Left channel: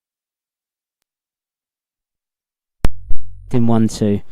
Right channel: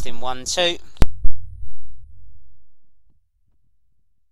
Testing 1 2. Testing 1 2.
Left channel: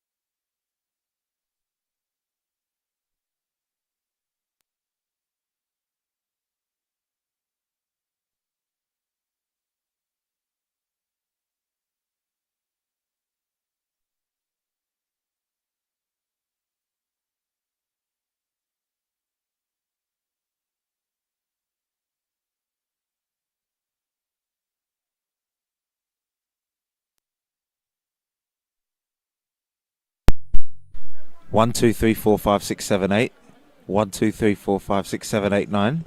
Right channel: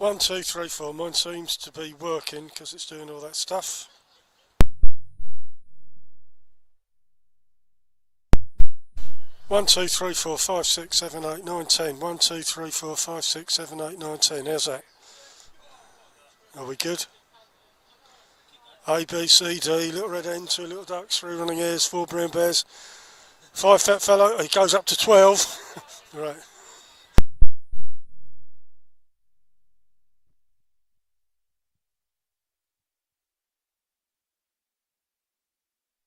1, 2, 3, 4. Mine seems to be working because it's doing all that stuff. One, two, three, four, five, six, seven, 8, 9, 10. 1, 2, 3, 4, 5, 6, 7, 8, 9, 10. How's that? Are we good? A, B, C, D, little red hen, 2 little ducks, 3 running hares, 4 brown bears, 5 fat fellow. He goes up to 12. Right. 1, 2, 3, 4, 5, 6, 7, 8. 1, 2, 3, 4, 5, 6, 7, 8, 9.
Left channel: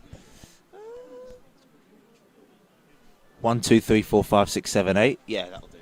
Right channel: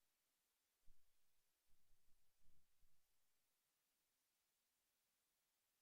1, 2, 3, 4, 5, 6, 7, 8. Yeah, that'll do.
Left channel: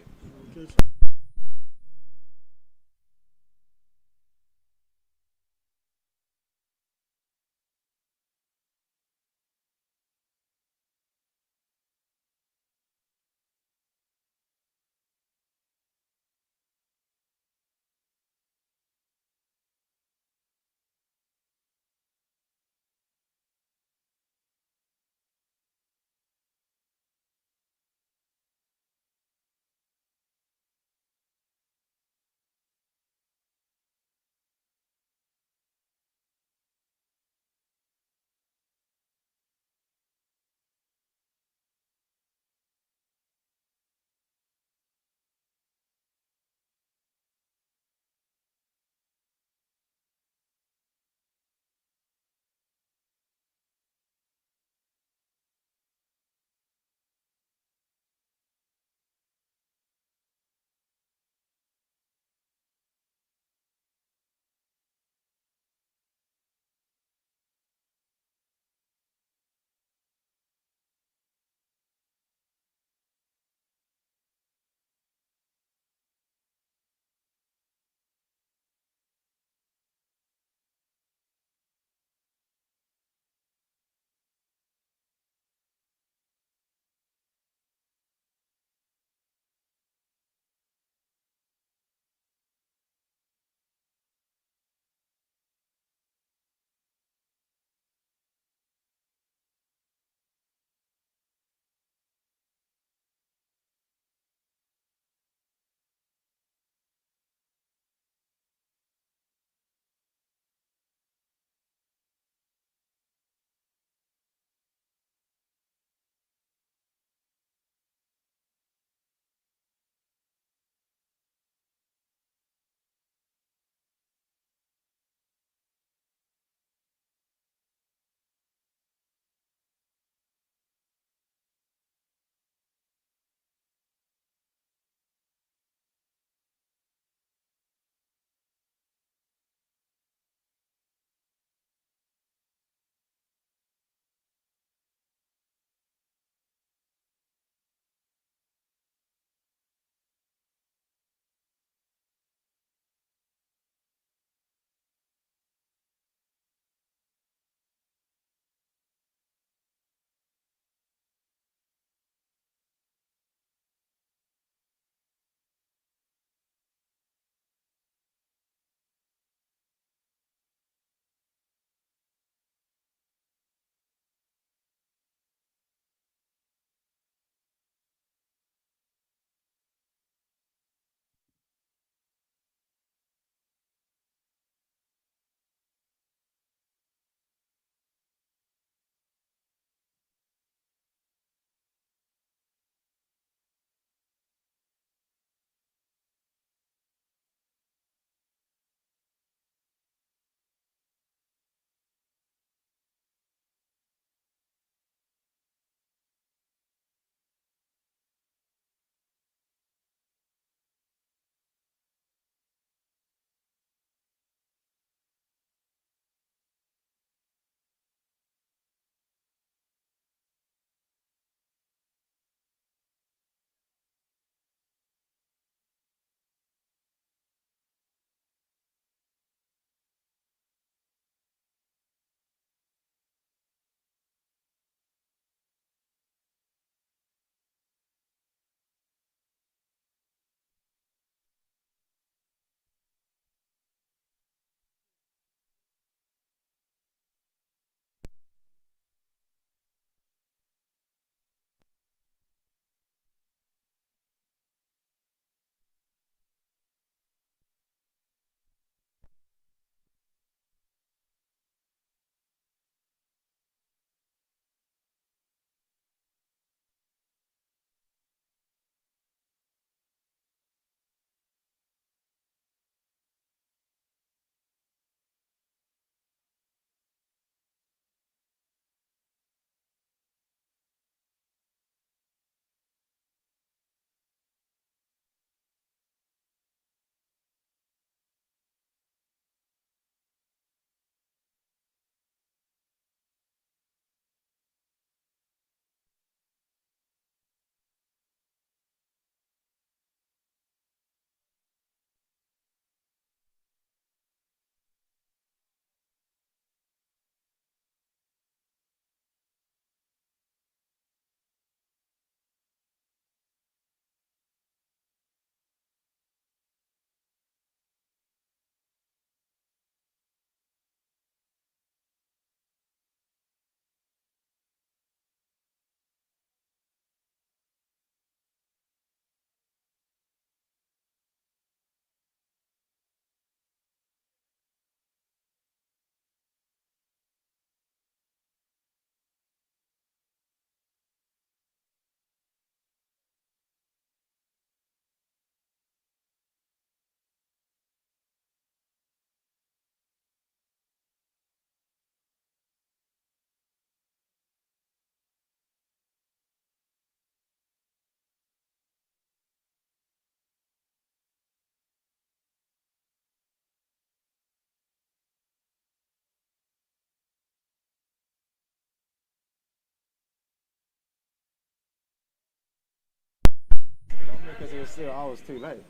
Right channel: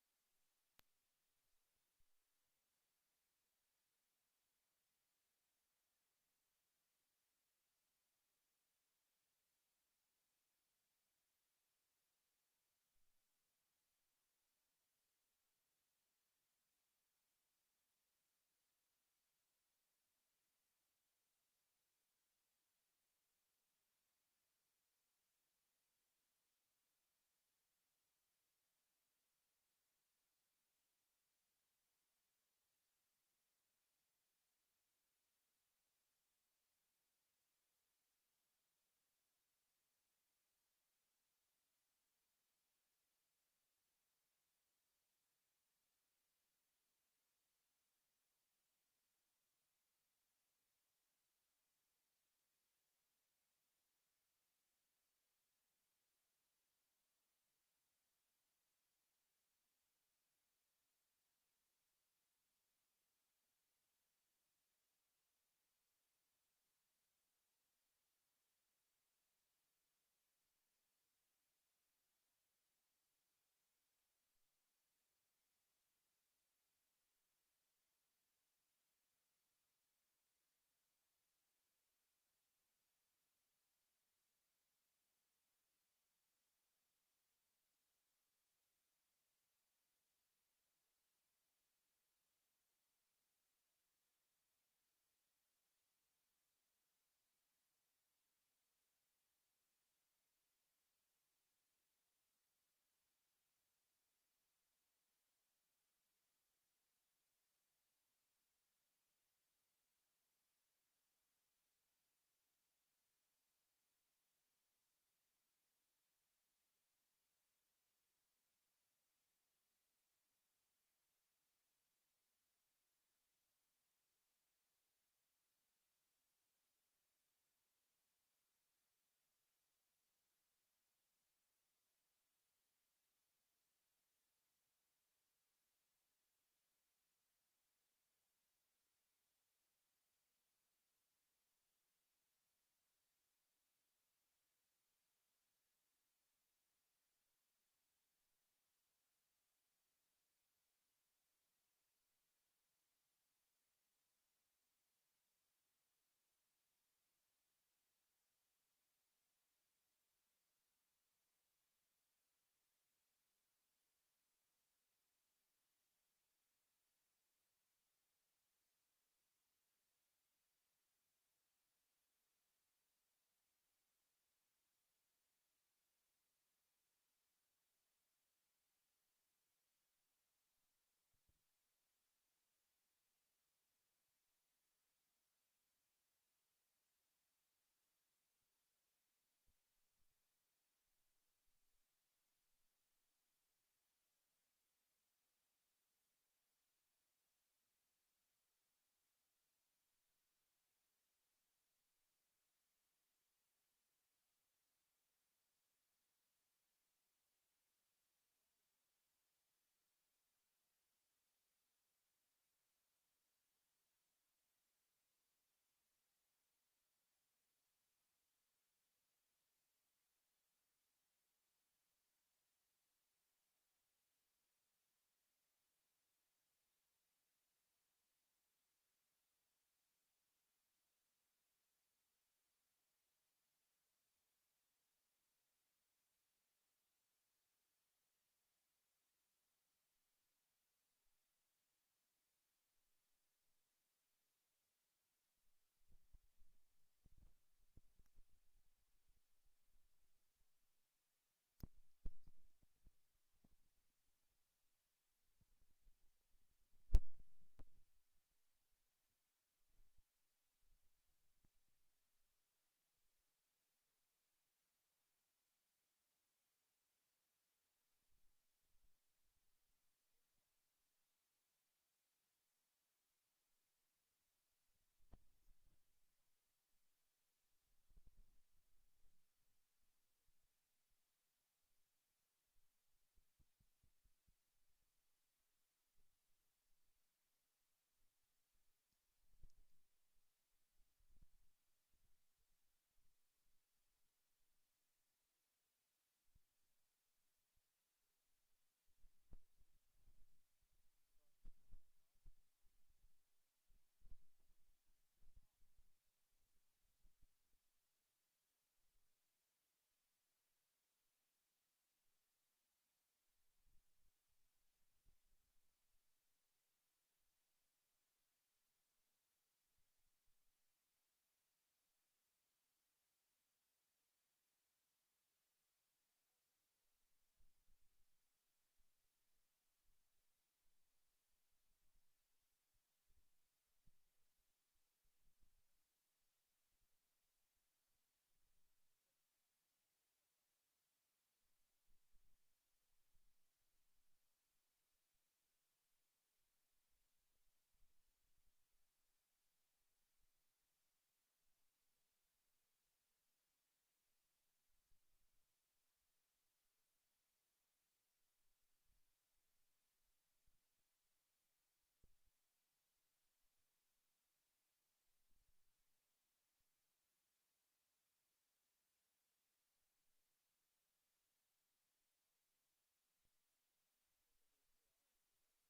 I was too late.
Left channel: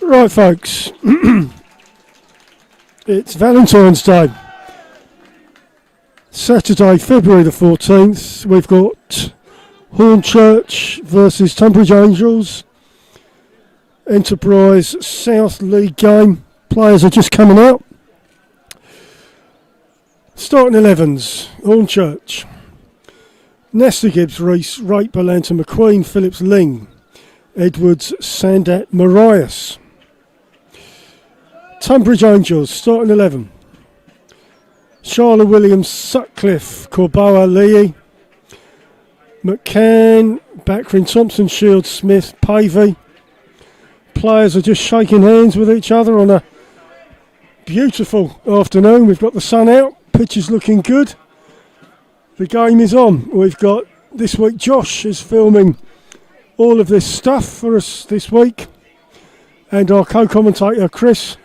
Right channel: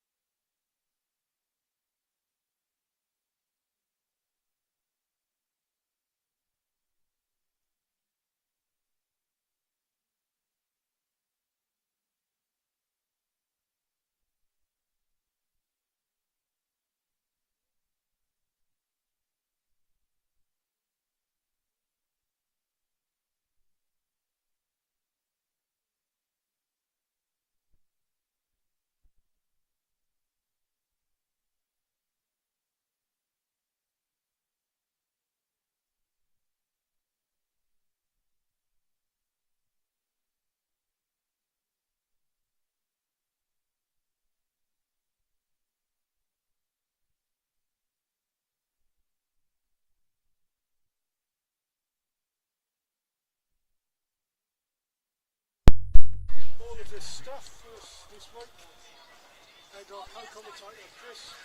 Right, folks. It's Valentine's Day. Saturday, February the 14th. We've got Hornchurch versus Tonbridge Angels. Enterprise South League game. Players are just coming out. Starting 11s. Hornchurch. Nesta Gibbs, Reese, Rate, Balanta, McQueen, Phillips, Ling, Edwards, Sandat, Marias. Tonbridge Angels, starting 11. Charlotte Williams, Sutcliffe, Corboa, Lee, McCann, Backrin, Thompson, Shields, Smith, Pavey. Players are just shaking hands with each other on a beautiful afternoon. We've got the sun out, pitch is looking good. The game is on. We've got this week Josh is filming all of this stuff for us this week, and our co-commentator Chris.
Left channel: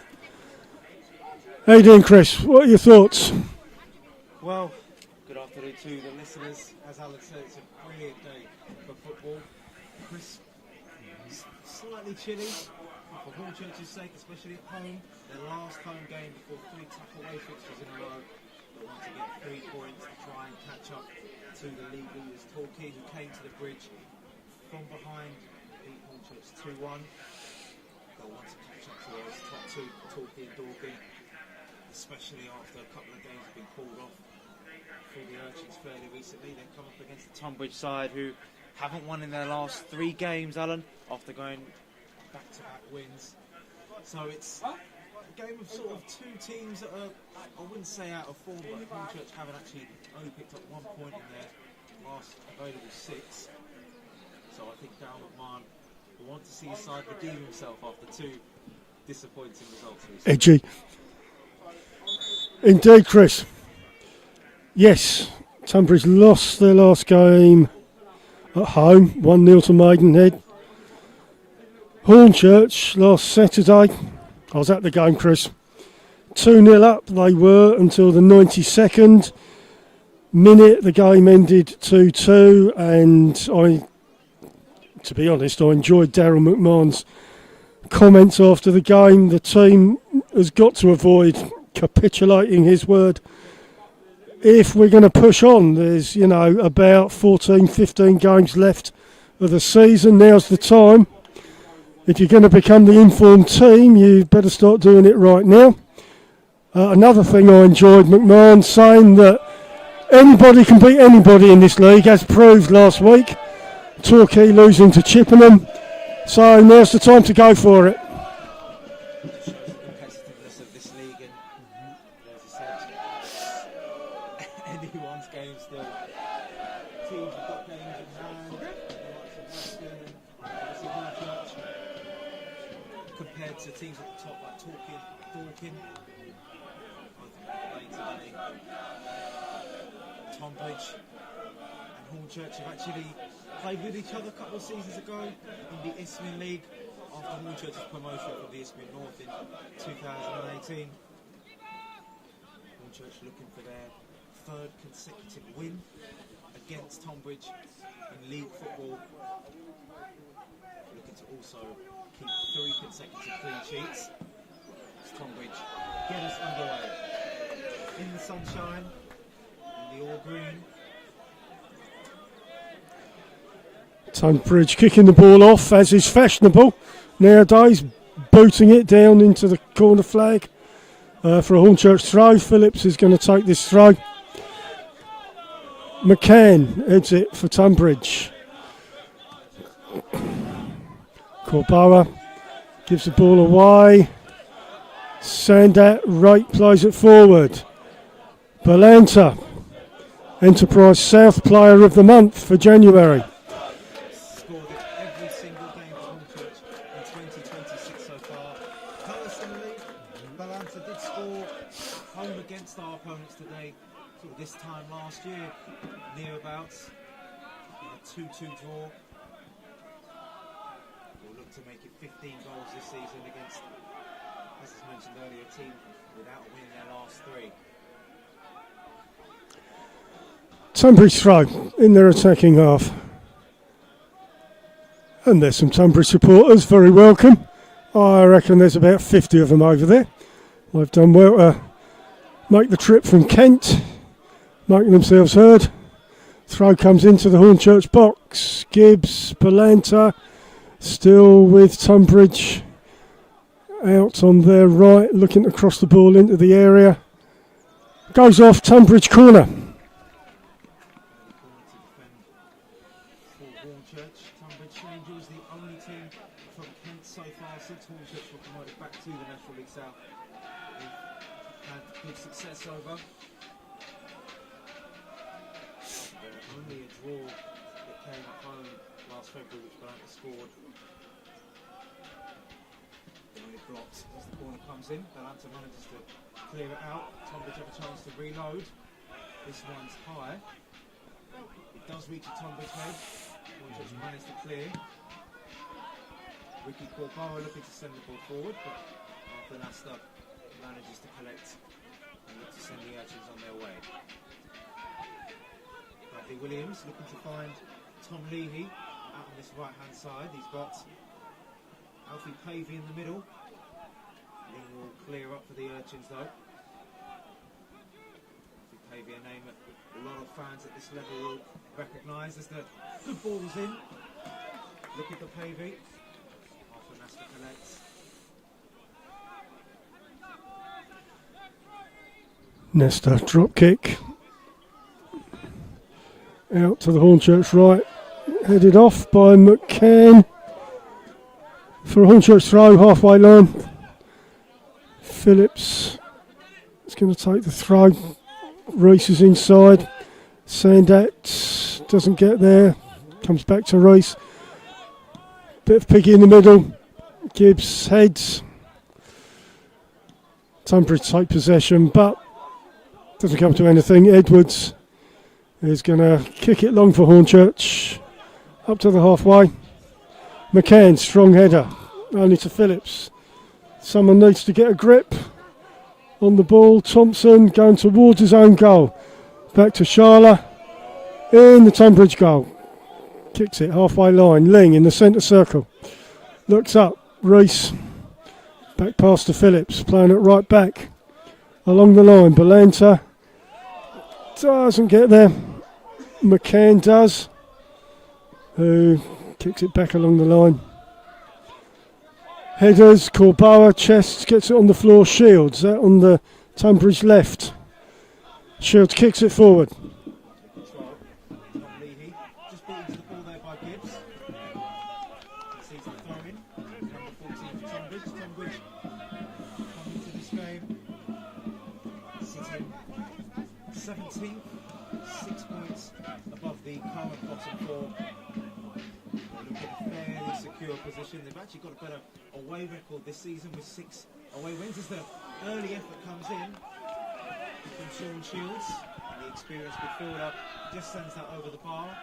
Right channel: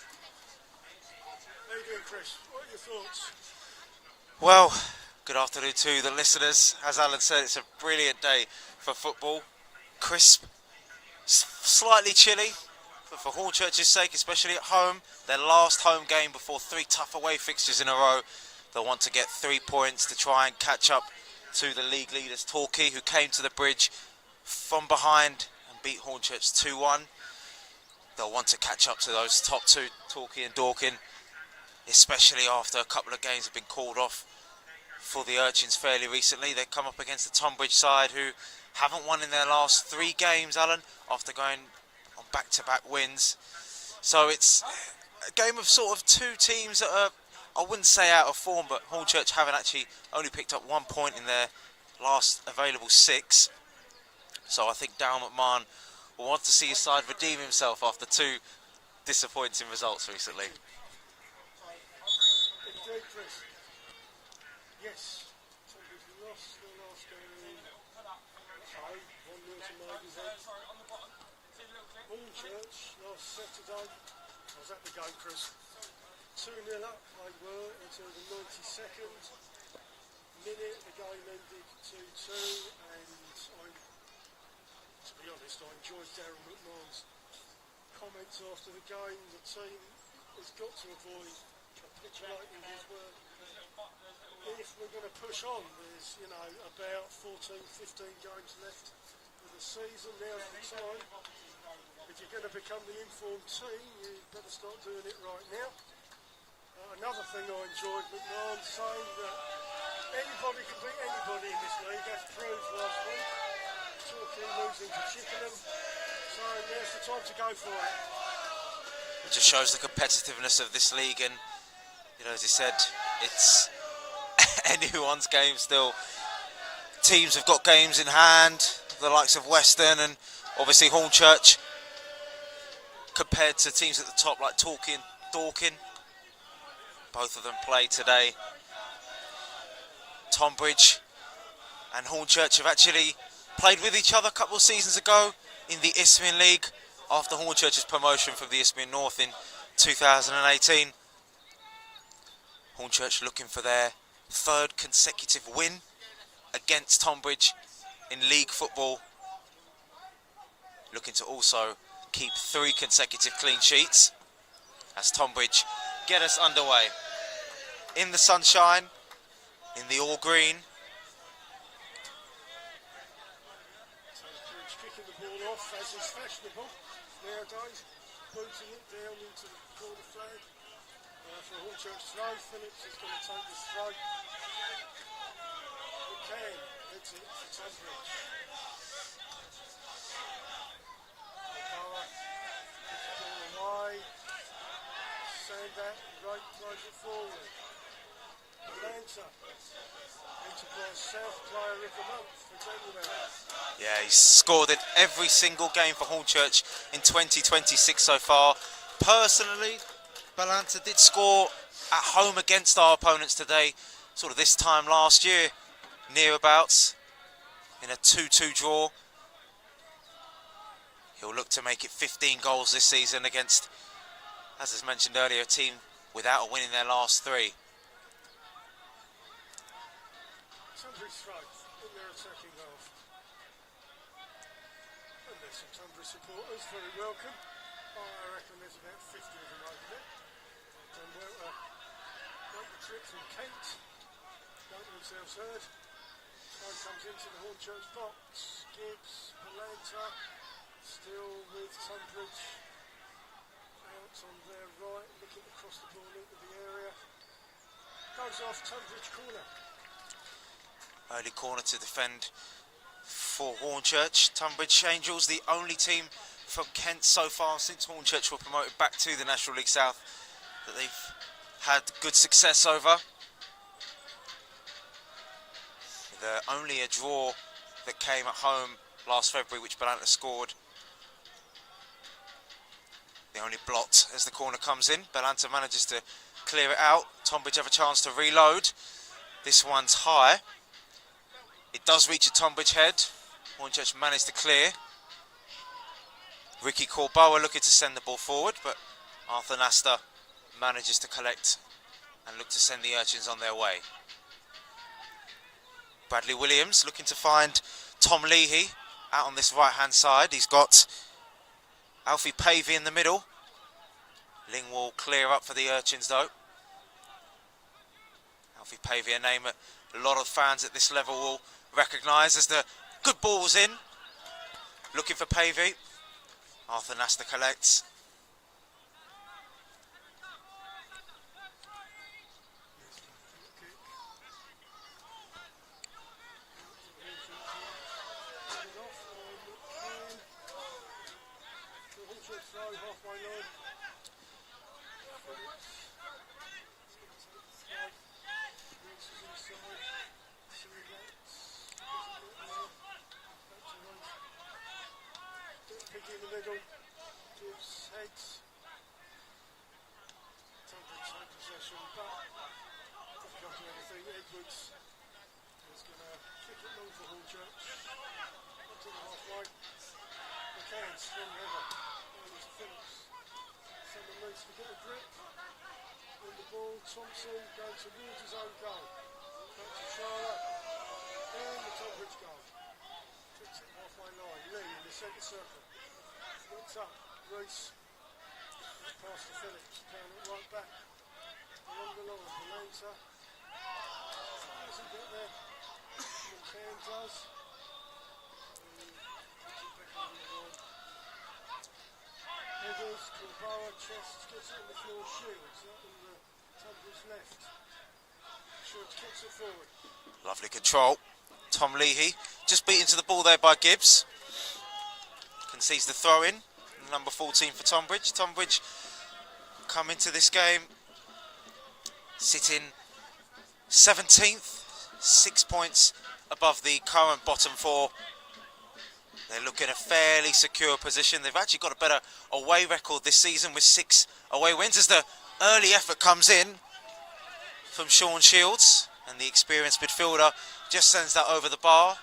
How you doing, Chris? What are your thoughts? Well, good afternoon to the listeners. As Alan said, it's a brilliant day for football. Crisp, slightly chilly for Hornchurch's sake, especially at home. Their last home game before 3 tough away fixtures in a row. They'll want to get 3 points to try and catch up to the league leaders, Torquay, who came to the bridge from behind, beat Hornchurch 2-1. They'll want to catch up to those top two, Torquay and Dorking, especially after a couple of games have been called off for the Urchins fairly recently. They come up against the Tonbridge side, who haven't won in their last 3 games, Alan, after going on back-to-back wins. So it's a game of sort of 2 teams that are, I wouldn't say out of form, but Hornchurch haven't actually only picked up 1 point in their last available 6. So I think Darryl McMahon will want to see his side redeem himself after 2 disappointing results recently. Edgy. Indeed, Chris. Yes, Tonbridge lost their last game at home, 1-0 to Maidenhead. Hornchurch last Saturday, I was at the game, Chris. 2-0 up they were until the 92nd minute. The game ended 2-2, and to be honest, I enjoyed Darryl McMahon's comments after the game. The team has got to avoid capitulating, his word, if we're going to push on. There's, about 14, 15 games left of the season. Now's the time. If you're going to become the informed team, you better start doing it right now. Another thing I enjoyed, McMahon saying that anybody can beat anybody in this league, as proved last week. Torquay losing to Chippenham. So now's the time to go for it. It just shows the competitiveness of this league, and as he said, it's anyone's game still. Teams have got games in hand, the likes of Western and obviously Hornchurch, compared to teams at the top like Torquay and Dorking. Both of them play today. Tonbridge and Hornchurch have actually played with each other a couple of seasons ago in the Isthmian League after Hornchurch's promotion from the Isthmian North in 2018. Hornchurch looking for their 3rd consecutive win against Tonbridge in league football. Looking to also keep 3 consecutive clean sheets as Tonbridge get us underway. In the sunshine, in the all green. Tonbridge kicking the ball off, as is fashionable nowadays, booting it down into the corner flag for a Hornchurch throw. Phillips is going to take this throw. McCann heads it for Tonbridge. Corboa gives the ball away. Sandat, Rate plays it forward. Balanta, Enterprise South Player of the Month for January. Yeah, he's scored in every single game for Hornchurch in 2026 so far. Personally, Balanta did score at home against our opponents today, sort of this time last year, nearabouts, in a 2-2 draw. He'll look to make it 15 goals this season against, as is mentioned earlier, a team without a win in their last 3. Tonbridge throw in their attacking half. And there's some Tonbridge supporters, very welcome. I reckon there's about 50 of them over there. They've done well to make the trip from Kent, making themselves heard. Throw comes into the Hornchurch box. Gibbs, Balanta, still with Tonbridge out on their right, looking to cross the ball into the area. Goes off, Tonbridge corner. Early corner to defend for Hornchurch. Tonbridge Angels, the only team from Kent so far since Hornchurch were promoted back to the National League South that they've had good success over. Only a draw that came at home last February, which Balanta scored. The only blot as the corner comes in. Balanta manages to clear it out. Tonbridge have a chance to reload. This one's high. It does reach a Tonbridge head. Hornchurch managed to clear. Ricky Corboa looking to send the ball forward, but Arthur Nasta manages to collect and look to send the Urchins on their way. Bradley Williams looking to find Tom Leahy out on this right-hand side. He's got Alfie Pavey in the middle. Ling will clear up for the Urchins though. Alfie Pavey, a name a lot of fans at this level will recognise as the good ball's in. Looking for Pavey. Arthur Nasta collects. Nesta drop kick. Out to the Hornchurch right, headed off by McCann for a Hornchurch throw, halfway line. Phillips is going to take the throw. Reese is inside. Sandat doesn't get there, comes back to Reese. Bit of piggy in the middle. Gibbs heads. Tonbridge take possession, but doesn't come to anything. Edwards is going to kick it long for Hornchurch. Up to the halfway. McCann, strong header. Only to Phillips. Someone needs to get a grip on the ball. Thompson going towards his own goal. Back to Sharla. In the Tonbridge goal. Kicks it halfway line. Ling in the centre circle. Looks up. Reese. Back past to Phillips. Playing it right back. Along the line. Balanta doesn't get there. McCann does, who kicks it back along the line. Headers, Corboa, Chests, gets it on the floor. Shields out on the Tonbridge left. Shields kicks it forward. Lovely control. Tom Leahy just beaten to the ball there by Gibbs. Concedes the throw in. Number 14 for Tonbridge. Tonbridge come into this game sitting 17th, 6 points above the current bottom four. They look in a fairly secure position. They've actually got a better away record this season with 6 away wins as the early effort comes in from Sean Shields, and the experienced midfielder just sends that over the bar.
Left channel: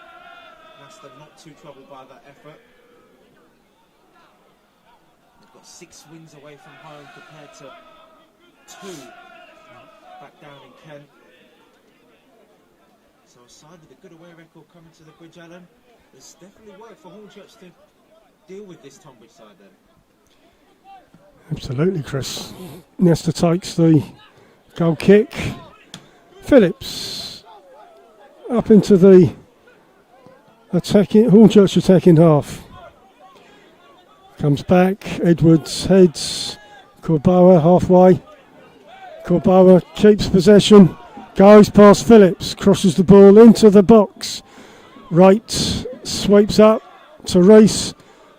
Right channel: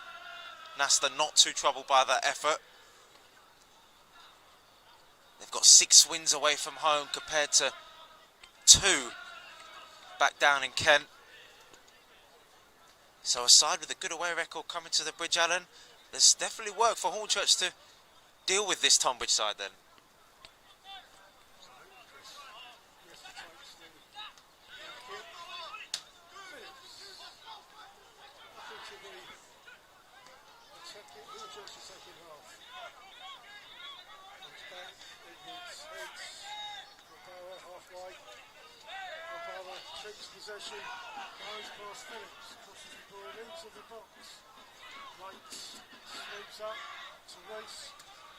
Nasta not too troubled by that effort. They've got 6 wins away from home compared to 2 back down in Kent. So a side with a good away record coming to the Bridge Allen. There's definitely work for Hornchurch to deal with this Tonbridge side then. Absolutely, Chris. Nesta takes the goal kick. Phillips up into the Hornchurch attacking half. Comes back, Edwards heads, Corboa halfway. Corboa keeps possession. Goes past Phillips, crosses the ball into the box. Right, sweeps up to Reese,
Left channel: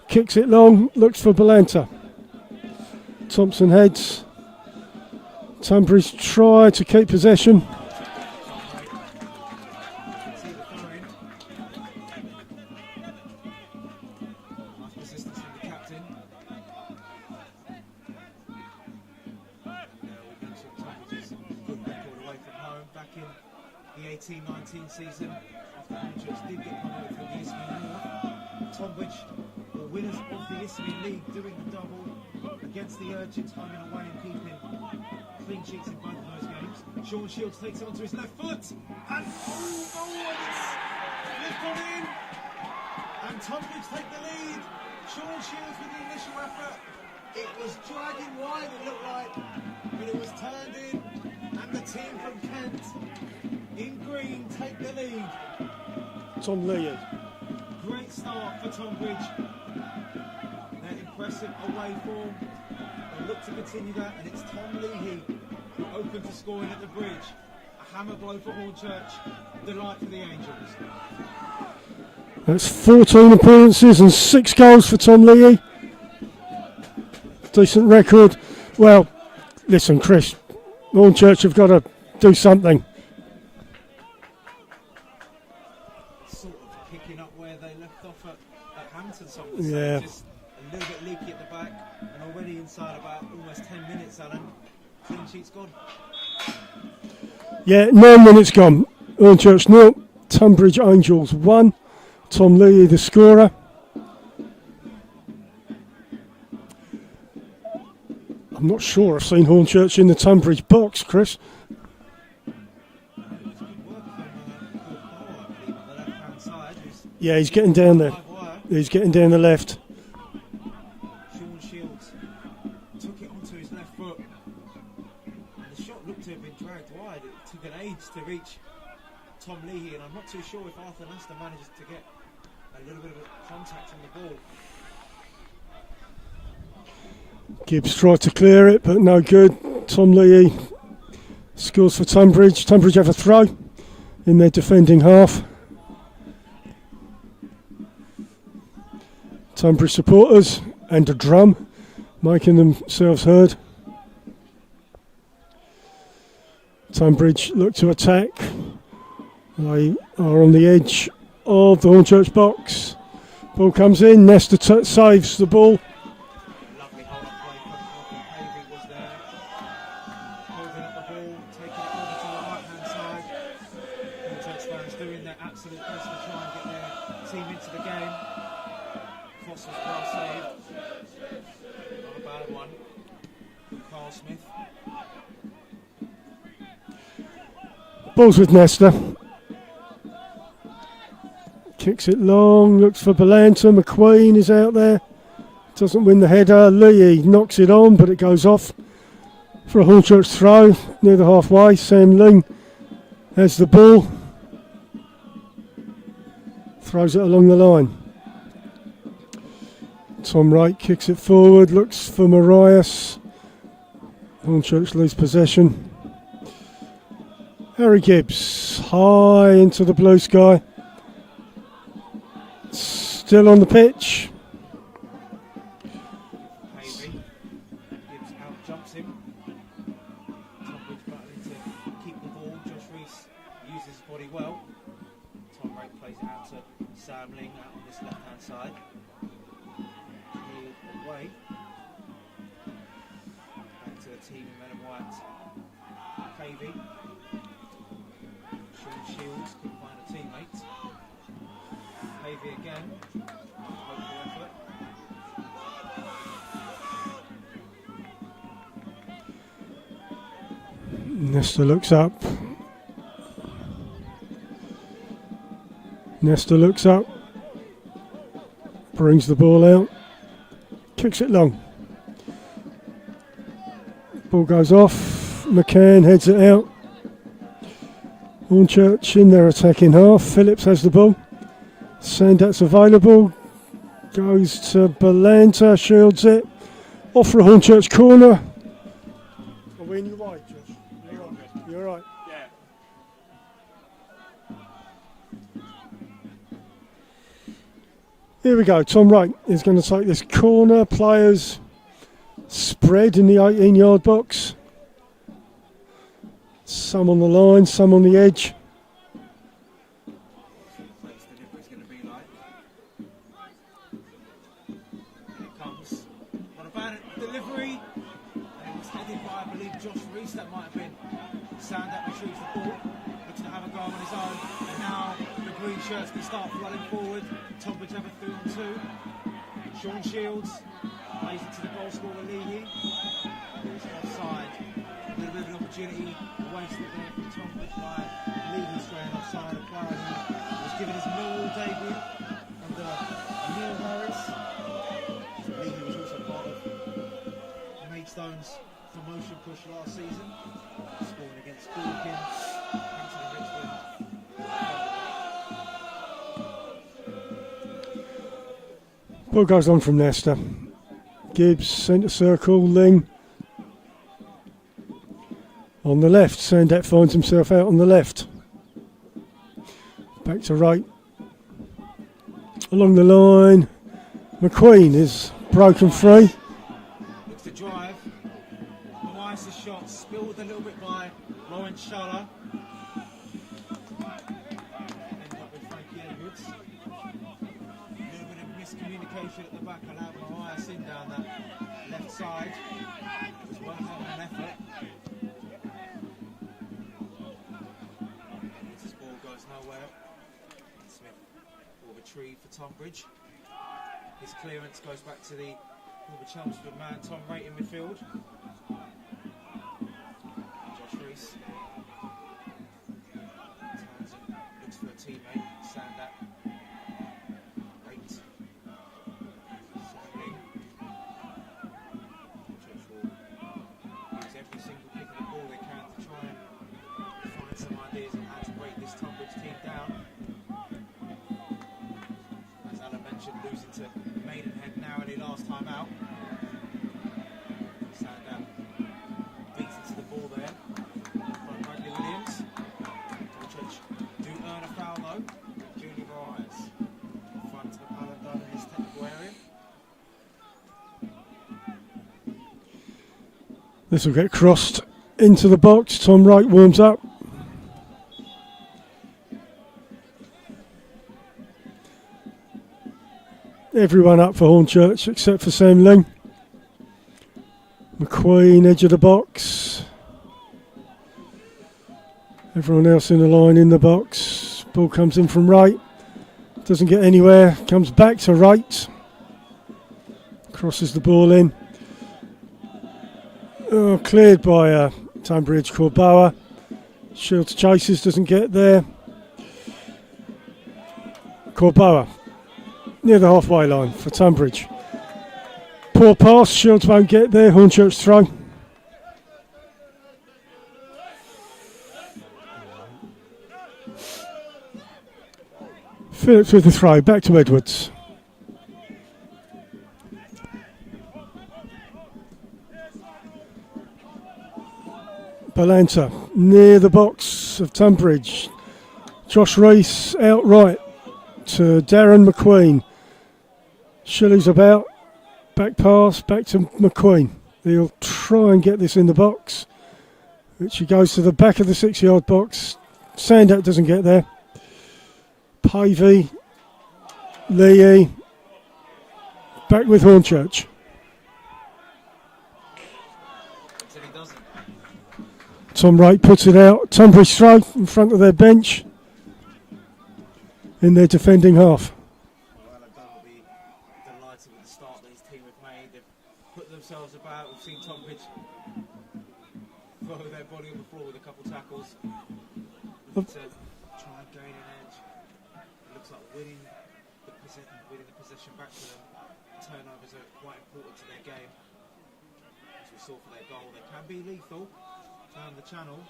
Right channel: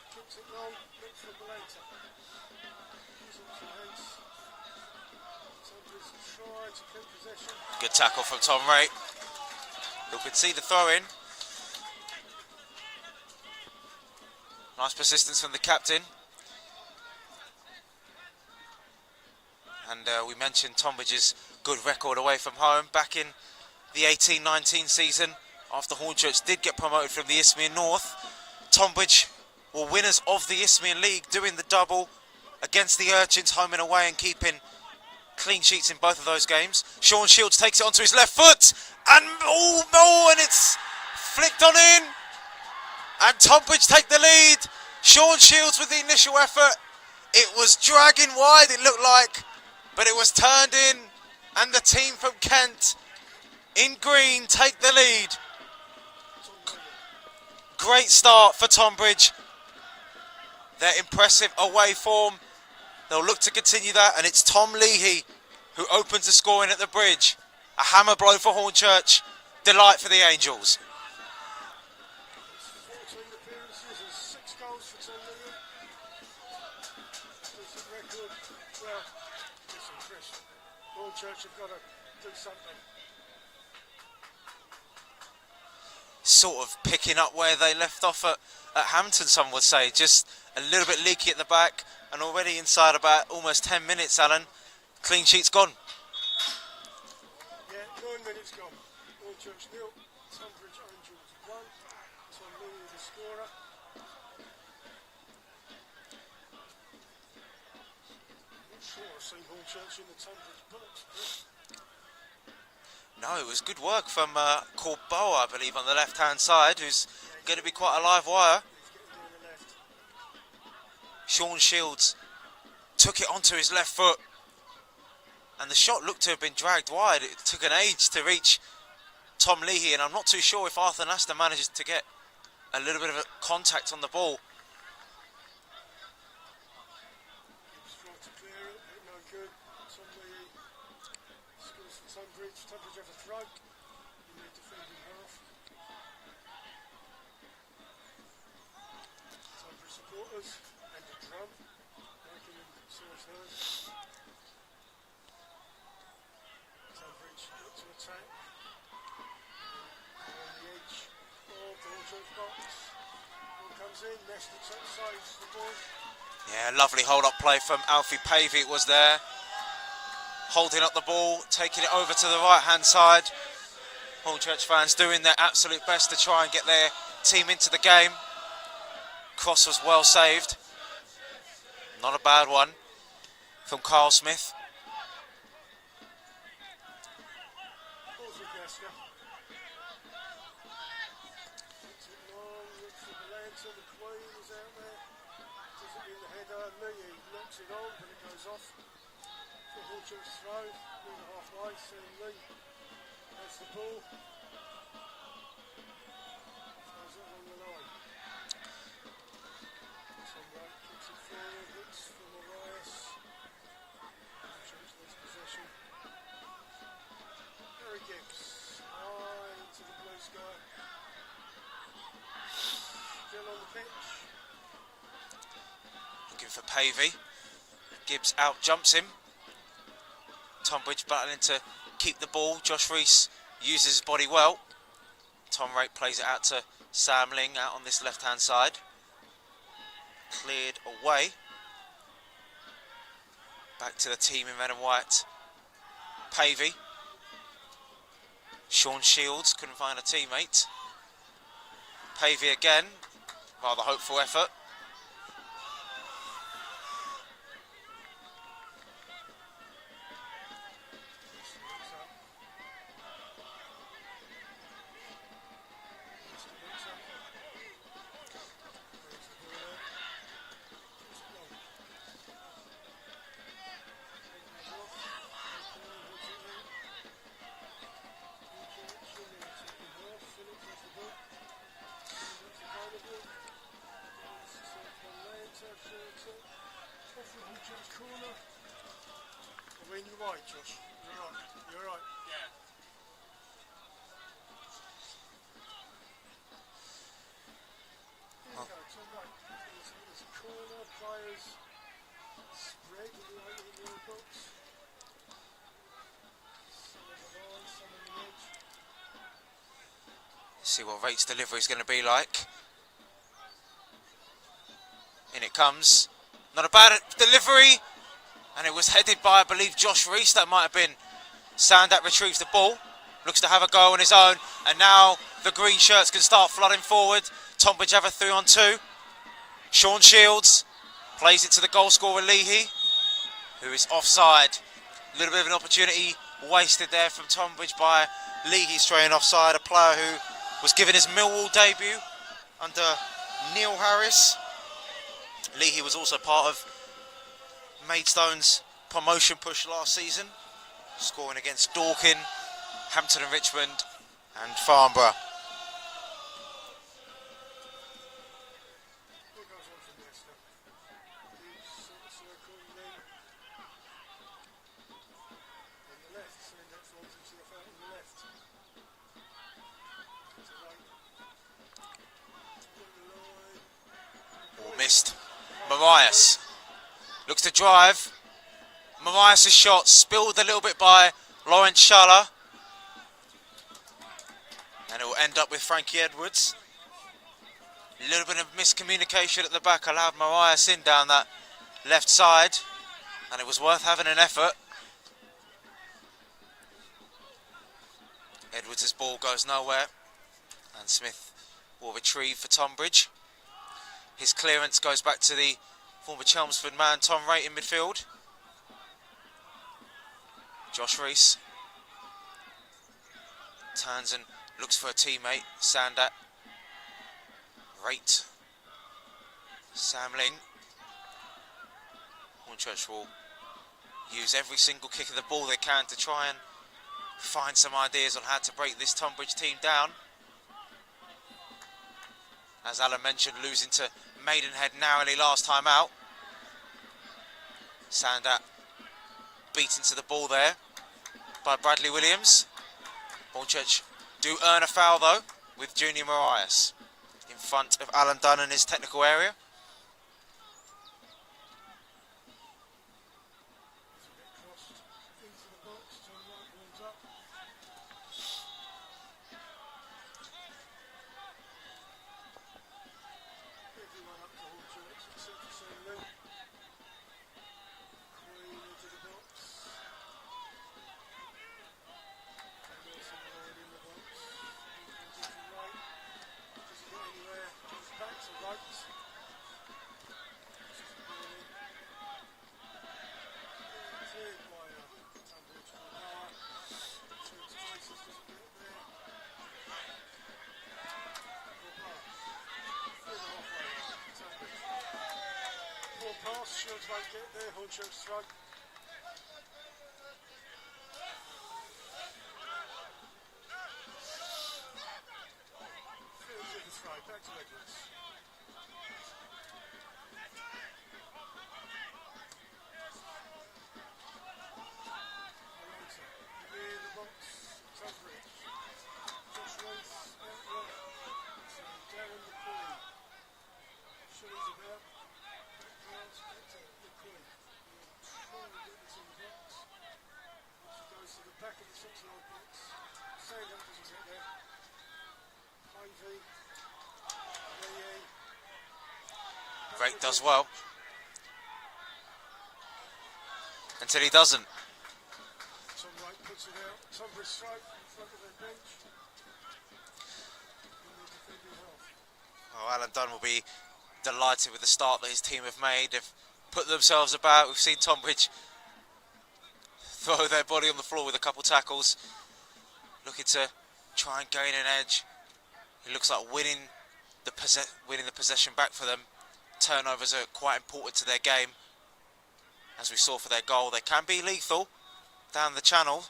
kicks it long, looks for Balanta. Thompson heads. Tonbridge try to keep possession. Good tackle from Tom Ray. You can see the throw in. Nice persistence from the captain. And we mentioned Tonbridge's good record away from home back in the 18-19 season. After Hornchurch did get promoted from the Isthmian North, Tonbridge were winners of the Isthmian League, doing the double against the Urchins, home and away, and keeping clean sheets in both of those games. Sean Shields takes it onto his left foot, and and it's flicked on in, And Tonbridge take the lead. Sean Shields with the initial effort. It was dragging wide, it looked like, but it was turned in, and the team from Kent in green take the lead. Tom Leahy. Great start for Tonbridge. Their impressive away form. They'll look to continue that, and it's Tom Leahy who opens the scoring at the bridge. A hammer blow for Hornchurch. Delight for the Angels. That's 14 appearances and 6 goals for Tom Leahy. Decent record. Well, listen, Chris, Hornchurch have got to do something. Sort of picking up where they left off at Hampton, some would say. Yeah. Just a little bit leaky at the back, and already inside about almost 10 minutes, Alan. Clean sheet's gone. Yeah, 9 minutes gone. Urchins 0, Tonbridge Angels 1. Tom Leahy the scorer. I'm not sure I've seen Hornchurch in the Tonbridge box, Chris. No, it was good work from Corbeau, I believe, on the left-hand side, who's Yeah, he's gonna getting be down quite a there. live wire. He's getting down the left. Sean Shields took it onto his left foot, and the shot looked to have been dragged wide. It took an age to reach Tom Leahy, and I'm not too sure if Arthur Nastor manages to get a little bit of a contact on the ball. Gibbs tried to clear it, but no good. Tom Leahy scores for Tonbridge. Tonbridge have a throw in their defending half. Tonbridge supporters and a drum making themselves heard. Tonbridge look to attack. They are on the edge of the Hornchurch box. Ball comes in, Nestor saves the ball. Yeah, lovely hold-up play from Alfie Pavey was there. Holding up the ball, taking it over to the right-hand side. Hornchurch fans doing their absolute best to try and get their team into the game. Cross was well saved. Not a bad one from Carl Smith. Ball's with Nestor. Kicks it long, looks for Belanta. McQueen is out there. Doesn't win the header. Leahy knocks it on, but it goes off for a Hornchurch throw near the halfway. Sam Ling has the ball. Throws it along the line. Tom Wright kicks it forward, looks for Marias. Hornchurch lose possession. Harry Gibbs, high into the blue sky. Still on the pitch. Looking for Pavey. Gibbs out jumps him. Tonbridge battling to keep the ball. Josh Rees uses his body well. Tom Wright plays it out to Sam Ling out on this left-hand side. Cleared away. Back to the team in red and white. Pavey. Sean Shields couldn't find a teammate. Pavey again. Rather hopeful effort. Nestor looks up. Nestor looks up. Brings the ball out. Kicks it long. Ball goes off. McCann heads it out. Hornchurch in their attacking half. Phillips has the ball. Sandat's available. Goes to Belanta. Shields it. Off for a Hornchurch corner. Are we in your right, Josh? You're right. Here we go. Tom Wright is going to take this corner. Players spread in the 18-yard box. Some on the line, some on the edge. See what Wright's delivery is going to be like. In it comes. Not a bad delivery. And it was headed by, I believe, Josh Rees. That might have been. Sandat retrieves the ball. Looks to have a go on his own. And now the green shirts can start flooding forward. Tonbridge have a 3-on-2. Sean Shields plays it to the goal scorer Leahy, who is offside. A little bit of an opportunity wasted there from Tonbridge by Leahy straying offside, a player who was given his Millwall debut under Neil Harris. Leahy was also part of Maidstone's promotion push last season, scoring against Dorking, Hampton and Richmond and Farnborough. Ball goes on from Leicester. Gibbs, centre circle, Ling. On the left, Sandat finds himself out on the left. Back to right. Along the line, McQueen is broken Marias free. looks to drive. Marias' shot spilled a little bit by Lauren Schaller. And it will end up with Frankie Edwards. A little bit of miscommunication at the back allowed Marias in down that left side. And it was worth having an effort. Edwards' ball goes nowhere. And Smith will retrieve for Tonbridge. His clearance goes back to the former Chelmsford man, Tom Wright, in midfield. Josh Rees turns and looks for a teammate, Sandat. Wright. Sam Ling. Hornchurch will use every single kick of the ball they can to try and find some ideas on how to break this Tonbridge team down. As Alan mentioned, losing to Maidenhead narrowly last time out. Sandat beats into the ball there by Bradley Williams. Hornchurch do earn a foul though with Junior Marias in front of Alan Dunn in his technical area. This will get crossed into the box. Tom Wright warms up. Everyone up for Hornchurch except for Sam Ling. McQueen, edge of the box. Everyone else in the line in the box. Ball comes in from right. Doesn't get anywhere. Comes back to right. Crosses the ball in. Oh, cleared by Tonbridge Corboa. Shields chases, doesn't get there. Corboa near the halfway line for Tonbridge. Poor pass, Shields won't get there. Hornchurch throw. Phillips with the throw, back to Edwards. Balanta near the box of Tonbridge. Josh Rees out right to Darren McQueen. Shilley's about. Back pass, back to McQueen. He'll try and get this in the box. Which he goes to the back of the 6-yard box. Sandat doesn't get there. Pavey. Lee. Back with Hornchurch. Until he doesn't. Tom Wright puts it out. Tonbridge throw in front of their bench. In their defending half. Oh, Alan Dunn will be delighted with the start that his team have made. They've put themselves about. We've seen Tonbridge throw their body on the floor with a couple tackles. Looking to try and gain an edge. It looks like winning the possession back for them. Turnovers are quite important to their game. As we saw for their goal, they can be lethal down the channel.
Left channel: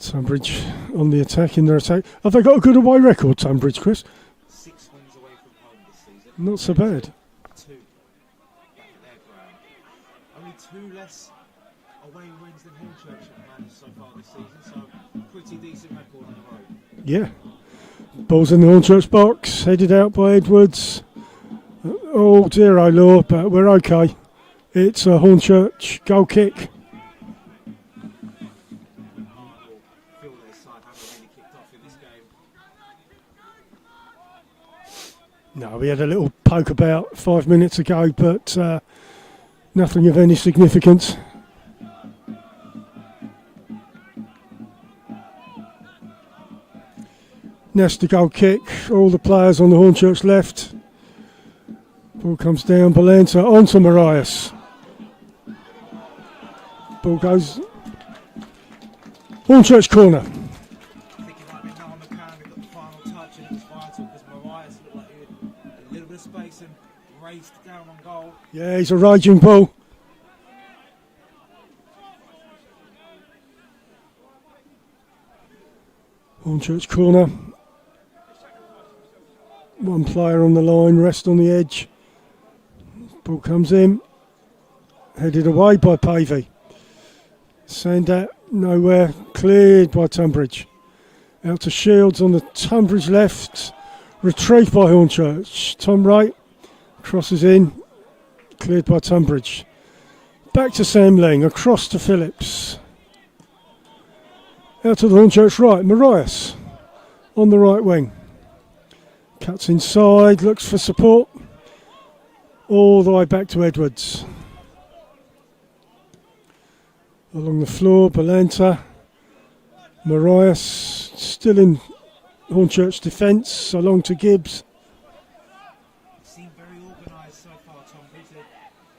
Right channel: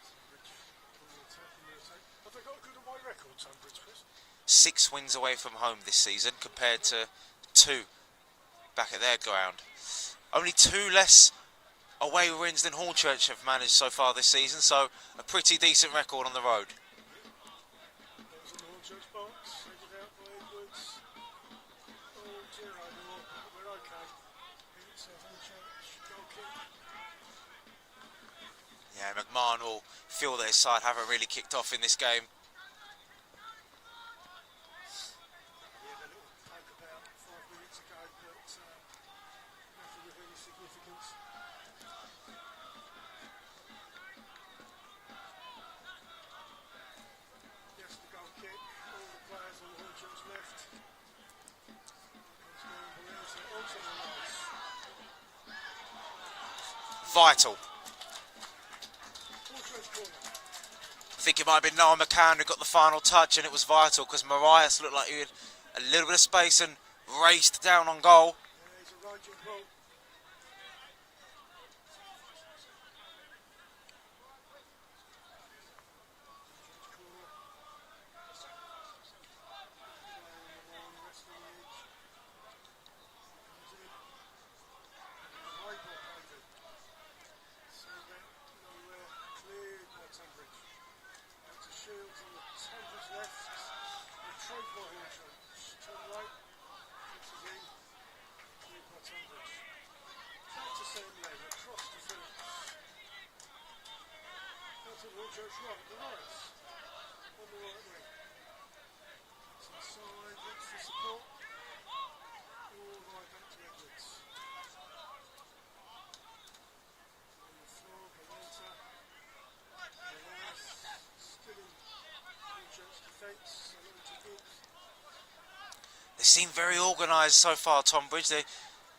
Tonbridge on the attack, in their attack. Have they got a good away record, Tonbridge, Chris? 6 wins away from home this season. Not so compared bad. to 2 back at their ground. Only 2 less away wins than Hornchurch have managed so far this season, so a pretty decent record on the road. Yeah. Ball's in the Hornchurch box, headed out by Edwards. Oh dear, oh Lord, but we're okay. It's a Hornchurch goal kick. Yeah, McMahon will feel that his side haven't really kicked off in this game. No, we had a little poke about 5 minutes ago, but nothing of any significance. Nasty goal kick, all the players on the Hornchurch left. Ball comes down, Balanta onto Marias. Ball Vital. goes. Hornchurch corner. I think it might have been Noah McCann who got the final touch, and it was vital because Marias looked like he had a little bit of space and raced down on goal. Yeah, he's a raging bull. Hornchurch corner. One player on the line, rest on the edge. Ball comes in. Headed away by Pavey. Sandat nowhere. Cleared by Tonbridge. Out to Shields on the Tonbridge left. Retrieved by Hornchurch. Tom Wright crosses in. Cleared by Tonbridge. Back to Sam Ling. Across to Phillips. Out to the Hornchurch right. Marias on the right wing. Cuts inside. Looks for support. All the way back to Edwards. Along the floor, Balanta. Marias still in Hornchurch defence, along to Gibbs. They seem very organised so far, Tonbridge. They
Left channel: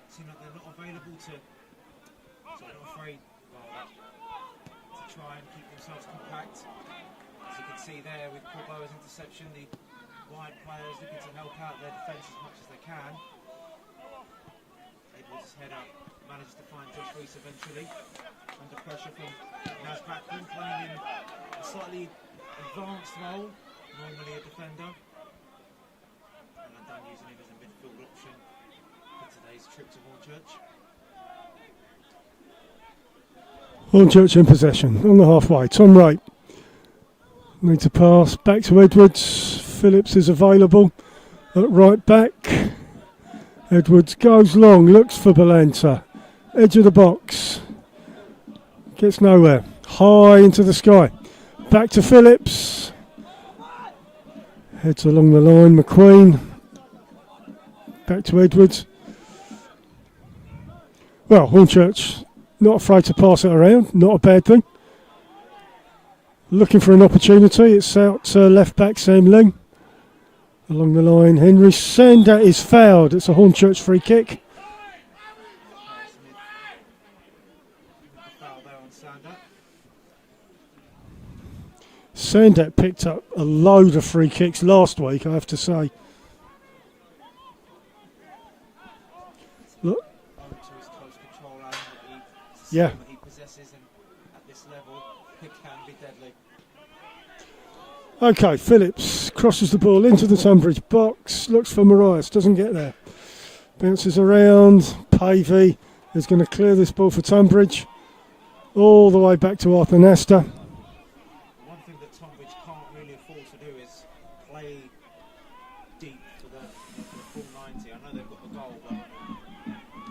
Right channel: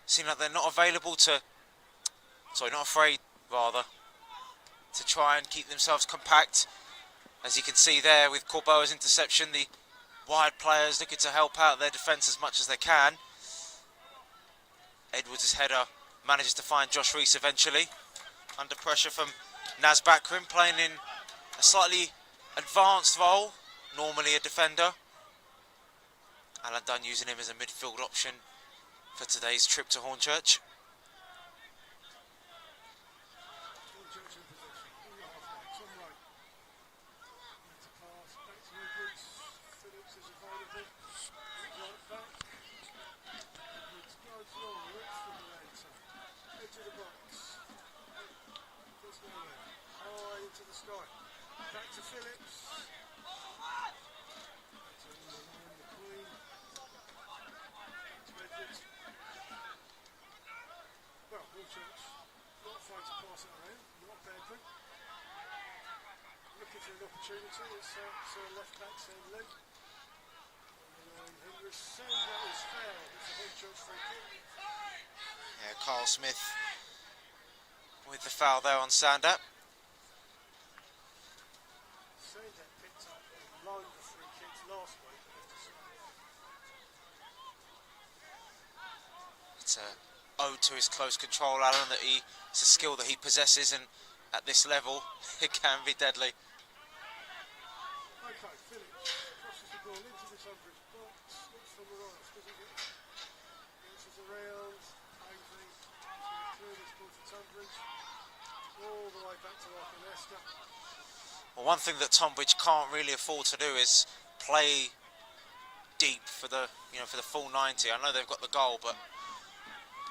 seem like they're not available to, not afraid, rather, to try and keep themselves compact. As you can see there with Corboa's interception, the wide players looking to help out their defence as much as they can. Edwards' header manages to find Josh Reese eventually. Under pressure from Naz Bakrim, playing in a slightly advanced role, normally a defender. Alan Dunn using him as a midfield option for today's trip to Hornchurch. Hornchurch in possession, on the halfway. Tom Wright. Need to pass back to Edwards. Phillips is available at right back. Edwards goes long, looks for Balanta. Edge of the box. Gets nowhere. High into the sky. Back to Phillips. Heads along the line. McQueen. Back to Edwards. Well, Hornchurch not afraid to pass it around. Not a bad thing. Looking for an opportunity. It's out to left back Sam Ling. Along the line, Henry Sandat is fouled. It's a Hornchurch free kick. Yeah, Carl Smith with the foul there on Sandat. Sandat picked up a load of free kicks last week, I have to say. It's owed to his close control, Alan, that it's a skill that he possesses, and at this level, it can be deadly. Okay, Phillips crosses the ball into the Tonbridge box, looks for Marias, doesn't get there. Bounces around, Pavey is going to clear this ball for Tonbridge. All the way back to Arthur Nasta. Well, one thing that Tonbridge can't really afford to do is play deep for the full 90. I know they've got the goal, but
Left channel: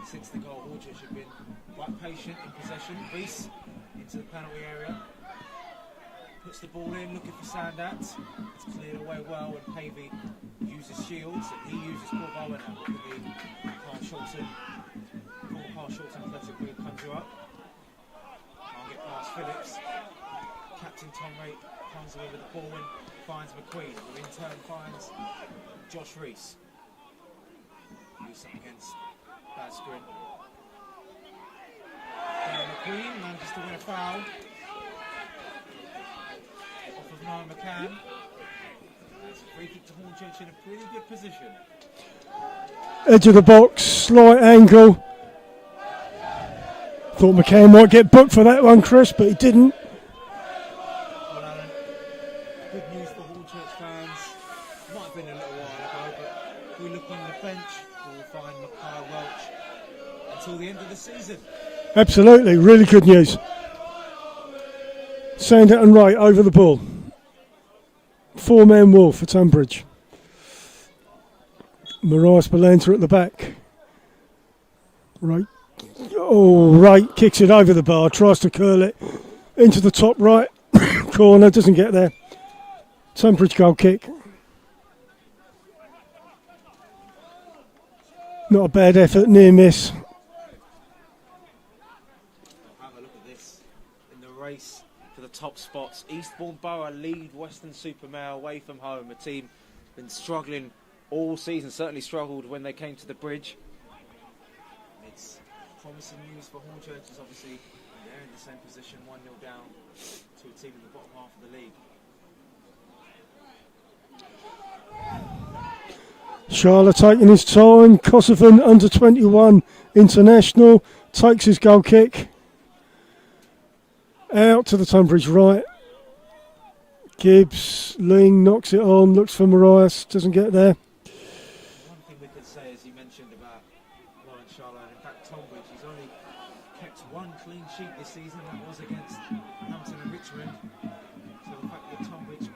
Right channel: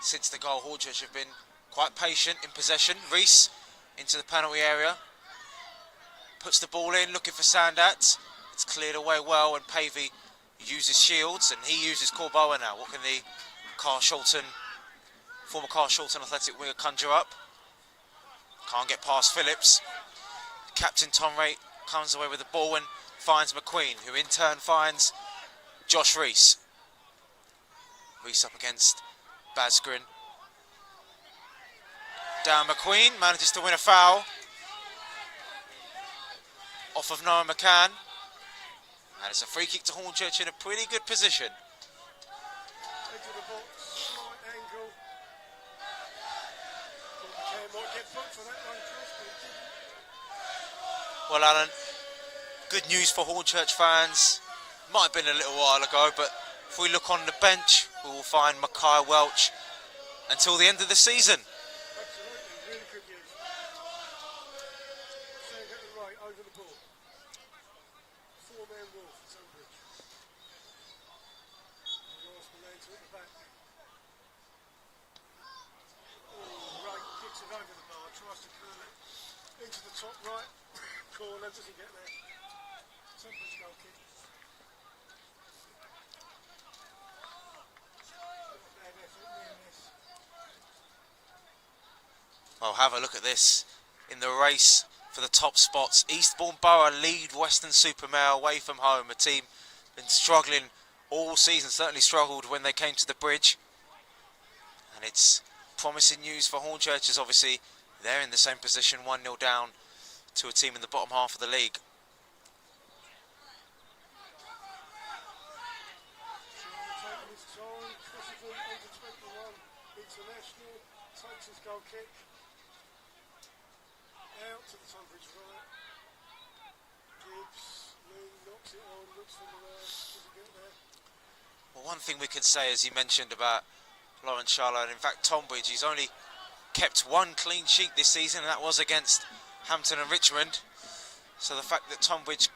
since the goal, Hornchurch have been quite patient in possession. Reese into the penalty area. Puts the ball in, looking for Sandat. It's cleared away well, and Pavey uses Shields, and he uses Corboa now. What can the former Carl Shulton athletic winger conjure up? Can't get past Phillips. Captain Tom Wright comes away with the ball and finds McQueen, who in turn finds Josh Reese. Reese up against Basgrin. Down McQueen, manages to win a foul. Off of Noah McCann, and it's a free kick to Hornchurch in a pretty good position. Edge of the box, slight angle. Thought McCann might get booked for that one, Chris, but he didn't. Well, Alan, good news for Hornchurch fans. Might have been a little while ago, but if we look on the bench, we will find Mackay Welch until the end of the season. Absolutely, really good news. Sandat and Wright over the ball. Four-man wall for Tonbridge. Marias Balanta at the back. Wright kicks it over the bar, tries to curl it into the top right corner, doesn't get there. Tonbridge goal kick. Not a bad effort, near miss. Well, have a look at this. In the race for the top spots, Eastbourne Borough lead Western Supermare away from home. A team been struggling all season, certainly struggled when they came to the bridge. And it's promising news for Hornchurch, as obviously they're in the same position, 1-0 down to a team in the bottom half of the league. Charlotte taking his time. Kosovan under 21 international takes his goal kick. Out to the Tonbridge right. Gibbs, Ling knocks it on, looks for Marias, doesn't get there. Well, one thing we can say, as you mentioned about Lawrence Charlotte, and in fact Tonbridge, he's only kept one clean sheet this season, and that was against Hampton and Richmond. So the fact that Tonbridge,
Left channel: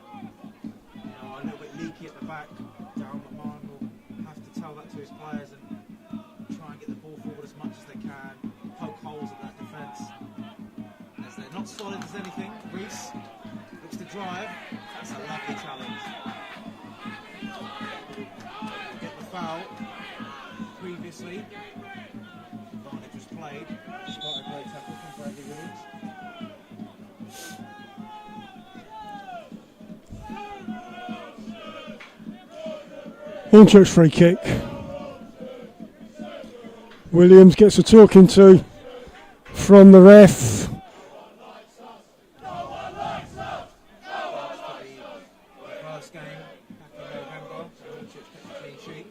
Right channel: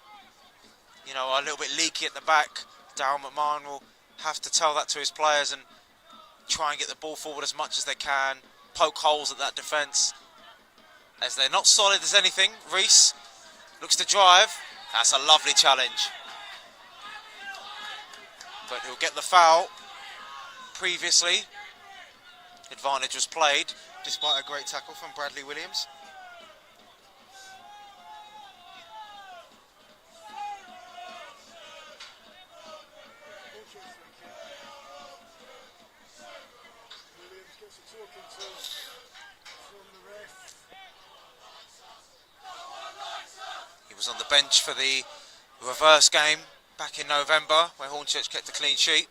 you know, are a little bit leaky at the back, Darryl McMahon will have to tell that to his players and try and get the ball forward as much as they can, poke holes at that defence. As they're not solid as anything, Reese looks to drive. That's a lovely challenge. But he'll get the foul. Previously, advantage was played, despite a great tackle from Bradley Williams. Hornchurch free kick. Williams gets a talking to from the ref. He was on the bench for the reverse game back in November, where Hornchurch kept a clean sheet.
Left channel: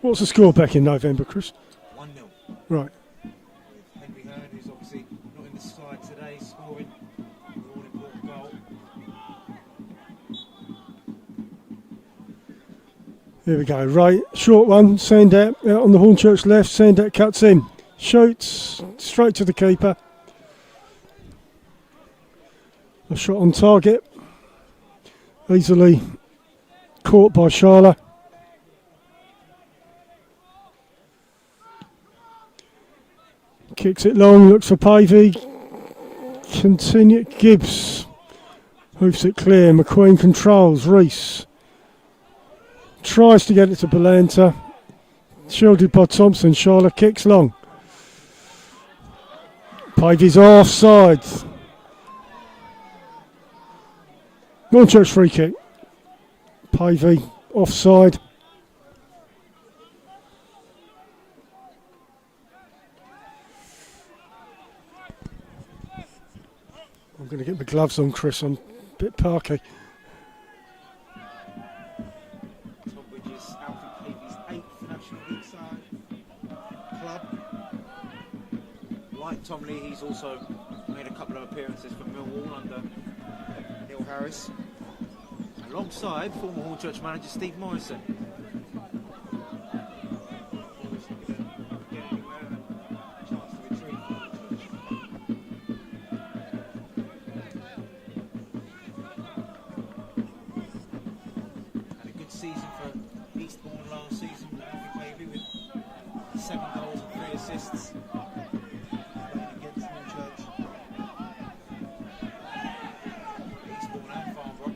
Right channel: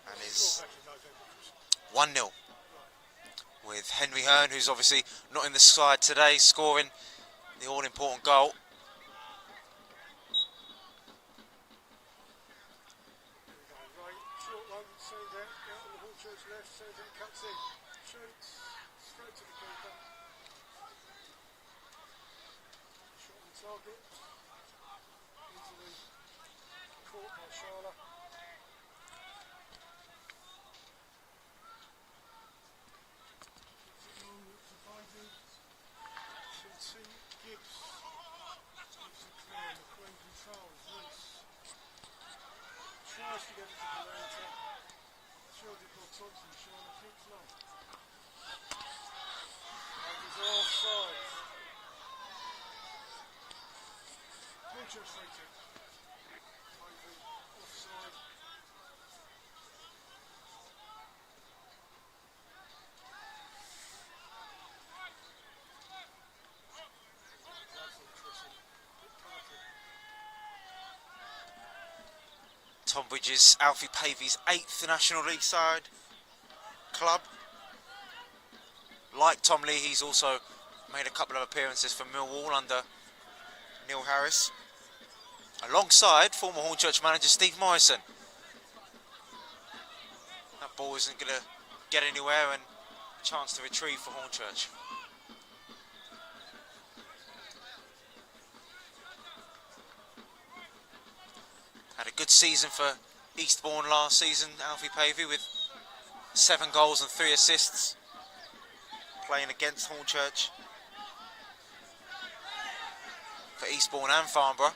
What's the score back in November, Chris? 1-0. Right. With Henry Hearn, who's obviously not in the side today, scoring the all-important goal. Here we go, right, short one, Sandat out on the Hornchurch left, Sandat cuts in, shoots, straight to the keeper. A shot on target, easily caught by Sharla. Kicks it long, looks for Pavey, continue, Gibbs, moves it clear, McQueen controls, Reese. Tries to get it to Belanta. Shielded by Thompson. Charlotte kicks long. Pavey's offside. Hornchurch free kick. Pavey offside. I'm going to get my gloves on, Chris. I'm a bit parky. Tonbridge is Alfie Pavey's 8th National League side club. Like Tom Lee, he's also made a couple of appearances for Millwall under Neil Harris, alongside former Hornchurch manager Steve Morrison. That ball isn't going to get anywhere, and a chance to retrieve for Hornchurch. Season for Eastbourne last season, Alfie Pavey, with 7 goals and 3 assists, playing against Hornchurch for Eastbourne and Farnborough.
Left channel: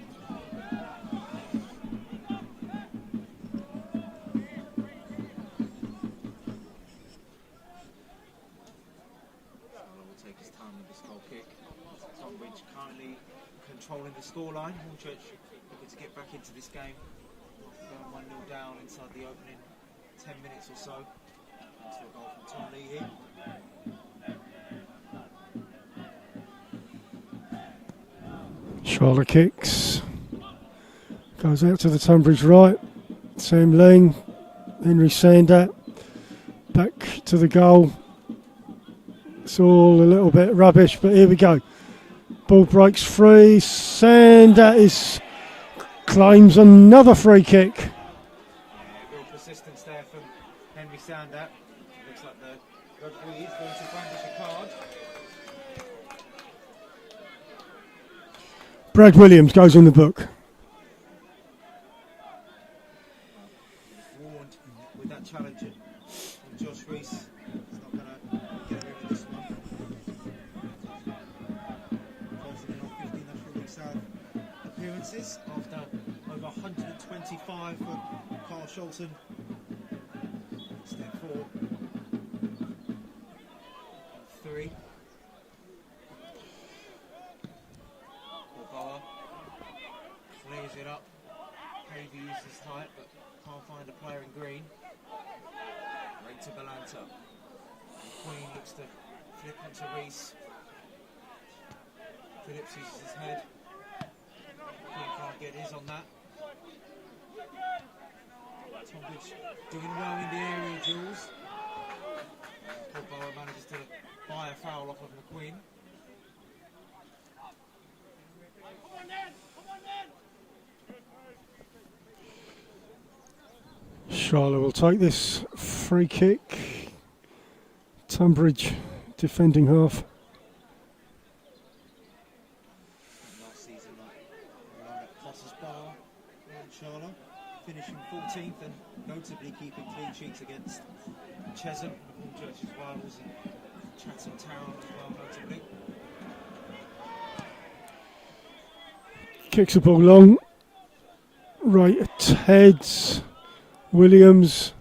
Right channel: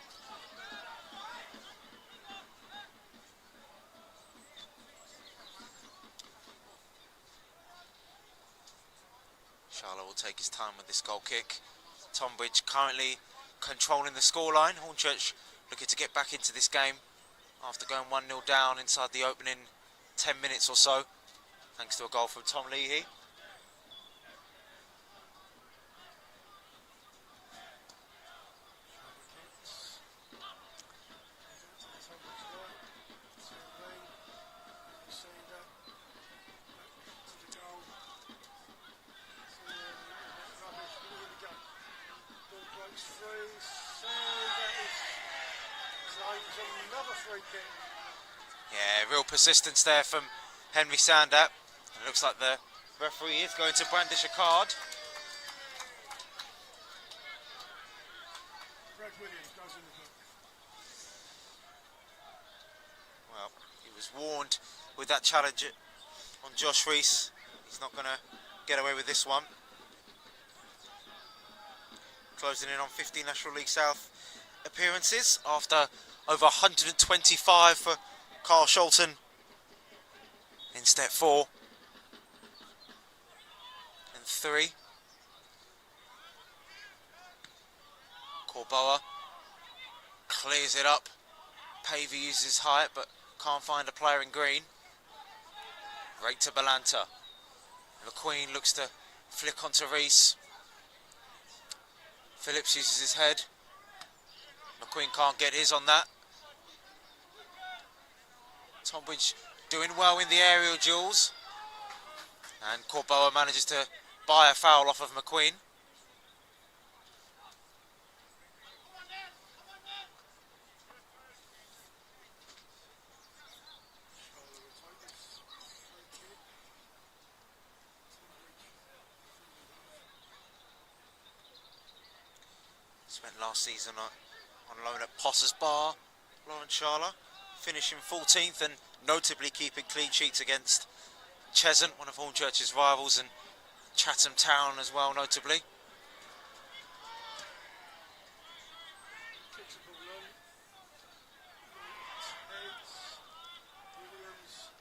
Charlotte will take his time with this goal kick. Tonbridge currently controlling the scoreline. Hornchurch looking to get back into this game after going 1-0 down inside the opening 10 minutes or so, thanks to a goal from Tom Leahy. Charlotte kicks. Goes out to the Tonbridge right. Sam Ling, Henry Sandat, back to the goal. It's all a little bit rubbish, but here we go. Ball breaks free. Sandat claims another free kick. Yeah, real persistence there from Henry Sandat. It looks like the referee is going to brandish a card. Brad Williams goes in the book. Well, he was warned with that challenge on Josh Reese. He's not going to get away with this one. Closing in on 50 National League South appearances after over 125 for Carl Sholton in step 4 and 3. Corboa clears it up. Pavey uses height but can't find a player in green. Right to Belanta. McQueen looks to flick onto Reese. Phillips uses his head. McQueen can't get his on that. Tonbridge doing well in the aerial duels. And Corboa manages to buy a foul off of McQueen. Charlotte will take this free kick. Tonbridge defending half. Spent last season on loan at Potters Bar, Lawrence Charlotte, finishing 14th and notably keeping clean sheets against Cheshunt, one of Hornchurch's rivals, and Chatham Town as well, notably. Kicks the ball long. Right at heads. Williams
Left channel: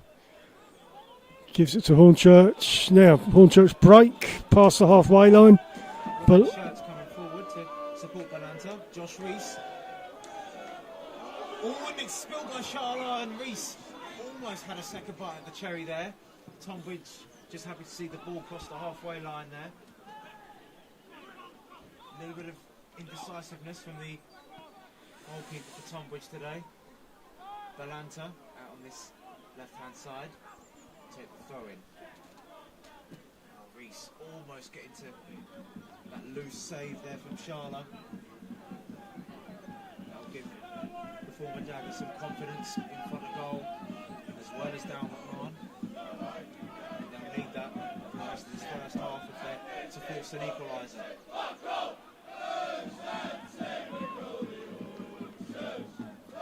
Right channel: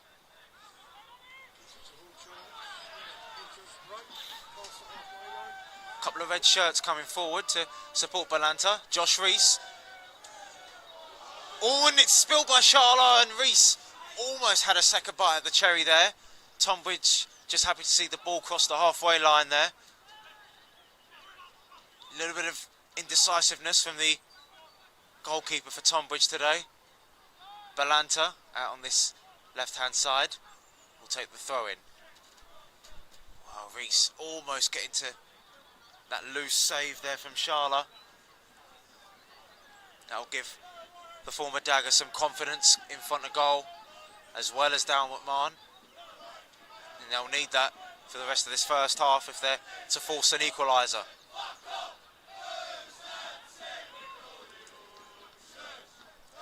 gives it to Hornchurch. Now Hornchurch break past the halfway line. A couple of red shirts coming forward to support Balanta. Josh Rees. Oh, and it's spilled by Charlotte, and Rees almost had a second bite at the cherry there. Tonbridge just happy to see the ball cross the halfway line there. A little bit of indecisiveness from the goalkeeper for Tonbridge today. Balanta out on this left-hand side will take the throw-in. Oh, Rees almost getting to that loose save there from Charlotte. That'll give the former Dagger some confidence in front of goal, as well as down McMahon. And they'll need that for the rest of this first half if they're to force an equaliser.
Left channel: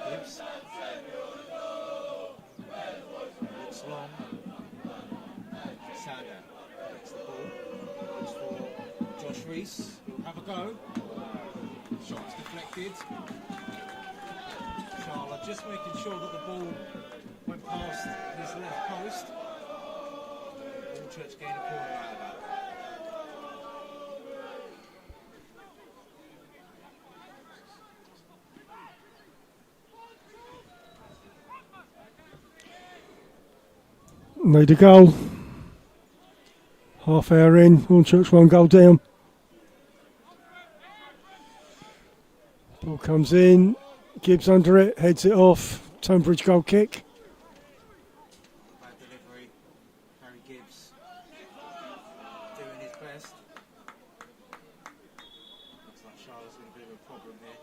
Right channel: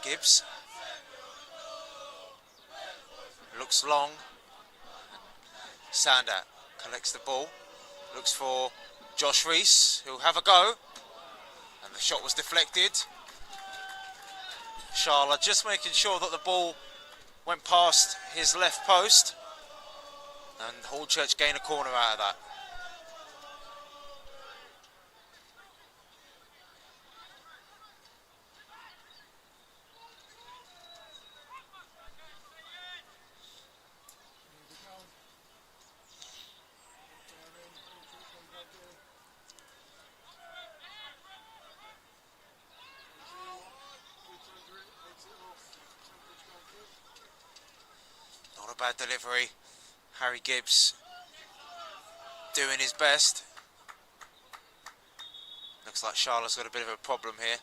Gibbs looks long. Sander collects the ball, looks for Josh Rees, who'll have a go. And the shot was deflected. Charlotte just making sure that the ball went past his left post. And Hornchurch gain a corner out of that. Made a goal. Half hour in, Hornchurch 1 goal down. Ball comes in, Gibbs under it, heads it off. Tonbridge goal kick. Not a bad delivery. Harry Gibbs doing his best. Looks like Charlotte's got a bit of a problem here.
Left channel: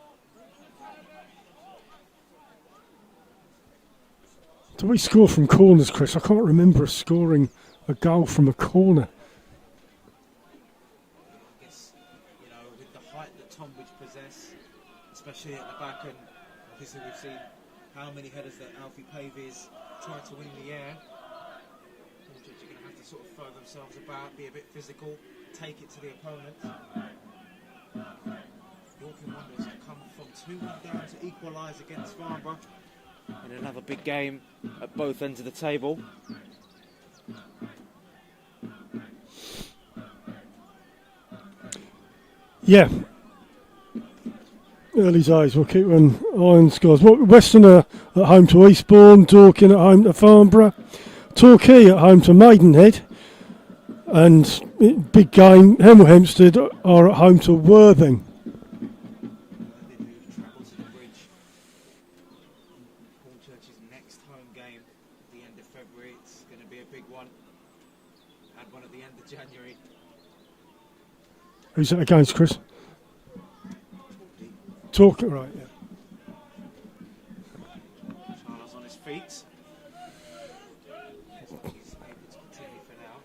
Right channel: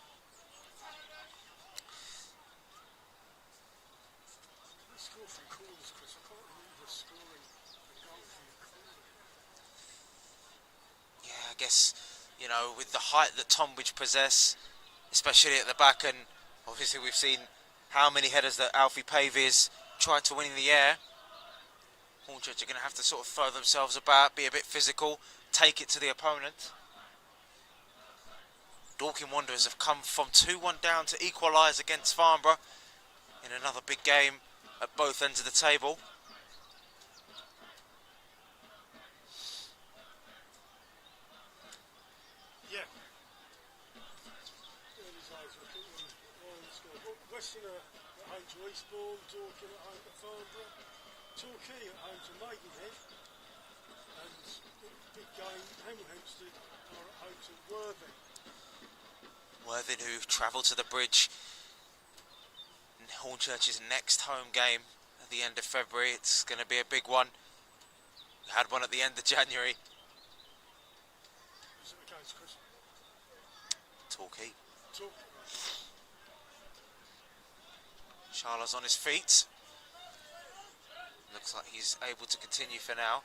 Do we score from corners, Chris? I can't remember us scoring a goal from a corner. Yeah, I guess, you know, with the height that Tonbridge possess, especially at the back, and obviously we've seen how many headers that Alfie Pavies tried to win in the air. Hornchurch are going to have to sort of throw themselves about, be a bit physical, take it to the opponent. Dorking Wanderers have come from 2-1 down to equalise against Farnborough in another big game at both ends of the table. Yeah. Early days, we'll keep on iron scores. Western are at home to Eastbourne, Dorking at home to Farnborough, Torquay at home to Maidenhead, and big game, Hemel Hempstead are at home to Worthing. Worthing, who travelled to the Bridge in Hornchurch's next home game at the end of February. It's going to be a big one. We had one at the end of January. Who's that against, Chris? Torquay. Torquay, right. Yeah. Charlotte's on his feet. Looks like he's able to continue for now.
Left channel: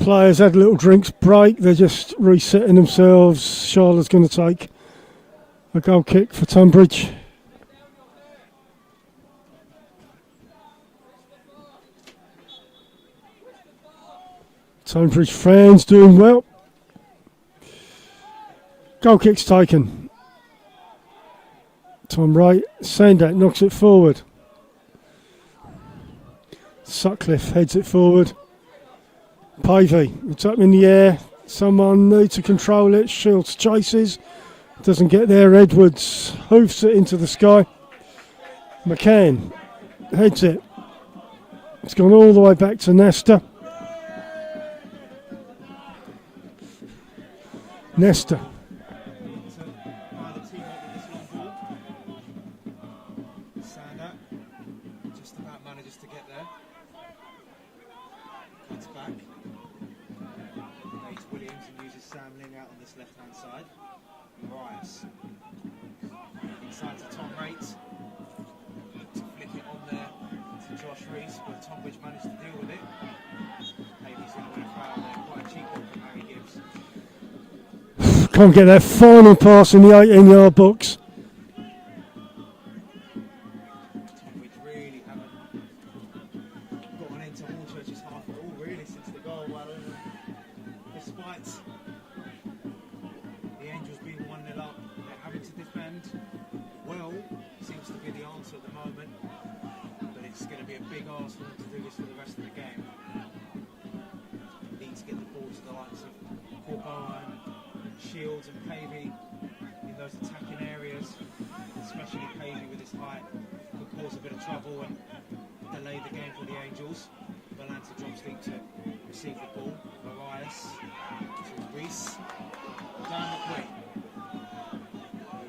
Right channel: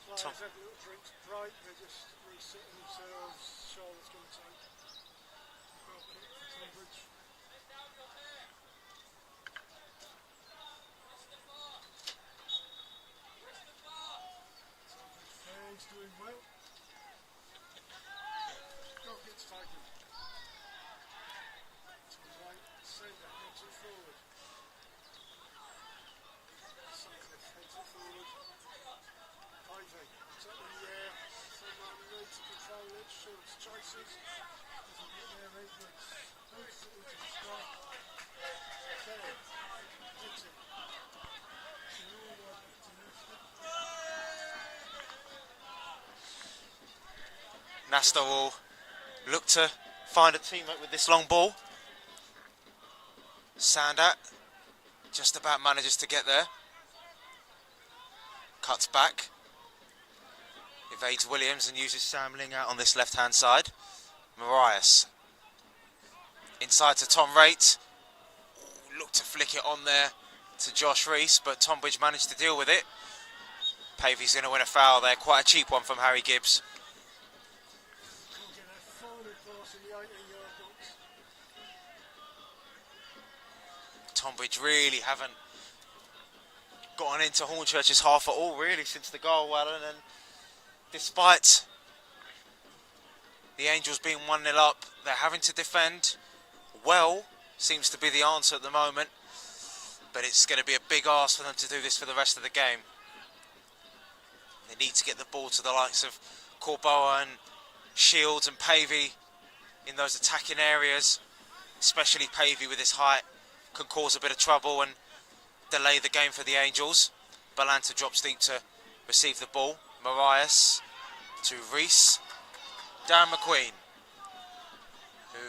Players had a little drinks break. They're just resetting themselves. Charlotte's going to take a goal kick for Tonbridge. Tonbridge fans doing well. Goal kick's taken. Tom Wright, Sandak knocks it forward. Sutcliffe heads it forward. Pavey, it's up in the air. Someone needs to control it. Shields chases. Doesn't get there. Edwards hoofs it into the sky. McCann heads it. It's gone all the way back to Nesta. Nesta will look to find a teammate with this long ball. Sandat just about manages to get there. Cuts back. Evades Williams and uses Sam Ling out on this left-hand side. Marias. Inside to Tom Raitt. Looked to flick it on there to Josh Reese, but Tonbridge managed to deal with it. Pavey's going to win a foul there. Quite a cheap one from Harry Gibbs. Can't get that final pass in the 18-yard box. Tonbridge really haven't gotten into Hornchurch's half at all, really, since the goal, Alan. And despite the Angels being 1-0 up, they're having to defend well. Seems to be the answer at the moment. But it's going to be a big ask for them to do this for the rest of the game. They need to get the ball to the likes of Corboa and Shields and Pavey in those attacking areas, especially Pavey with his height, could cause a bit of trouble and delay the game for the Angels. Balanta drops deep to receive the ball. Marias to Reese. Dan McQueen,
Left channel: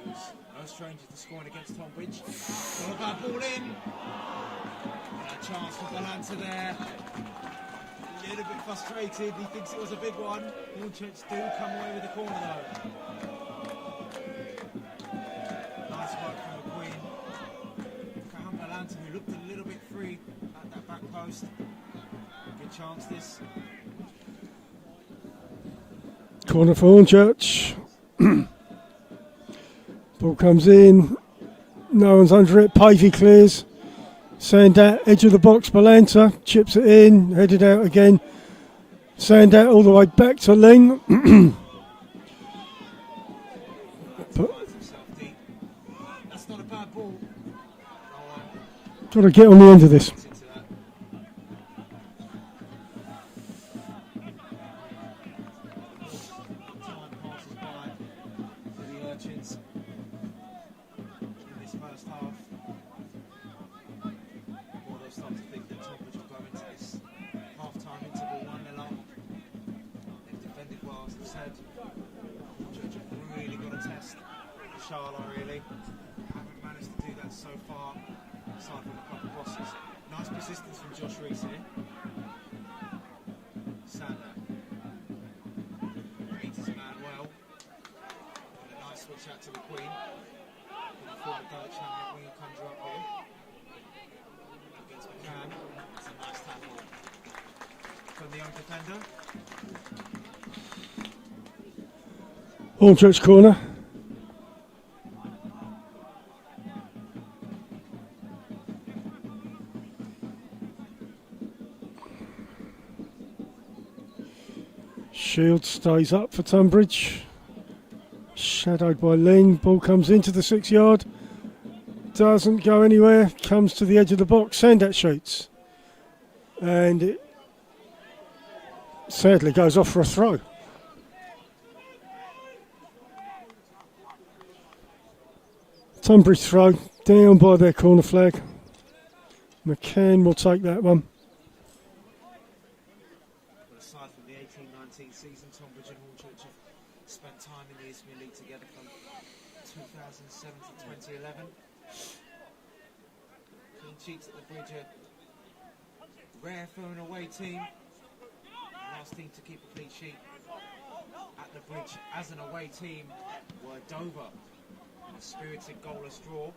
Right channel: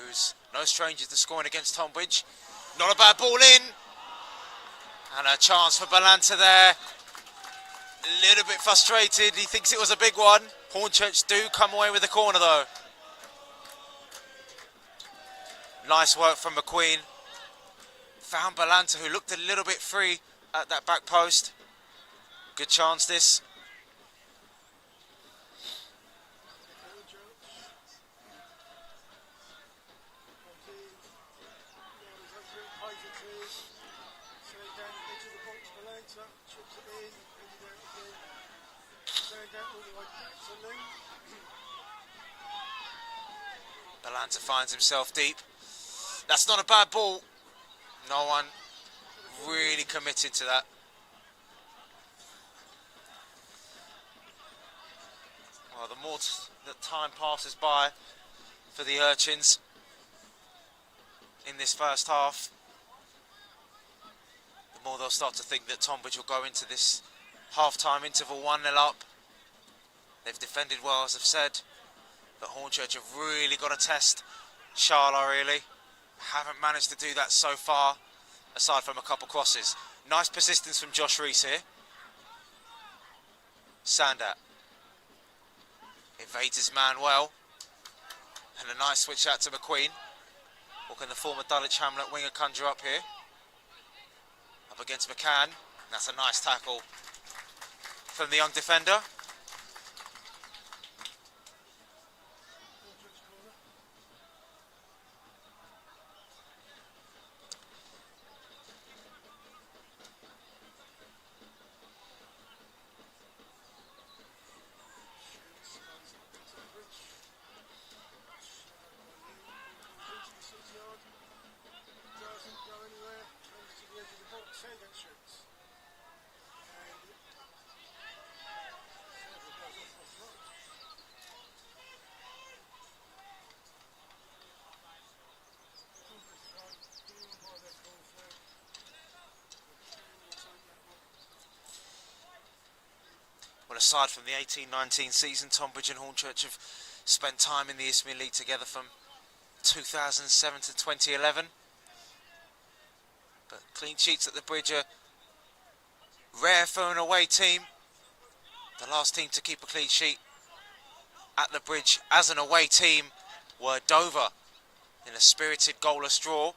who's no stranger to scoring against Tonbridge. Not a bad ball in. And a chance for Balanta there. A little bit frustrated. He thinks it was a big one. Hornchurch do come away with the corner though. Nice work from McQueen. Found Balanta, who looked a little bit free at that back post. Good chance this. Corner for Hornchurch. Ball comes in. No one's under it. Pavey clears. Sandat, edge of the box. Balanta chips it in. Headed out again. Sandat all the way back to Ling. Balanta finds himself deep. That's not a bad ball. No one Got to get on the end of this. committed to that. Oh, the more the time passes by for the Urchins in this first half, the more they'll start to think that Tonbridge will go into this half-time interval 1-0 up. They've defended well, as I've said, but Hornchurch have really got to test Sharla, really. Haven't managed to do that so far, aside from a couple crosses. Nice persistence from Josh Reese here. Sandat evades his man well. And a nice switch out to McQueen. What can the former Dulwich Hamlet winger conjure up here? Up against McCann. That's a nice tackle from the young defender. Hornchurch corner. Shield stays up for Tonbridge. Shadowed by Ling. Ball comes into the 6 yard. Doesn't go anywhere. Comes to the edge of the box. Sandat shoots. And it sadly goes off for a throw. Tonbridge throw down by their corner flag. McCann will take that one. Aside from the 18-19 season, Tonbridge and Hornchurch have spent time in the Isthmian League together from 2007 to 2011. But clean sheets at the Bridge are rare for an away team. The last team to keep a clean sheet at the Bridge as an away team were Dover in a spirited goalless draw.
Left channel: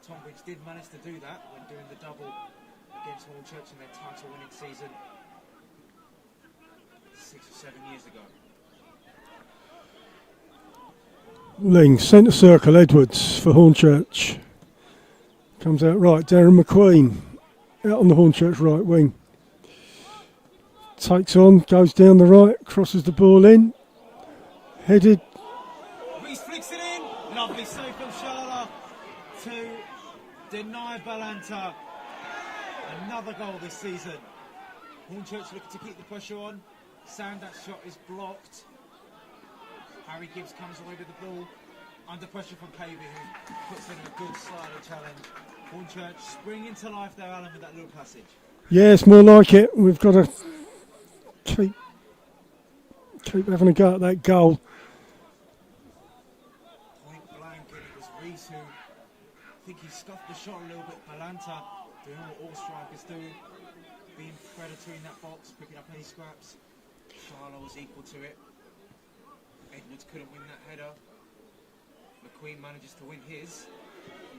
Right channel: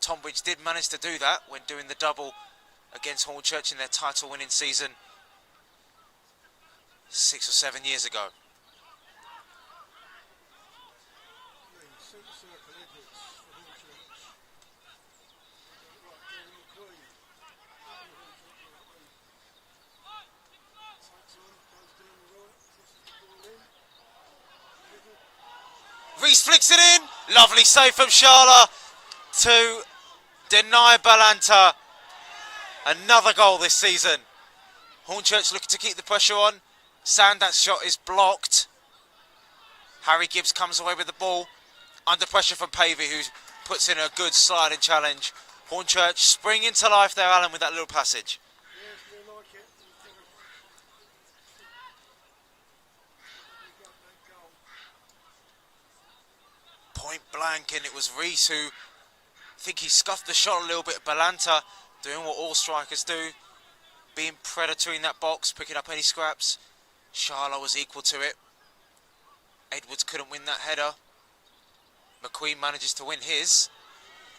Tonbridge did manage to do that when doing the double against Hornchurch in their title-winning season 6 or 7 years ago. Ling, centre circle, Edwards for Hornchurch. Comes out right, Darren McQueen out on the Hornchurch right wing. Takes on, goes down the right, crosses the ball in. Headed. Reese flicks it in. Lovely save from Sharla to deny Balanta. Another goal this season. Hornchurch looking to keep the pressure on. Sandat's shot is blocked. Harry Gibbs comes away with the ball. Under pressure from Pavey, who puts in a good sliding challenge. Hornchurch spring into life there, Alan, with that little passage. Yeah, it's more like it. We've got to keep having a go at that goal. Point blank, and it was Reese who think he scuffed the shot a little bit. Balanta doing what all strikers do, being predatory in that box, picking up any scraps. Sharla was equal to it. Edwards couldn't win that header. McQueen manages to win his.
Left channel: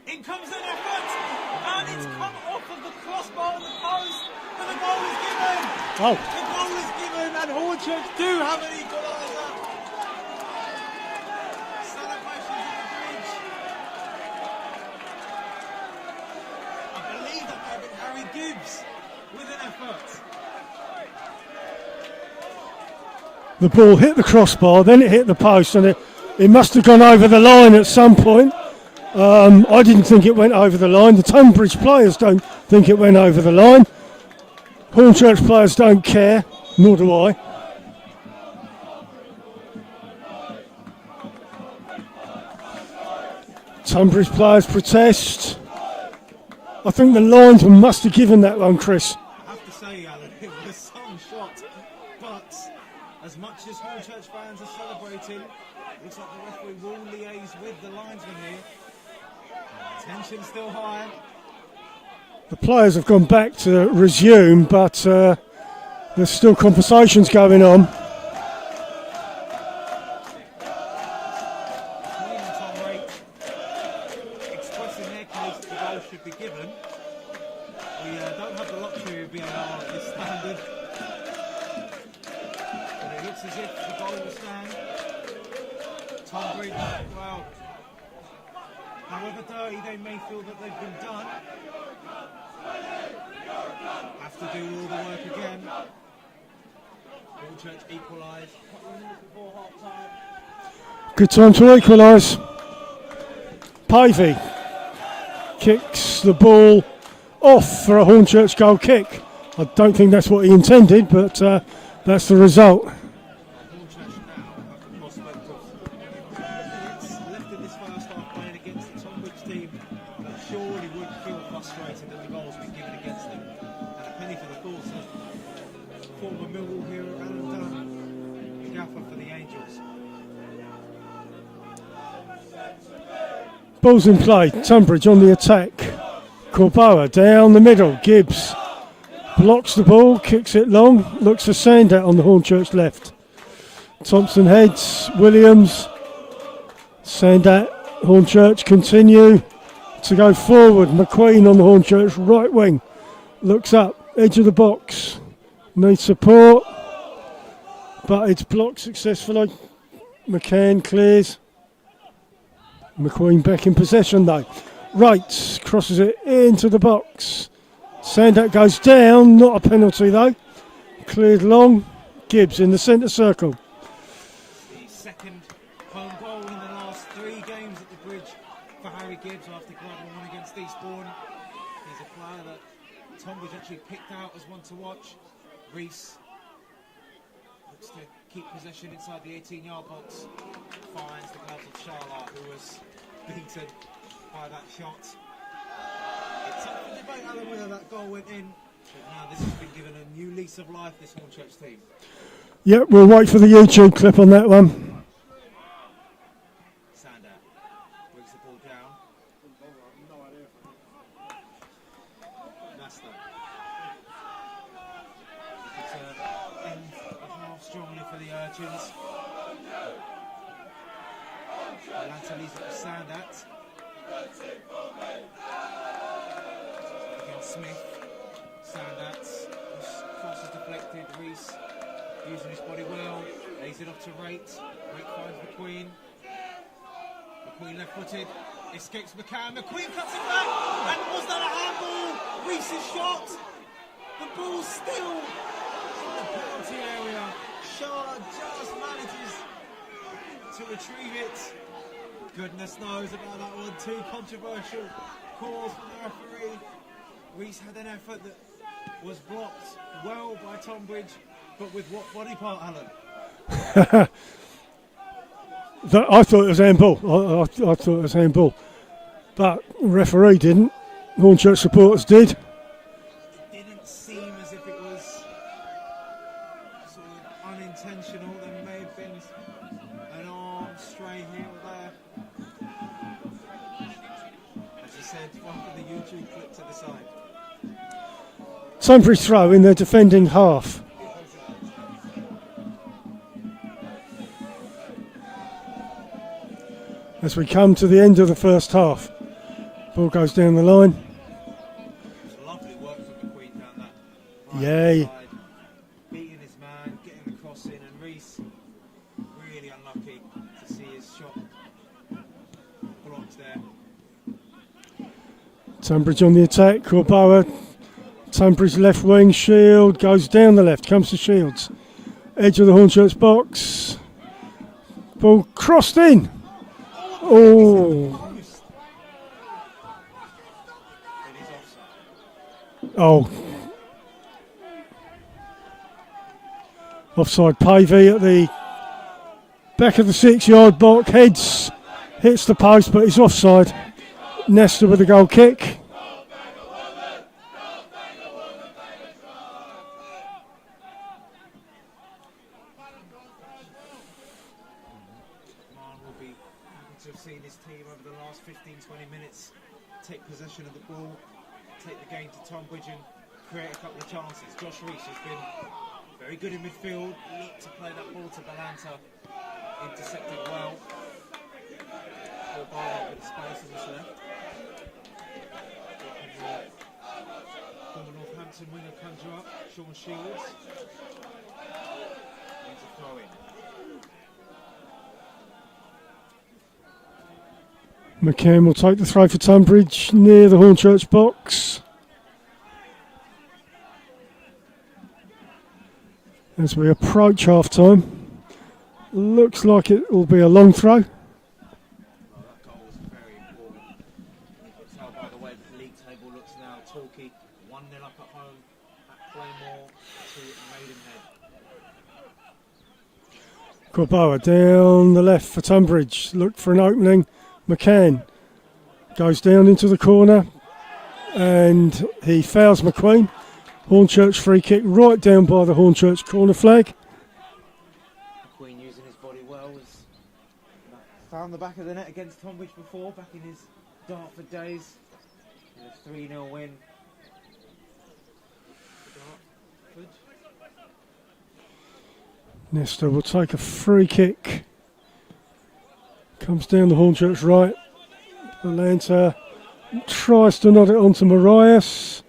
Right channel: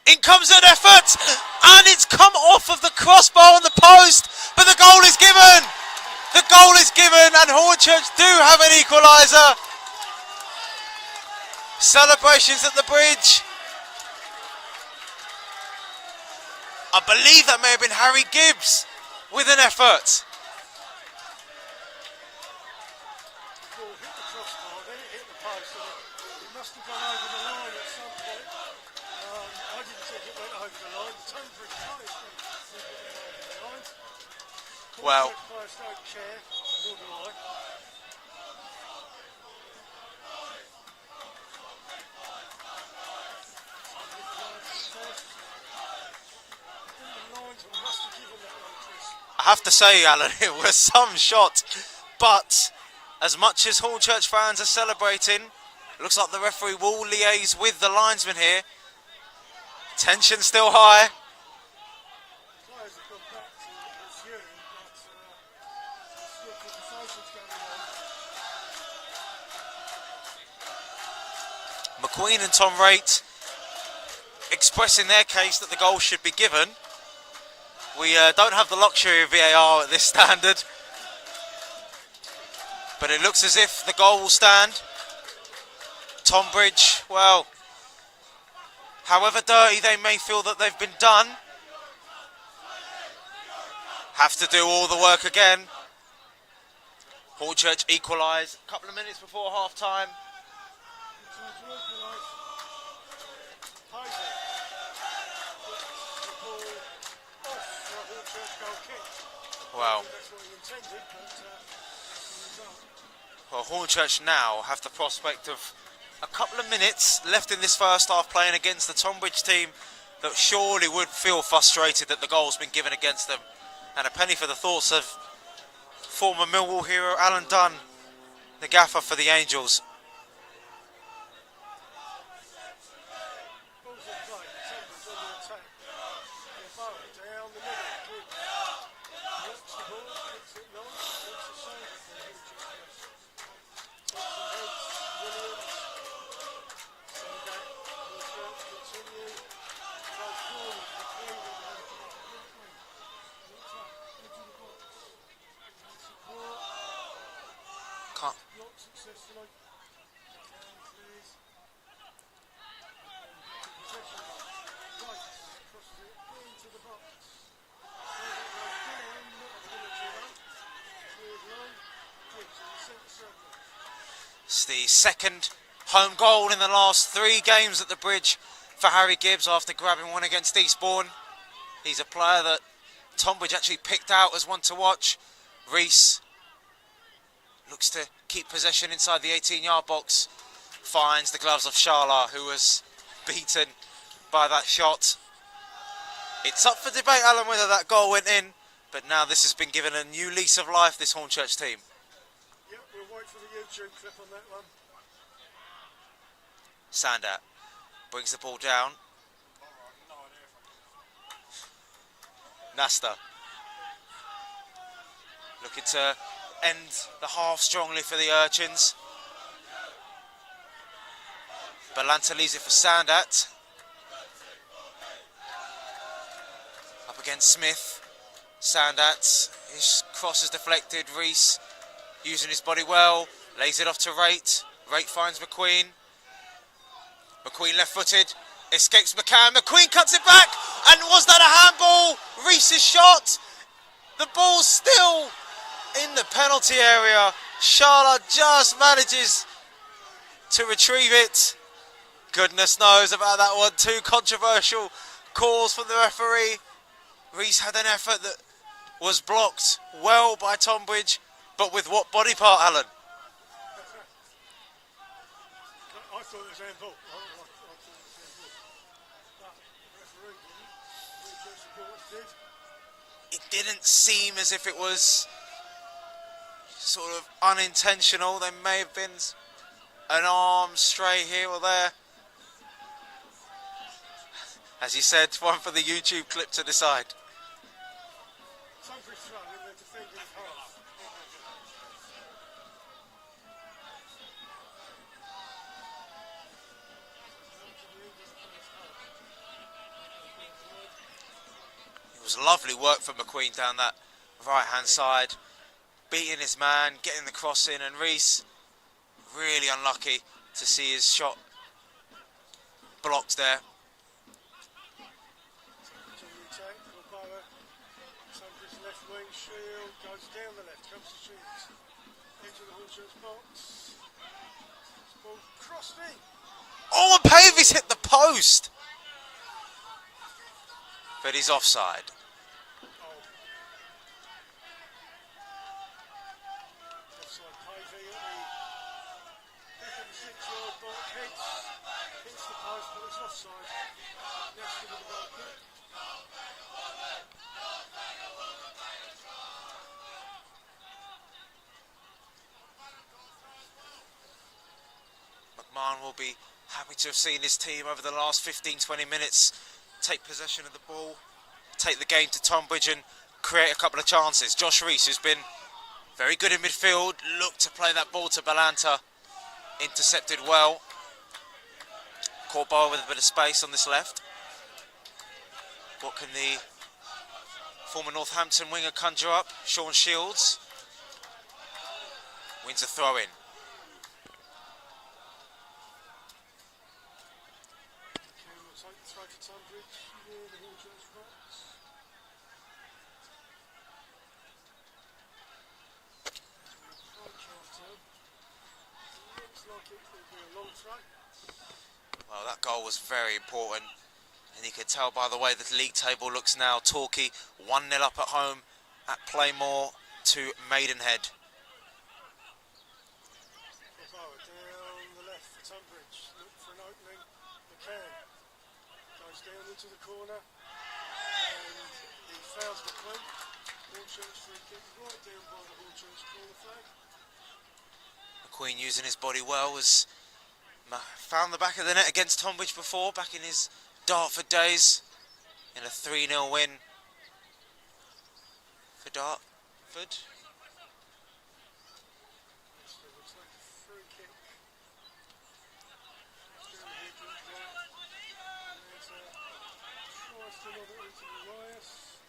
In comes an effort, and it's come off of the crossbar on the post, but the goal is given. Oh. The goal is given, and Hornchurch do have an equaliser. Celebrations at the bridge. I believe that may have been Harry Gibbs with an effort. The ball hit the crossbar, then it hit the post, and it must have gone over the line at some point. I didn't think it went over the line. The Tonbridge players don't think it went over the line. Hornchurch players don't care, nor do I. Tonbridge players protest. I think the linesman must have given that one, Chris. I have to say, Alan, it was some shot, but as much as Hornchurch fans are celebrating, it looks like the referee will liaise with the linesman here. Tension still high. The players have gone back to resume, but there's still conversations going on. McQueen and Tom Raitt expressing their case that the goal should be given. We don't have the luxury of VAR at this standard, but it looks as if the goal will stand. Tonbridge, well, however dirty they may feel that they've been done, have to do all the work again. Hornchurch equalised a couple of minutes before half-time. Good time to equalise. Pavey kicks the ball off for a Hornchurch goal kick. I don't think that's what he intended, but that's the result. Well, Hornchurch now have the prospect of a couple of minutes left in this first half playing against the Tonbridge team that surely would feel frustrated that the goal's been given against them. And a penny for the thoughts of former Millwall hero Alan Dunn, the gaffer for the Angels. Ball's in play, Tonbridge on the attack. Corboa down the middle, Gibbs blocks the ball, kicks it long, looks for Sandat on the Hornchurch left. Thompson heads, Williams, Sandat, Hornchurch continue to go forward. McQueen on the Hornchurch right wing, looks up, edge of the box, needs support, but it's blocked successfully. McCann clears. McQueen back in possession though. Wright crosses it into the box. Sandat goes down, not a penalty though. Cleared long. Gibbs in the centre circle. It's the second home goal in the last 3 games at the bridge for Harry Gibbs after grabbing one against Eastbourne. He's a player that Tonbridge actually picked out as one to watch. Reese looks to keep possession inside the 18-yard box. Finds the gloves of Sharla, who was beaten by that shot. It's up for debate, Alan, whether that goal went in, but now this has been given a new lease of life, this Hornchurch team. Yep, we'll wait for the YouTube clip on that one. Sandat brings the ball down. Nasta looking to end the half strongly for the Urchins. Balanta leaves it for Sandat. Up against Smith. Sandat, his cross is deflected. Reese using his body well, lays it off to Raitt. Raitt finds McQueen. McQueen left-footed, escapes McCann. McQueen cuts it back, and was that a handball? Reese's shot. The ball's still in the penalty area. Sharla just manages to retrieve it. Goodness knows about that one. 2 controversial calls from the referee. Reese had an effort that was blocked well by Tonbridge, but with what body part, Alan? I thought it was handball. I thought it was handball. But the referee didn't. Hornchurch supporters did. It didn't seem as if it was sort of unintentional. There may have been an arm stray here or there. As you said, one for the YouTube clip to decide. Tonbridge throw in their defending half. As we come to the end of the first half. Ball goes down the line. It was lovely work from McQueen down that right-hand side. Beating his man, getting the cross in, and Reese really unlucky to see his shot blocked there. Tonbridge on the attack, Corboa. Tonbridge left wing, Shield goes down the left, comes to Shields. Edge of the Hornchurch box. Ball crossed in. Oh, and Pavies hit the post. But he's offside. Oh. Offside. Pavey at the back of the 6-yard box, hits the post, but he's offside. Nesta with a goal kick. McMahon will be happy to have seen his team over the last 15-20 minutes take possession of the ball, take the game to Tonbridge and create a couple of chances. Josh Reese, who's been very good in midfield, looked to play that ball to Balanta, intercepted well. Corboa with a bit of space on this left. What can the former Northampton winger conjure up? Sean Shields wins a throw in. McCann will take the throw for Tonbridge near the Hornchurch box. As we approach half time, looks like it will be a long throw. Well, that goal was very important, and you can tell by the way the league table looks now. Torquay 1-0 up at home at Playmore to Maidenhead. Corboa down the left for Tonbridge, looked for an opening. McCann goes down into the corner and he fouls McQueen. Hornchurch free kick right down by the Hornchurch corner flag. McQueen using his body well, was found the back of the net against Tonbridge before, back in his Dartford days, in a 3-0 win for Dartford. Nesta will take a free kick. Comes down the Hornchurch right. Balanta tries to nod it onto Marias,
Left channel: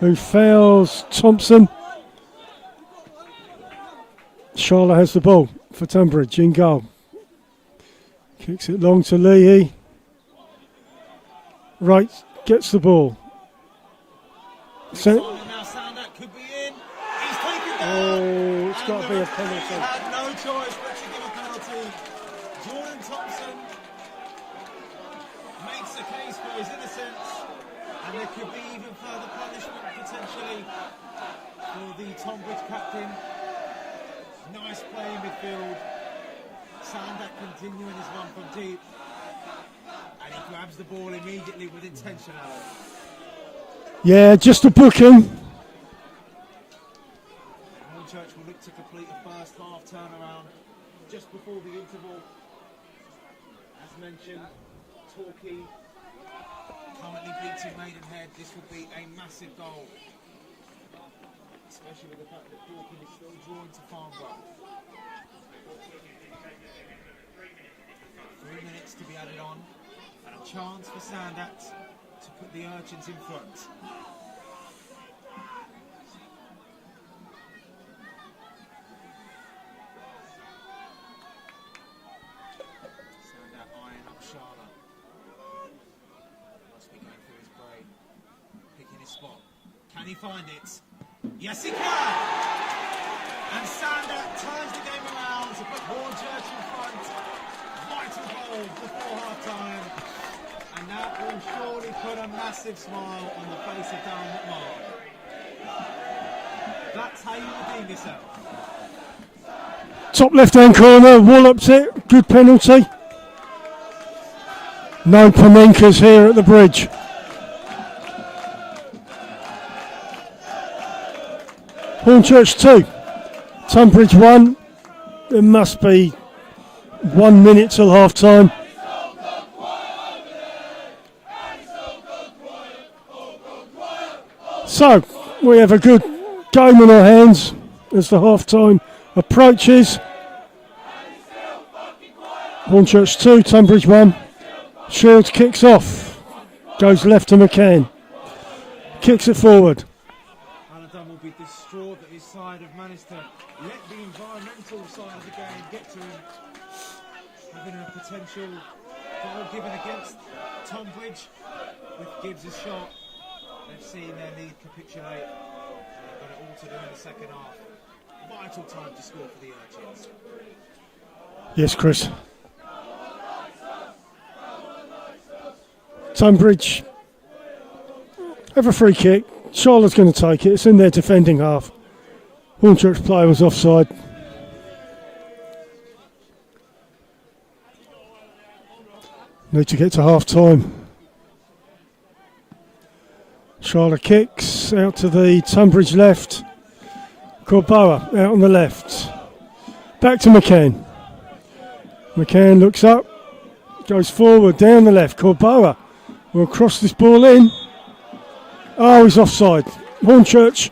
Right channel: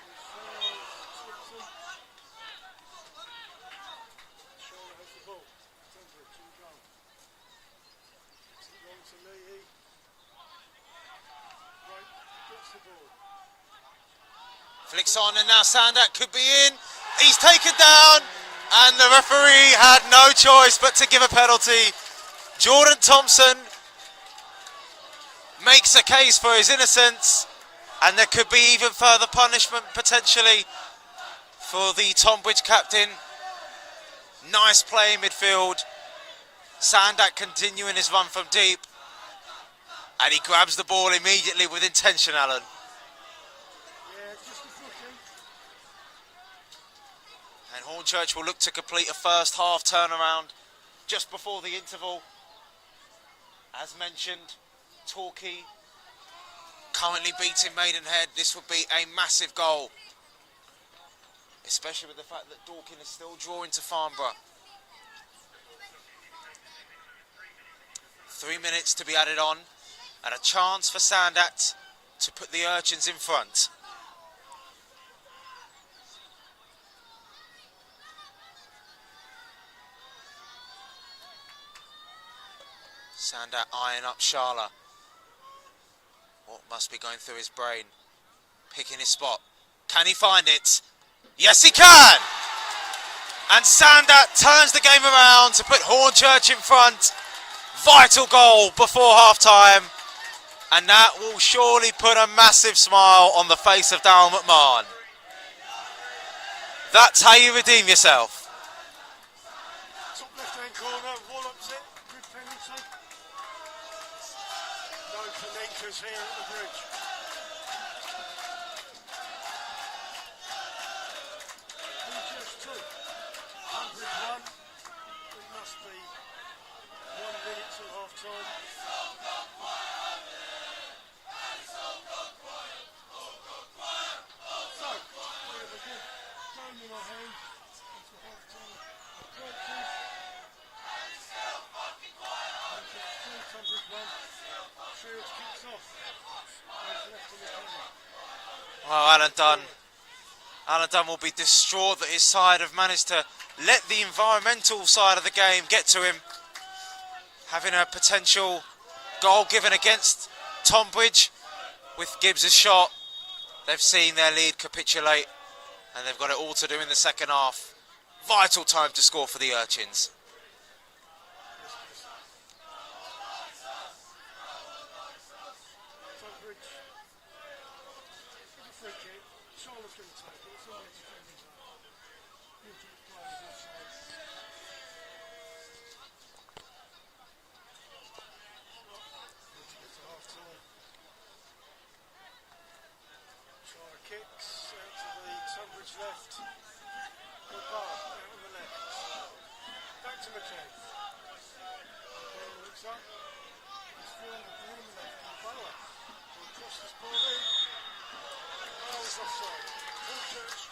who fouls Thompson. Charlotte has the ball for Tonbridge in goal. Kicks it long to Leahy. Wright gets the ball. Flicks on and now Sandak could be in. He's taken down and the referee had no choice but to give a penalty. Jordan Thompson makes a case for his innocence, and there could be even further punishment potentially for the Tonbridge captain. Nice play in midfield. Sandak continuing his run from deep, and he grabs the ball immediately with intention, Alan. Yeah, just a booking. And Hornchurch will look to complete a first half turnaround just before the interval. As mentioned, Torquay currently beating Maidenhead. This would be a massive goal, especially with the fact that Dorking is still drawing to Farnborough. 3 minutes to be added on, and a chance for Sandat to put the Urchins in front. Sandat eyeing up Sharla. What must be going through his brain? Picking his spot. Can he find it? Yes, he can! And Sandat turns the game around to put Hornchurch in front. Vital goal before half-time. And that will surely put a massive smile on the face of Darryl McMahon. That's how you redeem yourself. Top left-hand corner, wallops it. Good penalty. No Panenkas here at the bridge. Hornchurch 2, Tonbridge 1. It must be 1 minute till half time. So, we have a good game on our hands as the half-time approaches. Hornchurch 2, Tonbridge 1. Shields kicks off. Goes left to McCann. Kicks it forward. Alan Dunn will be distraught that his side have managed to let the environmental side of the game get to him. Having a potential goal given against Tonbridge with Gibbs' shot. They've seen their lead capitulate and they've got it all to do in the second half. Vital time to score for the Urchins. Yes, Chris. Tonbridge have a free kick. Charlotte's going to take it. It's in their defending half. Hornchurch player was offside. Need to get to half time. Charlotte kicks out to the Tonbridge left. Corboa out on the left. Back to McCann. McCann looks up. Goes forward down the left. Corboa will cross this ball in. Oh, he's offside. Hornchurch,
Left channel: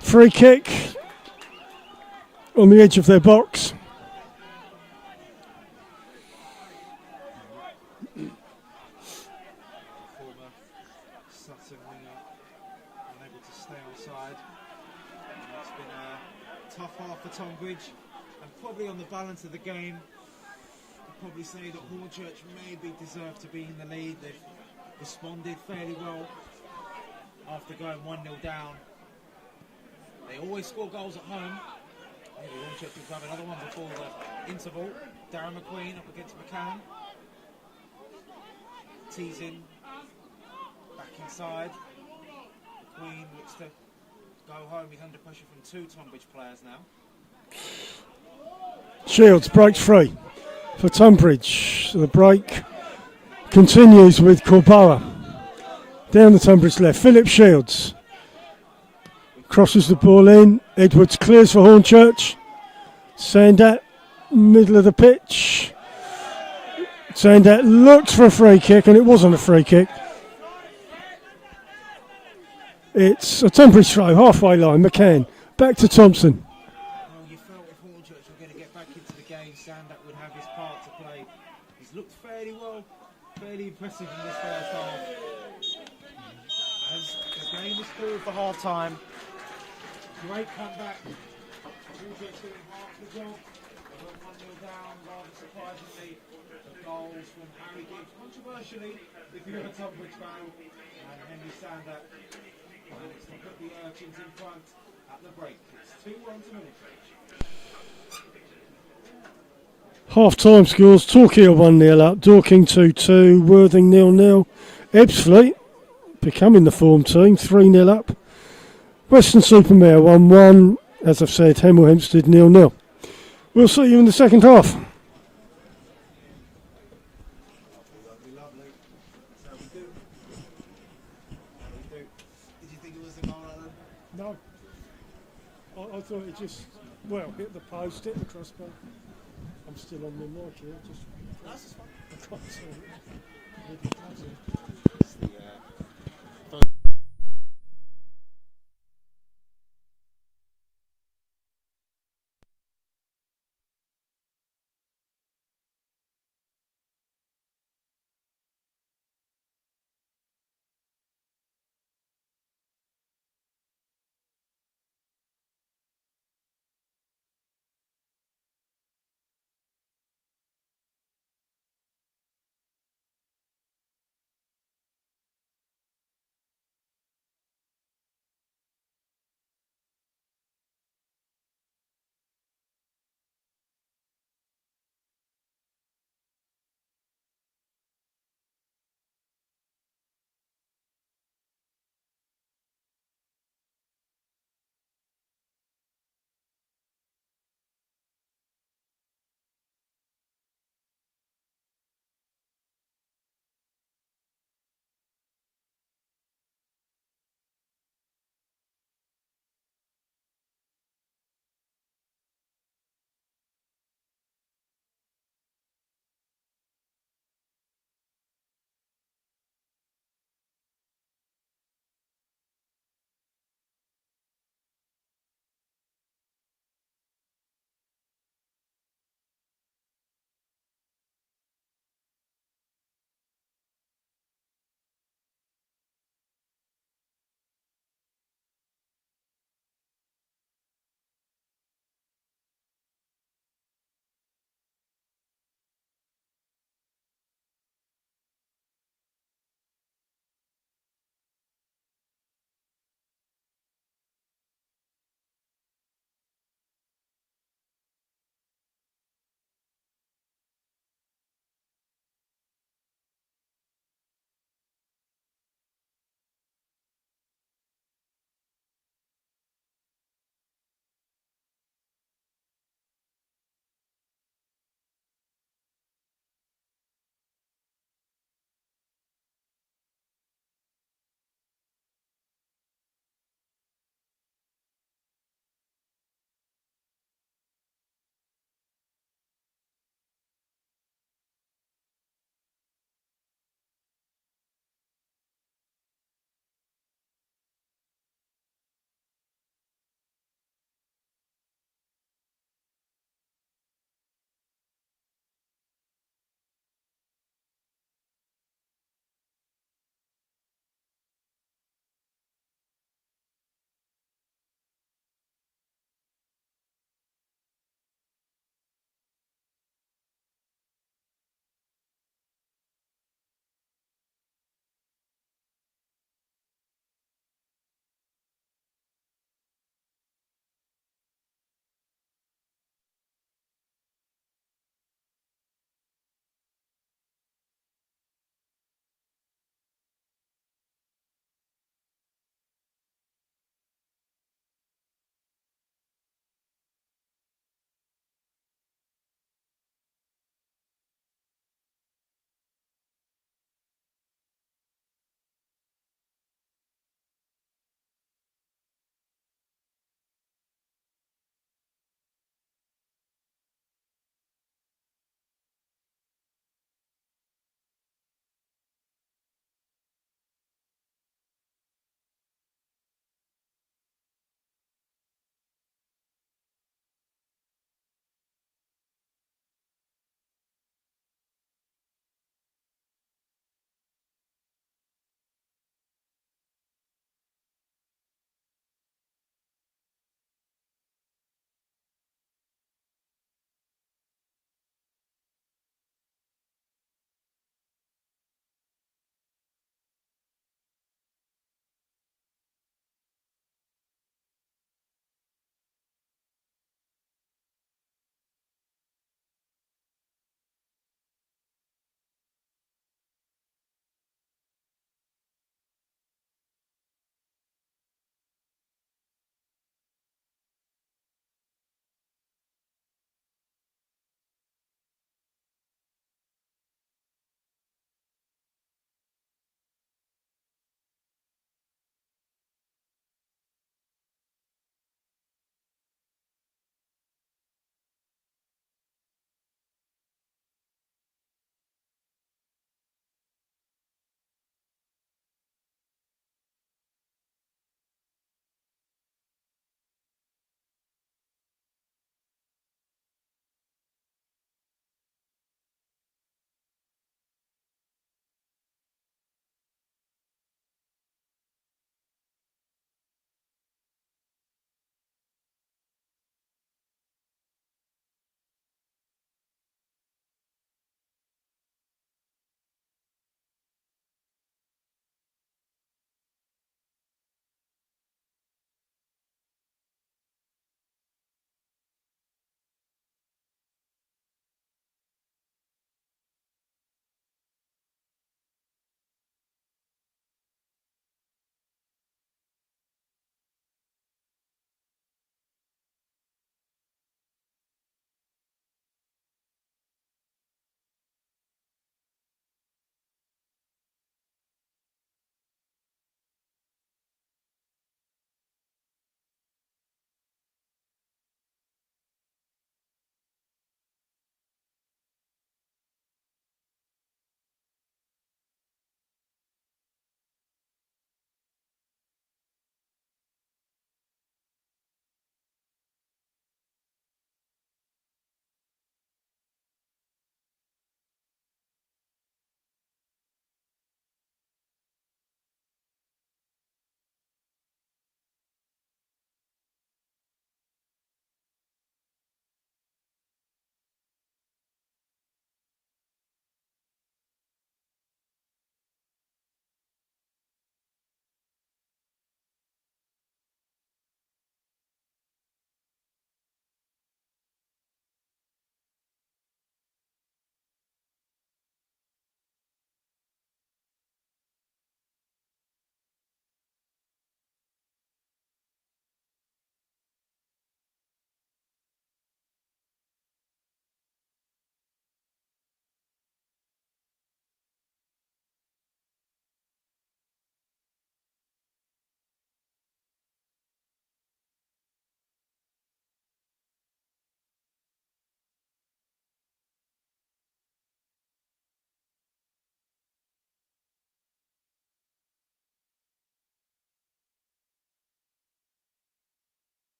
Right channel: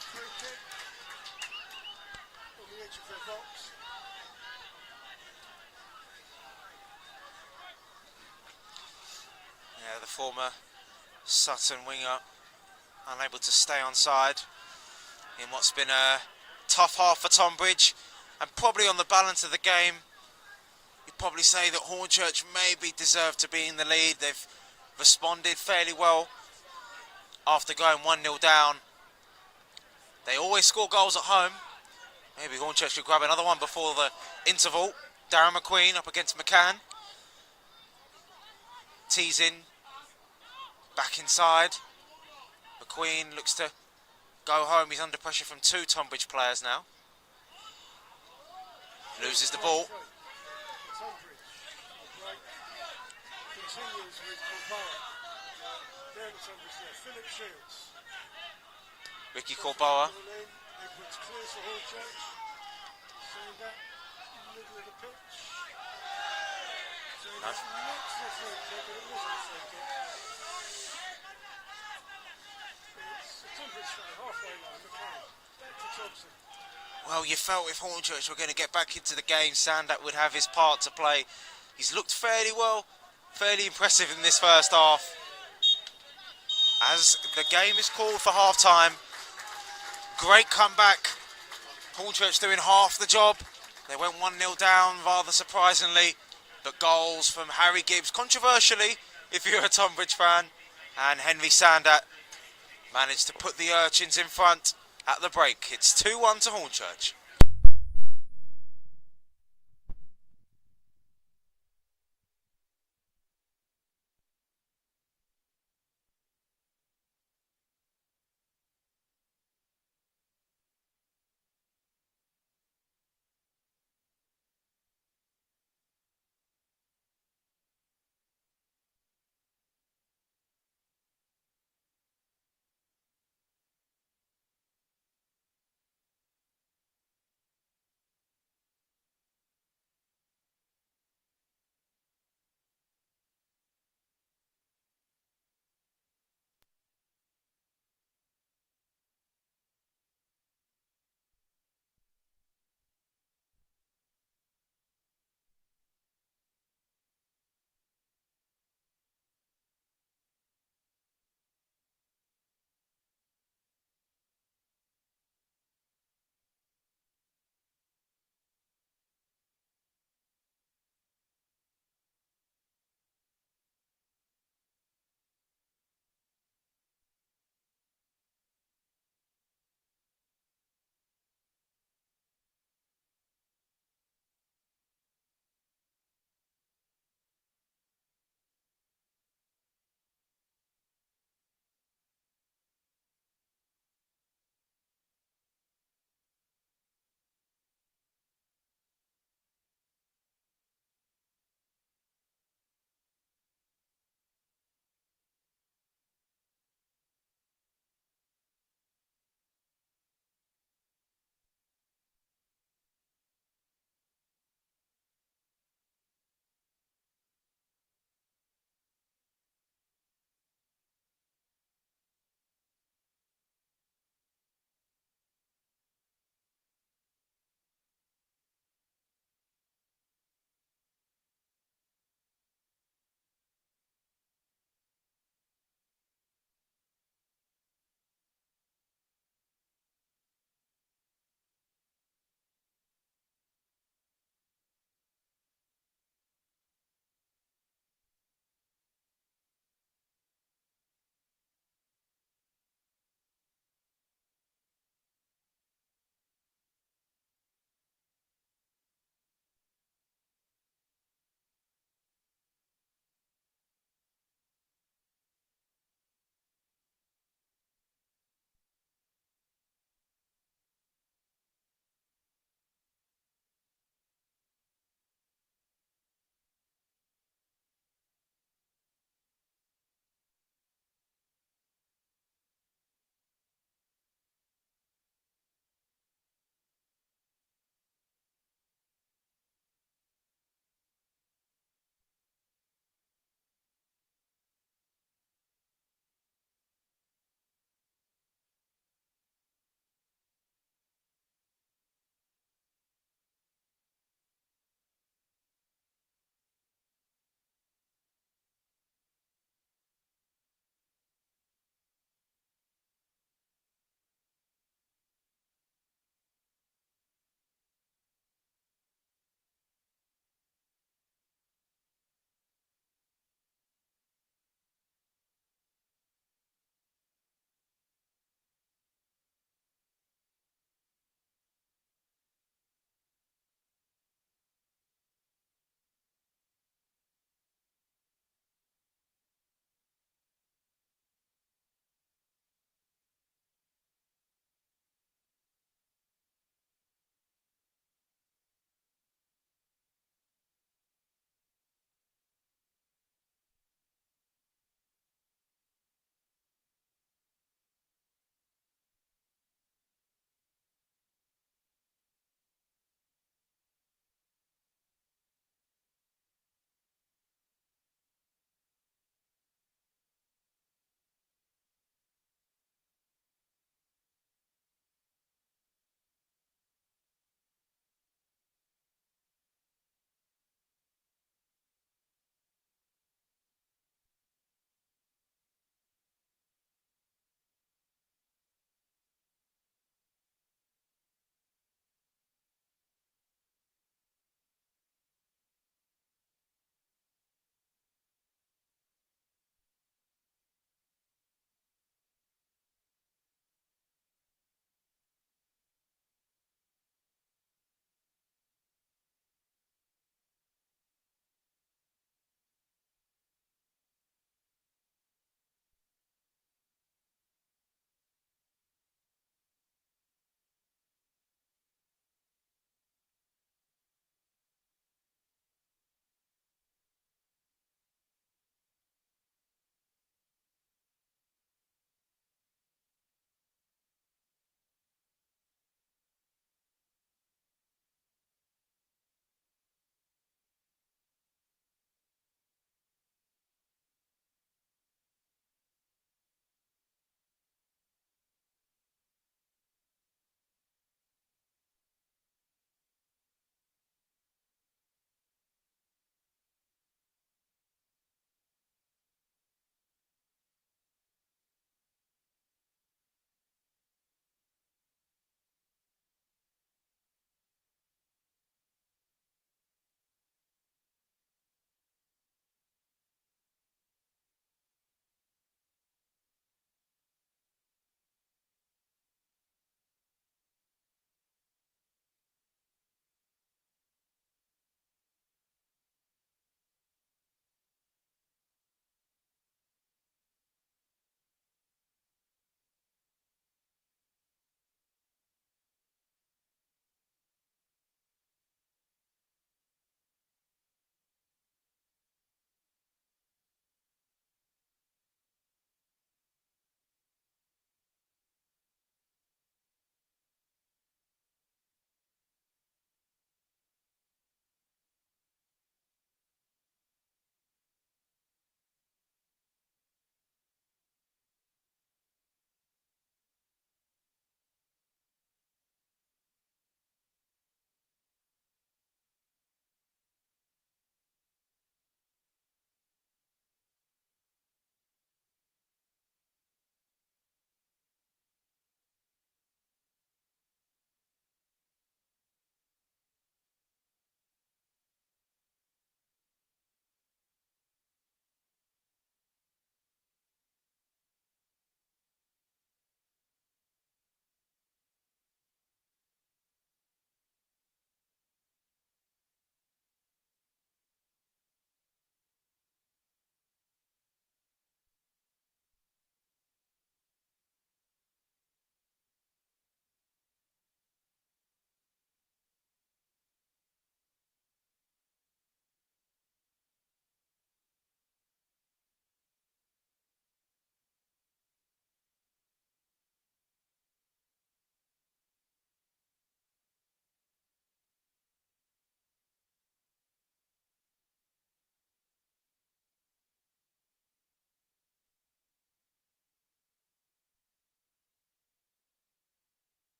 free kick on the edge of their box. Yeah, the former Sutton winger unable to stay on side in what's been a tough half for Tonbridge, and probably on the balance of the game, you'd probably say that Hornchurch maybe deserved to be in the lead. They've responded fairly well after going 1-0 down. They always score goals at home. Maybe Hornchurch could grab another one before the interval. Darren McQueen up against McCann. Teasing, back inside. McQueen looks to go home. He's under pressure from two Tonbridge players now. Shields breaks free for Tonbridge. The break continues with Corboa. Down the Tonbridge left. Philip Shields crosses the ball in. Edwards clears for Hornchurch. Sandat, middle of the pitch. Sandat looks for a free kick, and it wasn't a free kick. It's a Tonbridge throw, halfway line. McCann back to Thompson. Well, you felt if Hornchurch were going to get back into the game, Sandat would have his part to play. He's looked fairly well, fairly impressive in this first half. As the game is called for half-time, great comeback. Hornchurch doing half the job. They went 1-0 down, rather surprisingly. The goals from Harry Gibbs, controversially, if you're a Tonbridge fan, and Henry Sandat managed to put the Urchins in front at the break. It's 2-1 to Hornchurch. Half-time scores. Torquay 1-0 up. Dorking 2-2. Worthing 0-0. Ebbsfleet becoming the form team, 3-0 up. Western-super-Mare 1-1. As I've said, Hemel Hempstead 0-0. We'll see you in the second half. No. I thought it just, hit the post, hit the crossbar. I'm still on the mic here. I can't see it.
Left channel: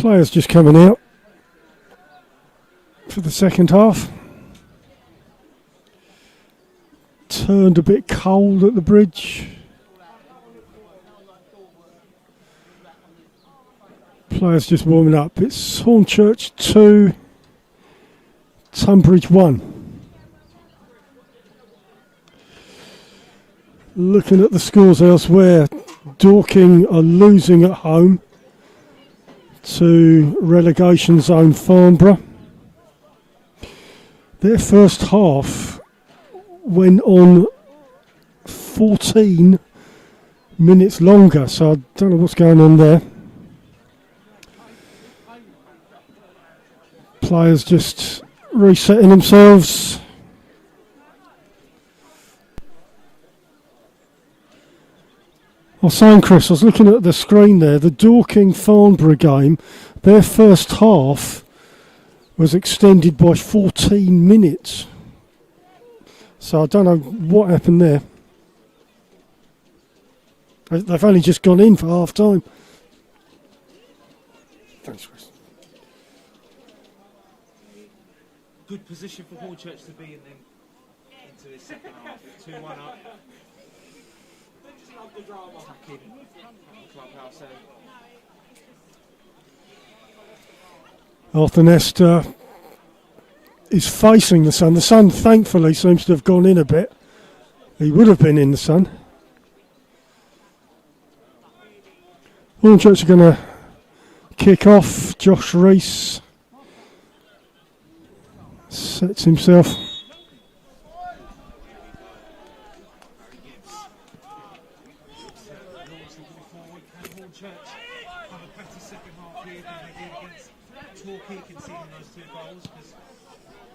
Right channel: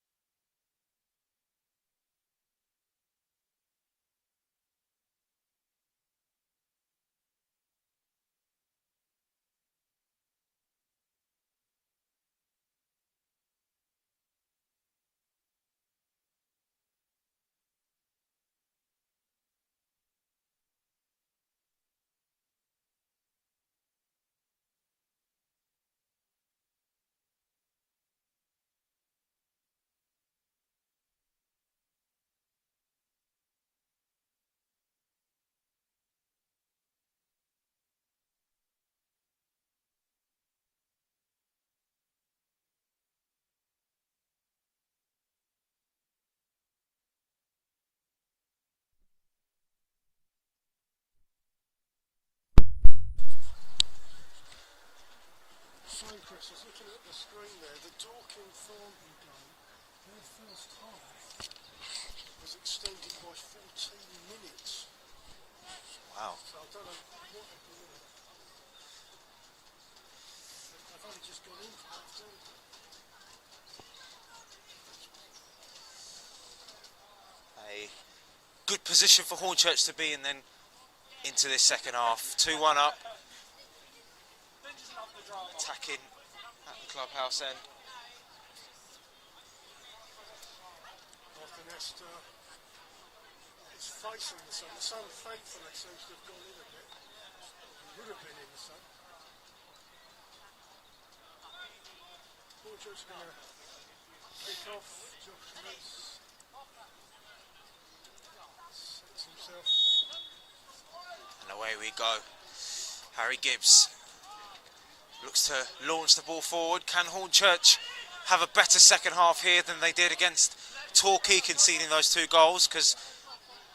Players just coming out for the second half. Turned a bit cold at the bridge. Players just warming up. It's Hornchurch 2, Tonbridge 1. Looking at the scores elsewhere, Dorking are losing at home to relegation zone Farnborough. Their first half went on 14 minutes longer, so I don't know what's going on there. Players just resetting themselves. I was saying, Chris, I was looking at the screen there, the Dorking-Farnborough game, their first half was extended by 14 minutes. So I don't know what happened there. They've only just gone in for half time. Thanks, Chris. A good position for Hornchurch to be in then into this second half. 2-1 up. Attacking at the clubhouse end. Arthur Nesta is facing the sun. The sun, thankfully, seems to have gone in a bit. He would have been in the sun. Hornchurch are going to kick off. Josh Rees sets himself. And away we go. Harry Gibbs looks to launch the ball forward. Can Hornchurch have a better second half here than they did against Torquay, conceding those 2 goals? Because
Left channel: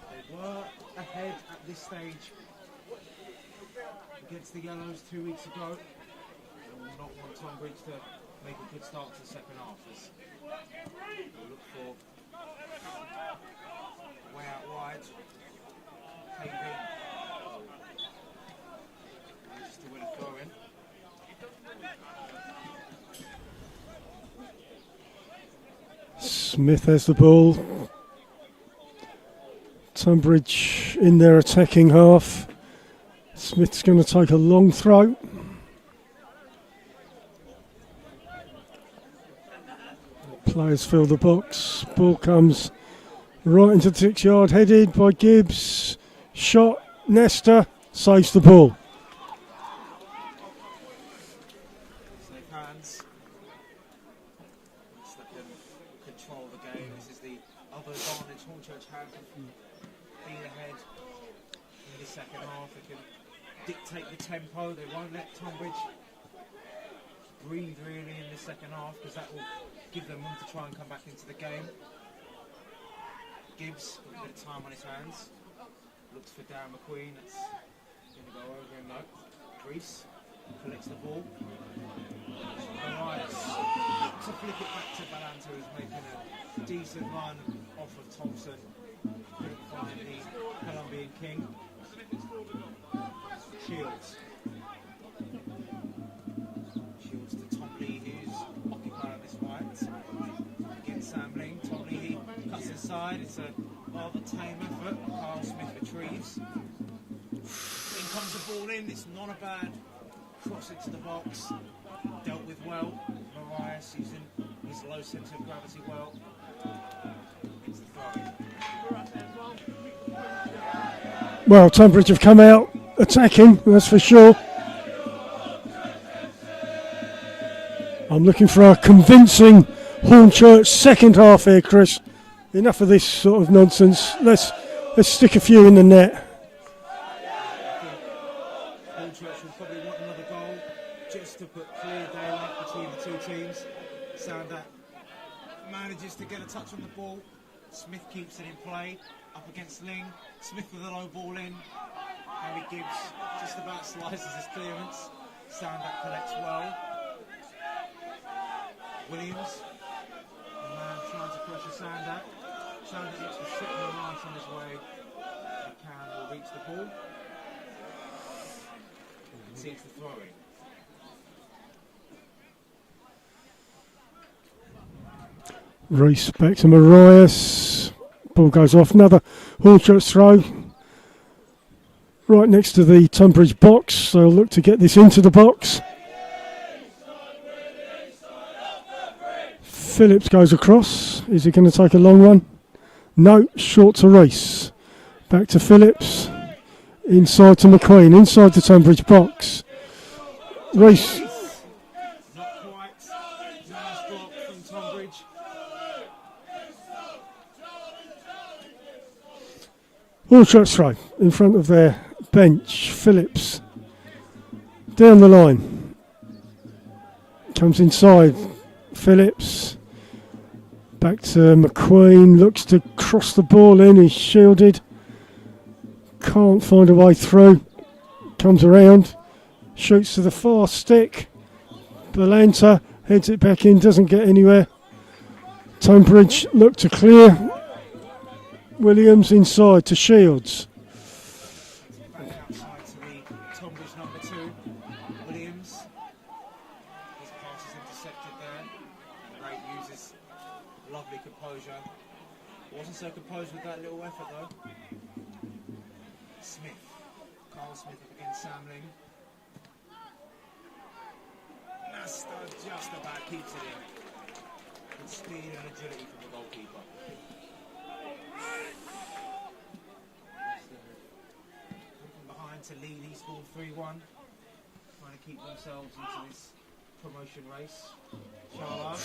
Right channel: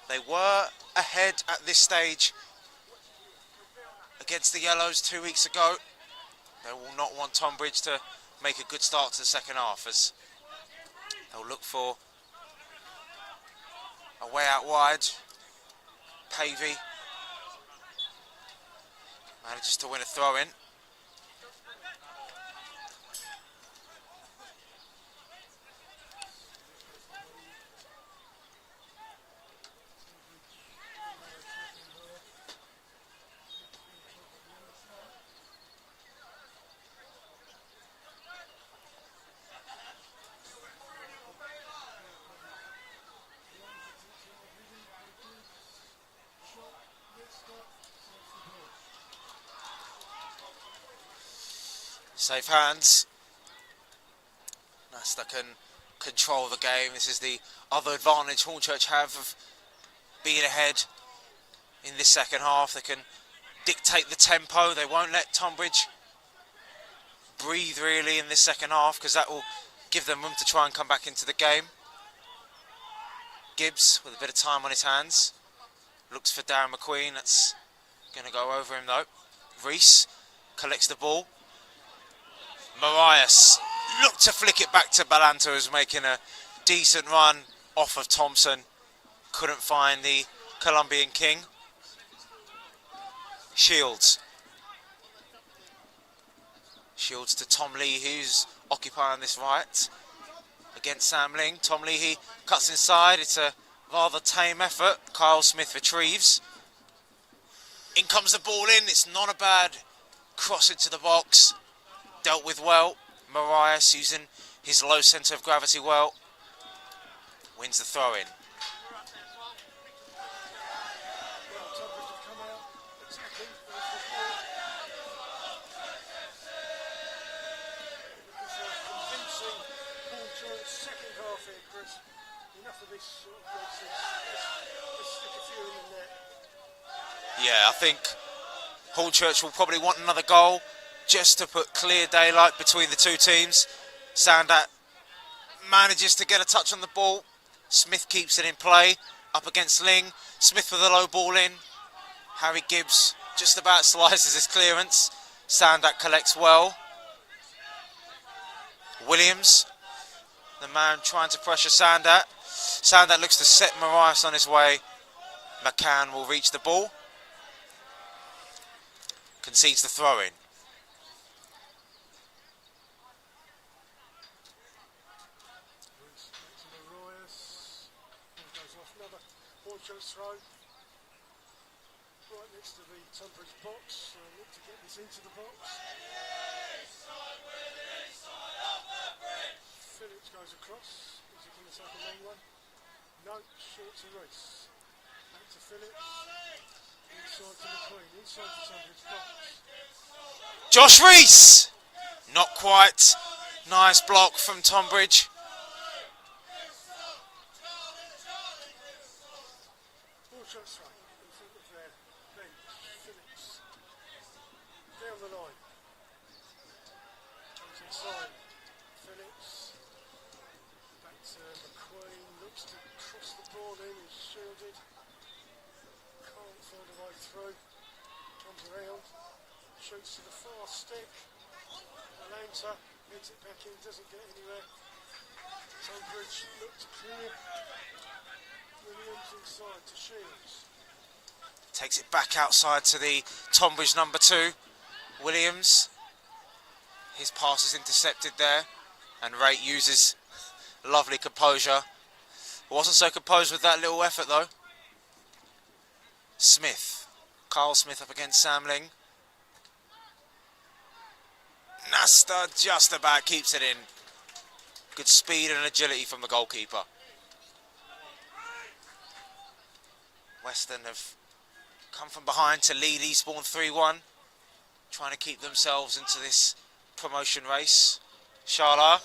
they were ahead at this stage against the Yellows 2 weeks ago. They will not want Tonbridge to make a good start to the second half, as they'll look for a way out wide. Pavey manages to win a throw-in. Smith has the ball. Tonbridge in their attacking half. Smith's going to take a long throw. Players fill the box. Ball comes right into the 6-yard, headed by Gibbs. Shot. Nesta saves the ball. Safe hands. Nesta can control the game. This is the other advantage Hornchurch have of being ahead in this second half. They can dictate the tempo. They won't let Tonbridge breathe really in this second half, because that will give them room to try and come back into the game. Gibbs with a bit of time on his hands. Looks for Darren McQueen. That's going to go over him though. Rees collects the ball. Marias looked to flick it back to Balanta, who's making a decent run off of Thompson. Couldn't find the Colombian king. Shields. Shields to Tom Leahy, who's occupying this right against Sam Ling. Tom Leahy cuts inside. It's a rather tame effort. Kyle Smith retrieves. In comes the ball in. It's not a bad cross into the box. Dealt with well. Marias using his low centre of gravity well. Wins the throw-in. Well, Tonbridge have come out attacking, that's for sure. I'm looking for a convincing Hornchurch second half here, Chris. Enough of this sort of nonsense. Let's stick a few in the net. Yeah, I think Hornchurch will probably want another goal just to put clear daylight between the two teams. Sandat manages to get a touch on the ball. Smith keeps it in play, up against Ling. Smith with a low ball in. Harry Gibbs just about slices his clearance. Sandat collects well. Williams, the man trying to pressure Sandat. Sandat looks to set Marias on his way. McCann will reach the ball. Concedes the throw-in. Reese back to Marias. Ball goes off. Another Hornchurch throw. Right next to the Tonbridge box. They'll look to get this into the box. Phillips goes across. Is he going to take a long one? No, short to Reese. Back to Phillips. Inside to McQueen. Inside the Tonbridge box. Josh Reese! Not quite. Nice block from Tonbridge. Hornchurch throw in front of their bench. Phillips down the line. Comes inside. Phillips back to McQueen. Looks to cross the ball in. He's shielded. Can't find a way through. Comes around. Shoots to the far stick. Balanta heads it back in. Doesn't get anywhere. Tonbridge look to clear. Williams inside to Shields. Takes it back outside to the Tonbridge number 2. Williams. His pass is intercepted there. And Ray uses lovely composure. Wasn't so composed with that little effort though. Smith. Carl Smith up against Samling. Nasta just about keeps it in. Good speed and agility from the goalkeeper. Western have come from behind to lead Eastbourne 3-1. Trying to keep themselves into this promotion race. Shala,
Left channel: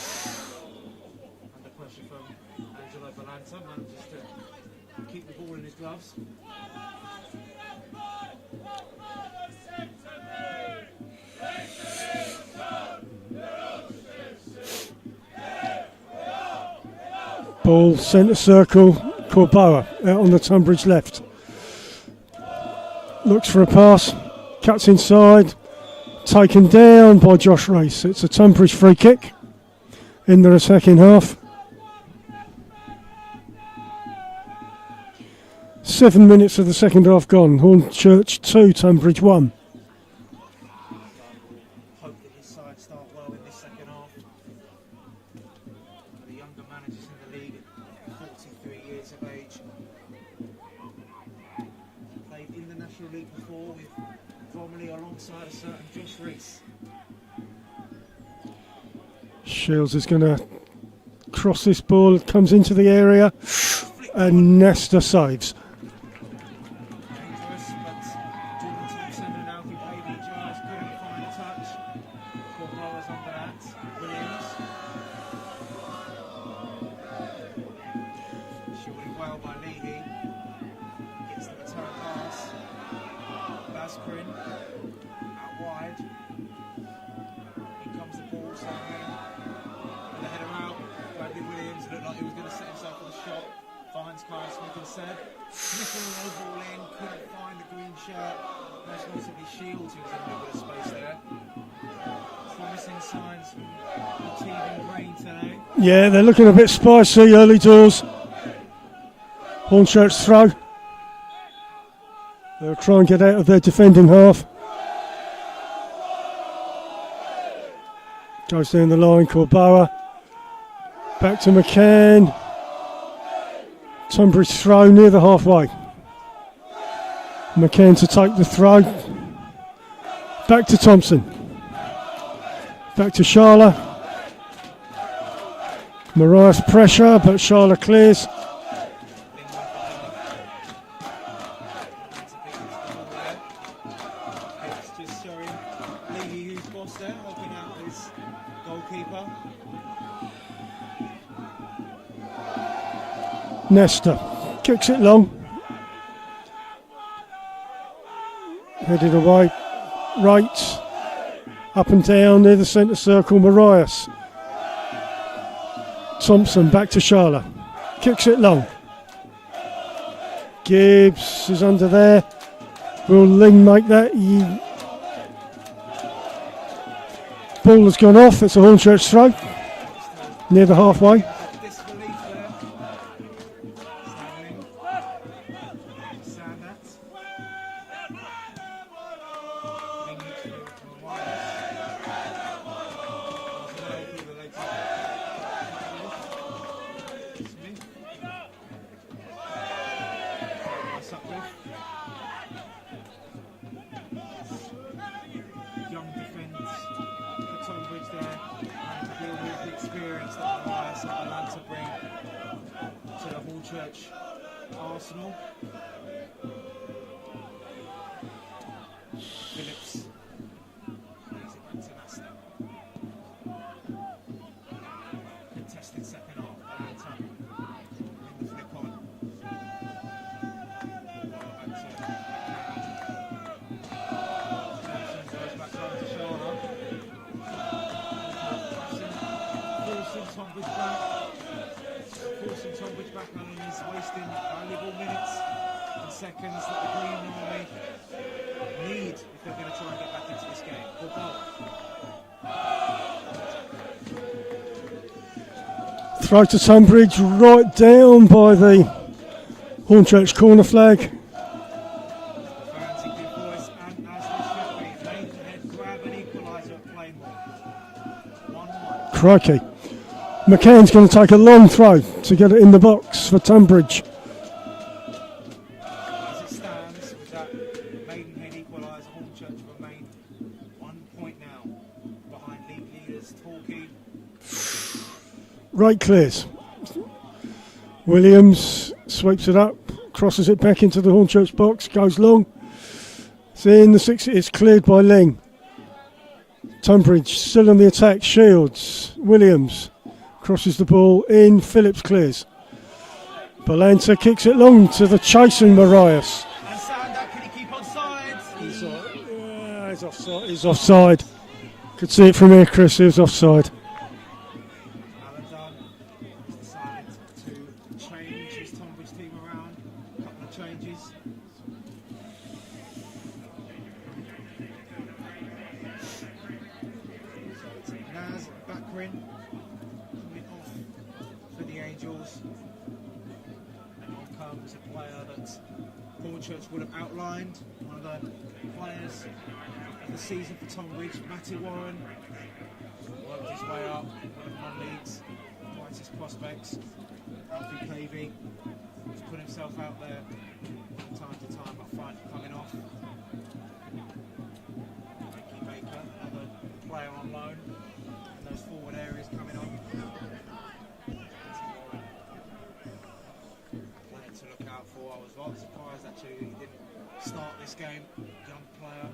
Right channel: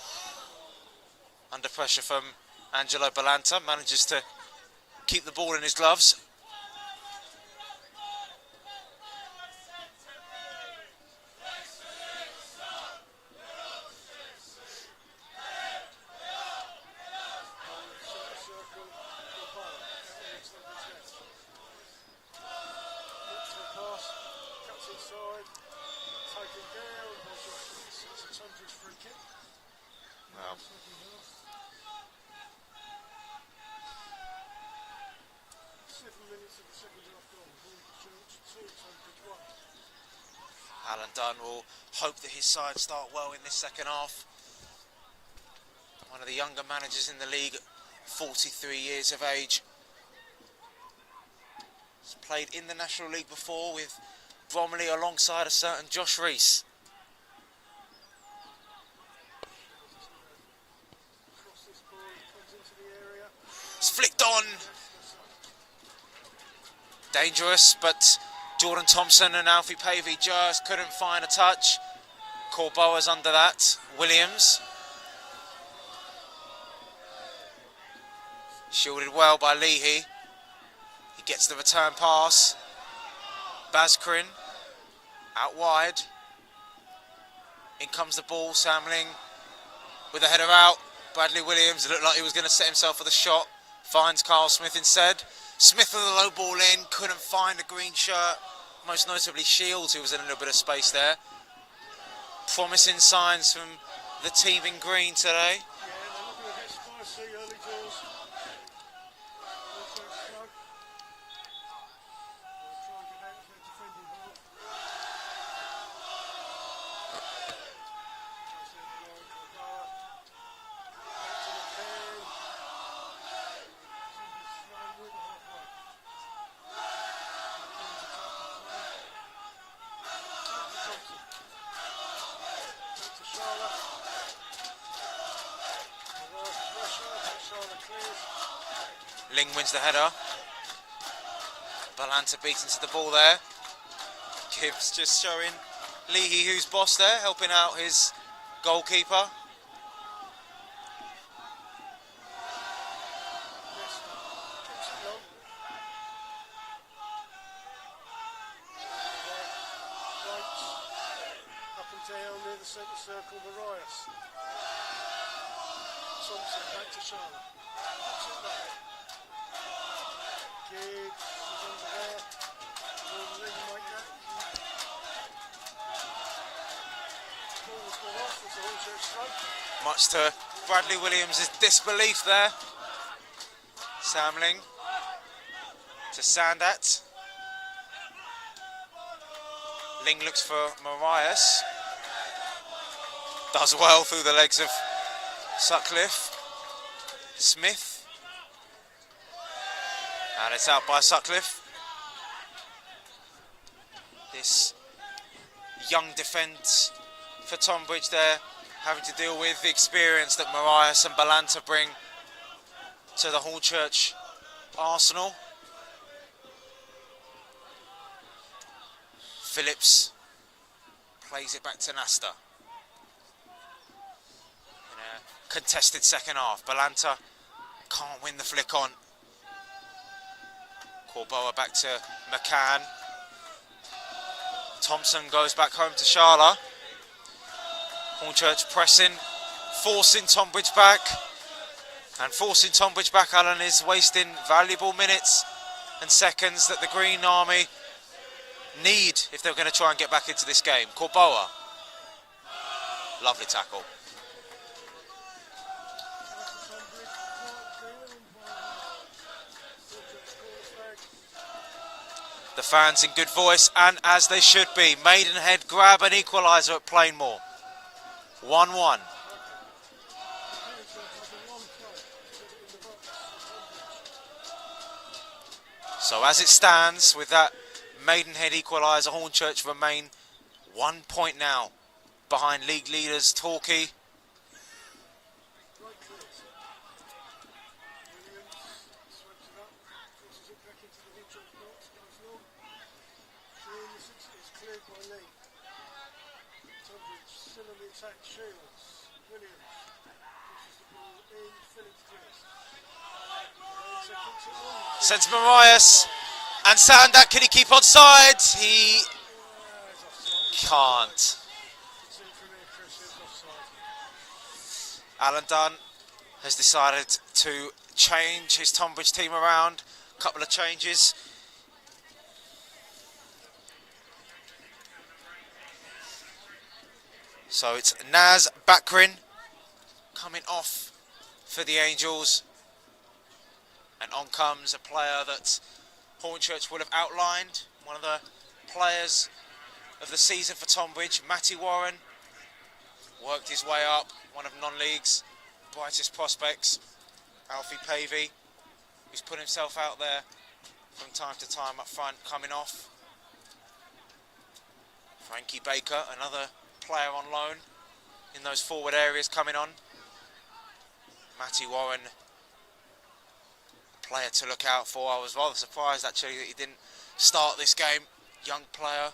under pressure from Angelo Balanta, manages to keep the ball in his gloves. Ball centre circle. Corboa out on the Tonbridge left. Looks for a pass. Cuts inside. Taken down by Josh Reese. It's a Tonbridge free kick in the second half. 7 minutes of the second half gone. Hornchurch 2, Tonbridge 1. Alan Dunn will hope that his side start well in this second half. One of the younger managers in the league, 43 years of age. He's played in the National League before with Bromley alongside a certain Josh Reese. Shields is going to cross this ball. It comes into the area. It's flicked And on. Nesta saves. Dangerous, but Jordan Thompson and Alfie Pavey just couldn't find a touch. Corboa's under that. Williams. Shielded well by Leahy. He gets the return pass. Bazkrin out wide. In comes the ball. Samling with a header out. Bradley Williams looked like he was going to set himself for the shot. Finds Carl Smith instead. Smith with a low ball in. Couldn't find a green shirt. Most notably Shields, who was in a little bit of space there. Promising signs from the team in green today. Yeah, they're looking a bit spicy early doors. Hornchurch throw. They'll try and get out of their defending half. Goes down the line, Corboa. Back to McCann. Tonbridge throw near the halfway. McCann to take the throw. Back to Thompson. Back to Shala. Marias pressure, but Shala clears. Ling wins the header. Balanta beats into the ball there. Gibbs just showing Leahy who's boss there, helping out his goalkeeper. Nesta kicks it long. Headed away. Right. Up and down near the centre circle. Marias. Thompson back to Shala. Kicks it long. Gibbs is under there. Will Ling make that? Ball has gone off. It's a Hornchurch throw. Much to Near the Bradley halfway. Williams' disbelief there. Samling to Sandat. Ling looks for Marias. Does well through the legs of Sutcliffe. Smith. And it's out by Sutcliffe. This young defence for Tonbridge there, having to deal with the experience that Marias and Balanta bring to the Hornchurch arsenal. Phillips plays it back to Nasta. In a contested second half, Balanta can't win the flick on. Corboa back to McCann. Thompson goes back home to Sharla. Hornchurch pressing, forcing Tonbridge back. And forcing Tonbridge back, Alan, is wasting valuable minutes and seconds that the Green Army need if they're going to try and get back into this game. Corboa. Lovely tackle. Throw to Tonbridge, right down by the Hornchurch corner flag. The fans in good voice, and as they should be. Maidenhead grab an equaliser at Plainmoor. 1-1. Crikey. McCann's going to take a long throw to get it in the box for Tonbridge. So as it stands, with that Maidenhead equaliser, Hornchurch remain 1 point now behind league leaders Torquay. Right clears. Williams sweeps it up, crosses it back into the Hornchurch box, goes long. It's in the 6, it's cleared by Ling. Tonbridge still on the attack, Shields, Williams crosses the ball in, Phillips clears. Balanta kicks it long to the chasing Marias. And Sandak, can he keep onside? He... Yeah, he's offside. He's offside. Could see it from here, Chris, he was offside. Alan Dunn has decided to change his Tonbridge team around. A couple of changes. So it's Naz Bakrin coming off for the Angels. And on comes a player that Hornchurch would have outlined. One of the players of the season for Tonbridge, Matty Warren. Worked his way up, one of non-league's brightest prospects. Alfie Pavey, who's put himself out there from time to time up front, coming off. Frankie Baker, another player on loan in those forward areas, coming on. Matty Warren, player to look out for. I was rather surprised actually that he didn't start this game. Young player,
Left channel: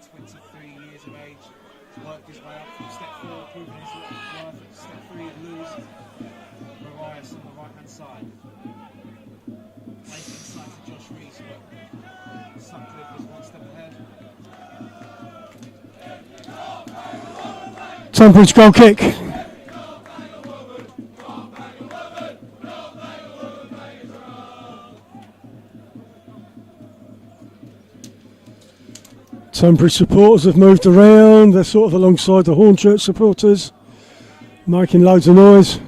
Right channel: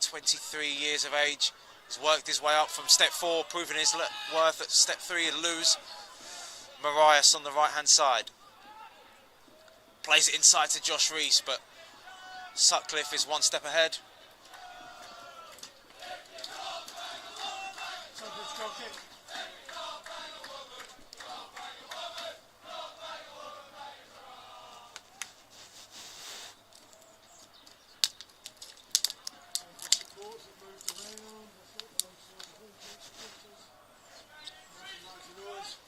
23 years of age. He's worked his way up from step 4, proving his worth at step 3 and lose. Marias on the right-hand side. Plays it inside to Josh Rees, but Sutcliffe is 1 step ahead. Tonbridge goal kick. Tonbridge supporters have moved around, they're sort of alongside the Hornchurch supporters, making loads of noise.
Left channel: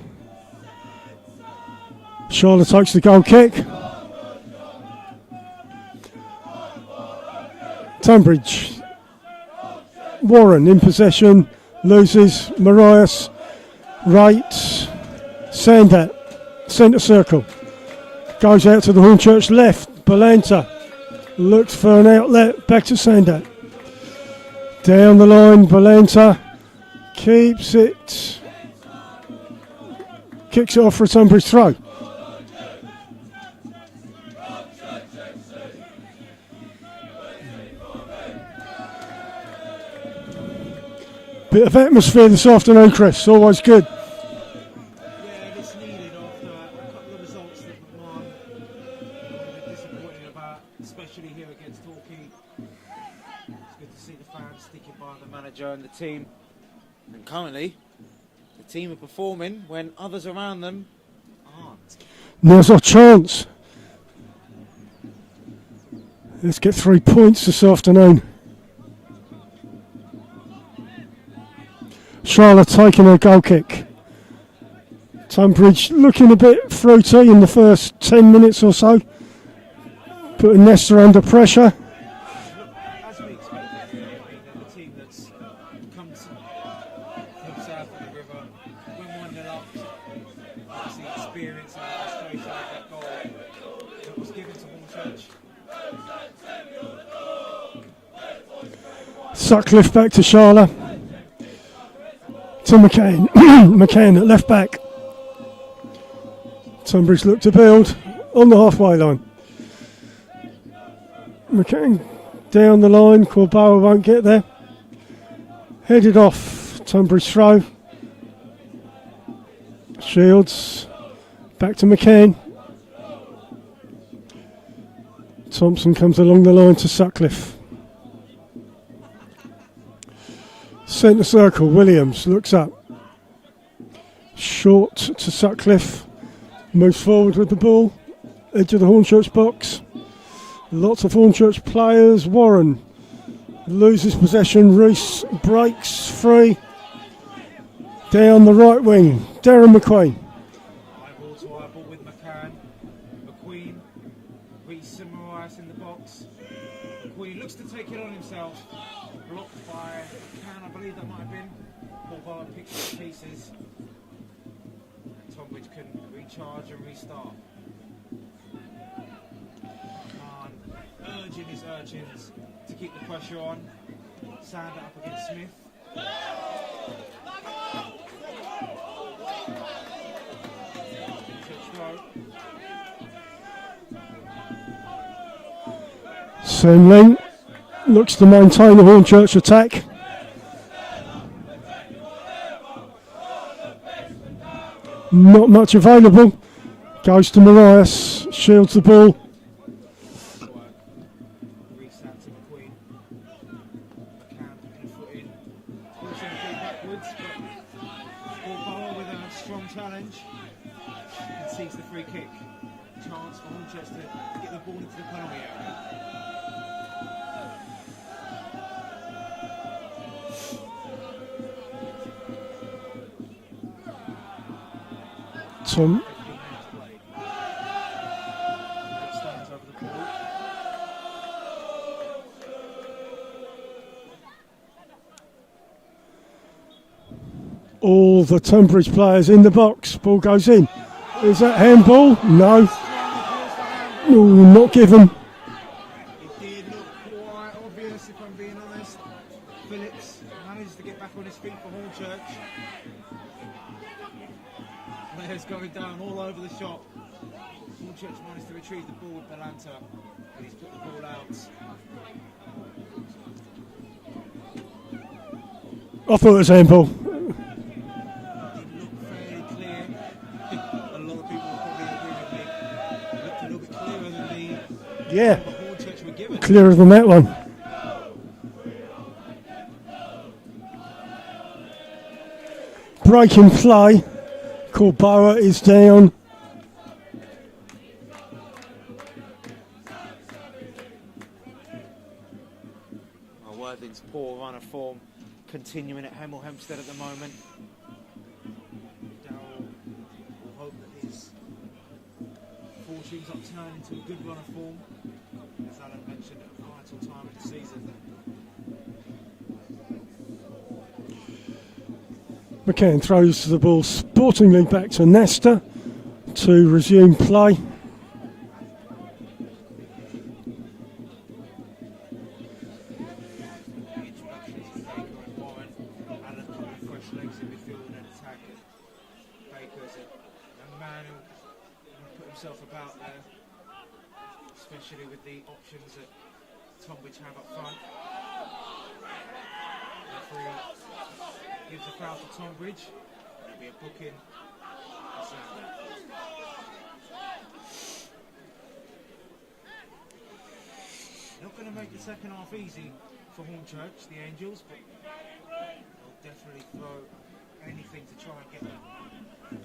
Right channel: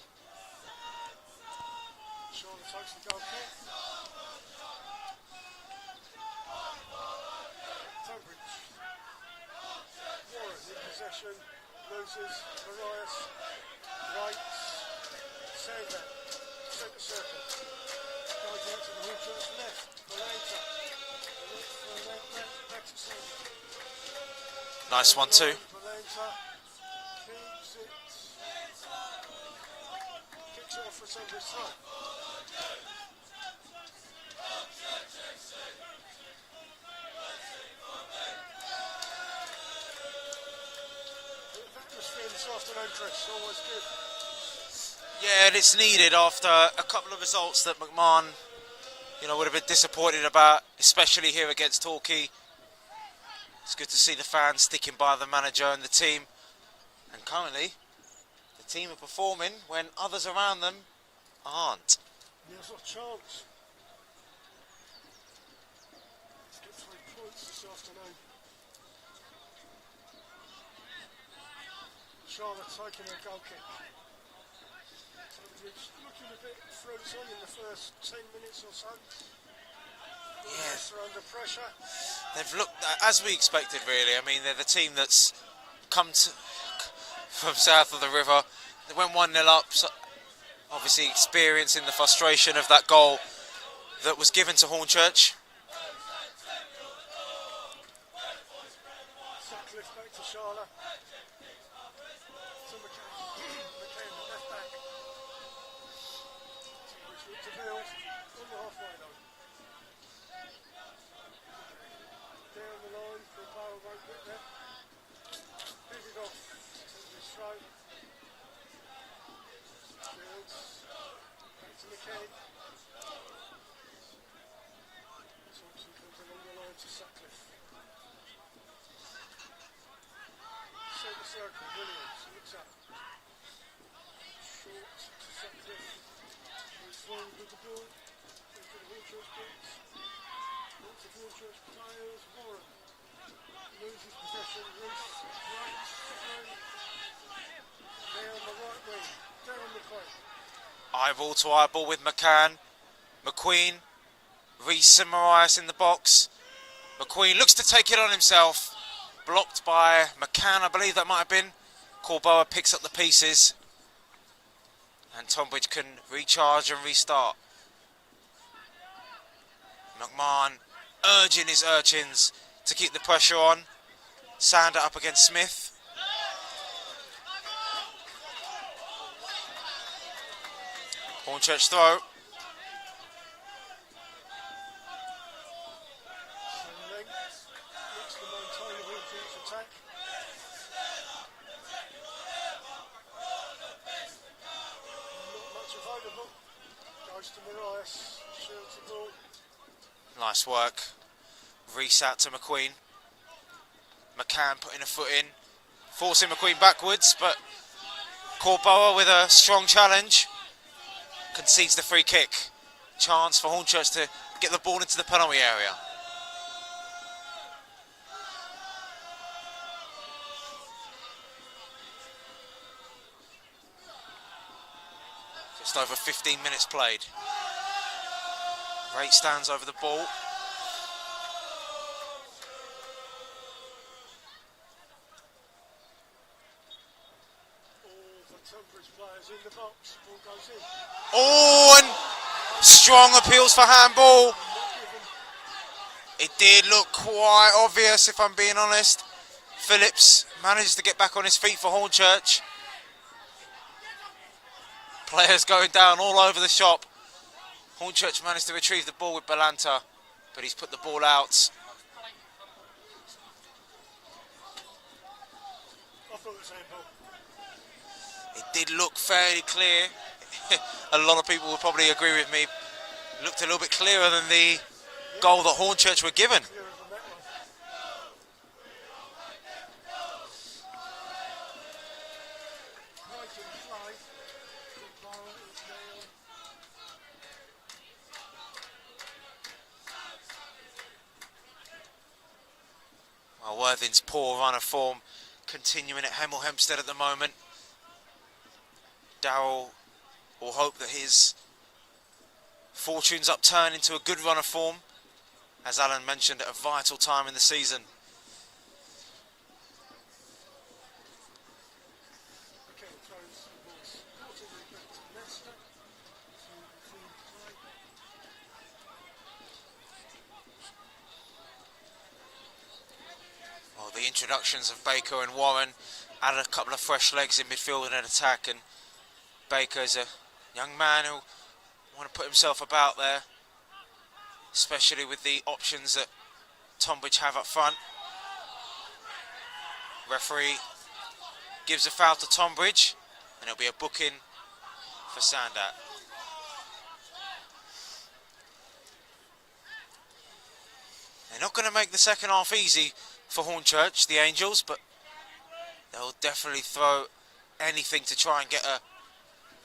Charlotte takes the goal kick. Tonbridge. Warren in possession, loses, Marias, right, Sandat, centre circle. Goes out to the Hornchurch left, Balanta looks for an outlet, back to Sandat. Down the line, Balanta keeps it, kicks it off for a Tonbridge throw. Bit of atmosphere this afternoon, Chris, always good. Yeah, and it's needed after a couple of results that McMahon, would have been disappointed about, especially here against Torquay. It's good to see the fans sticking by the manager and the team. And currently, the team are performing when others around them aren't. Now's our chance. Let's get 3 points this afternoon. Charlotte taking a goal kick. Tonbridge looking a bit fruity in the first 10 minutes or so. Putting Leicester under pressure. They've looked, as we expected really. I mean, they're the team that's come from south of the river. They went 1-0 up obviously experiencing the frustration of that goal that was given to Hornchurch. Sutcliffe back to Sharla. To McCann. McCann at left back. Tonbridge look to build on the halfway line. McCann down the line. Corboa won't get there. Headed off. Tonbridge throw. Shields. Back to McCann. Thompson comes along the line to Sutcliffe. Centre circle, Williams looks up. Short to Sutcliffe. Moves forward with the ball. Edge of the Hornchurch box. Lots of Hornchurch players. Warren loses possession. Reese breaks free. Down the right wing. Darren McQueen. Eyeball to eyeball with McCann. McQueen. Reese and Marias in the box. McQueen looks to take it on himself. Blocked by McCann, I believe that might have been. Corboa picks up the pieces. And Tonbridge can recharge and restart. McMahon urging his Urchins to keep the pressure on. Sander up against Smith. Hornchurch throw. Semling looks to maintain the Hornchurch attack. Not much available. Goes to Marias. Shields the ball. Nice work. Reese out to McQueen. McCann putting a foot in. Forcing McQueen backwards, but Corboa with a strong challenge. Concedes the free kick. Chance for Hornchurch to get the ball into the penalty area. Over 15 minutes played. Ray stands over the ball. All the Tonbridge players in the box. Ball goes in. Is that handball? No. Strong appeals for handball. Ooh, not given. It did look quite obvious, if I'm being honest. Phillips manages to get back on his feet for Hornchurch. Players going down all over the shop. Hornchurch managed to retrieve the ball with Balanta, but he's put the ball out. I thought it was handball. It did look fairly clear. A lot of people will probably agree with me. Looked a little bit clearer than the goal that Hornchurch were given. Clearer than that one. Break in play. Corboa is down. Well, Worthing's poor run of form continuing at Hemel Hempstead at the moment. Darrell will hope that his fortunes upturn into a good run of form, as Alan mentioned, at a vital time in the season. McCann throws the ball sportingly back to Nesta to resume play. Well, the introductions of Baker and Warren added a couple of fresh legs in midfield and an attack, and Baker's a young man who want to put himself about there, especially with the options that Tonbridge have up front. Referee gives a foul to Tonbridge, and it'll be a booking for Sandat. They're not going to make the second half easy for Hornchurch, the Angels, but they'll definitely throw anything to try and get a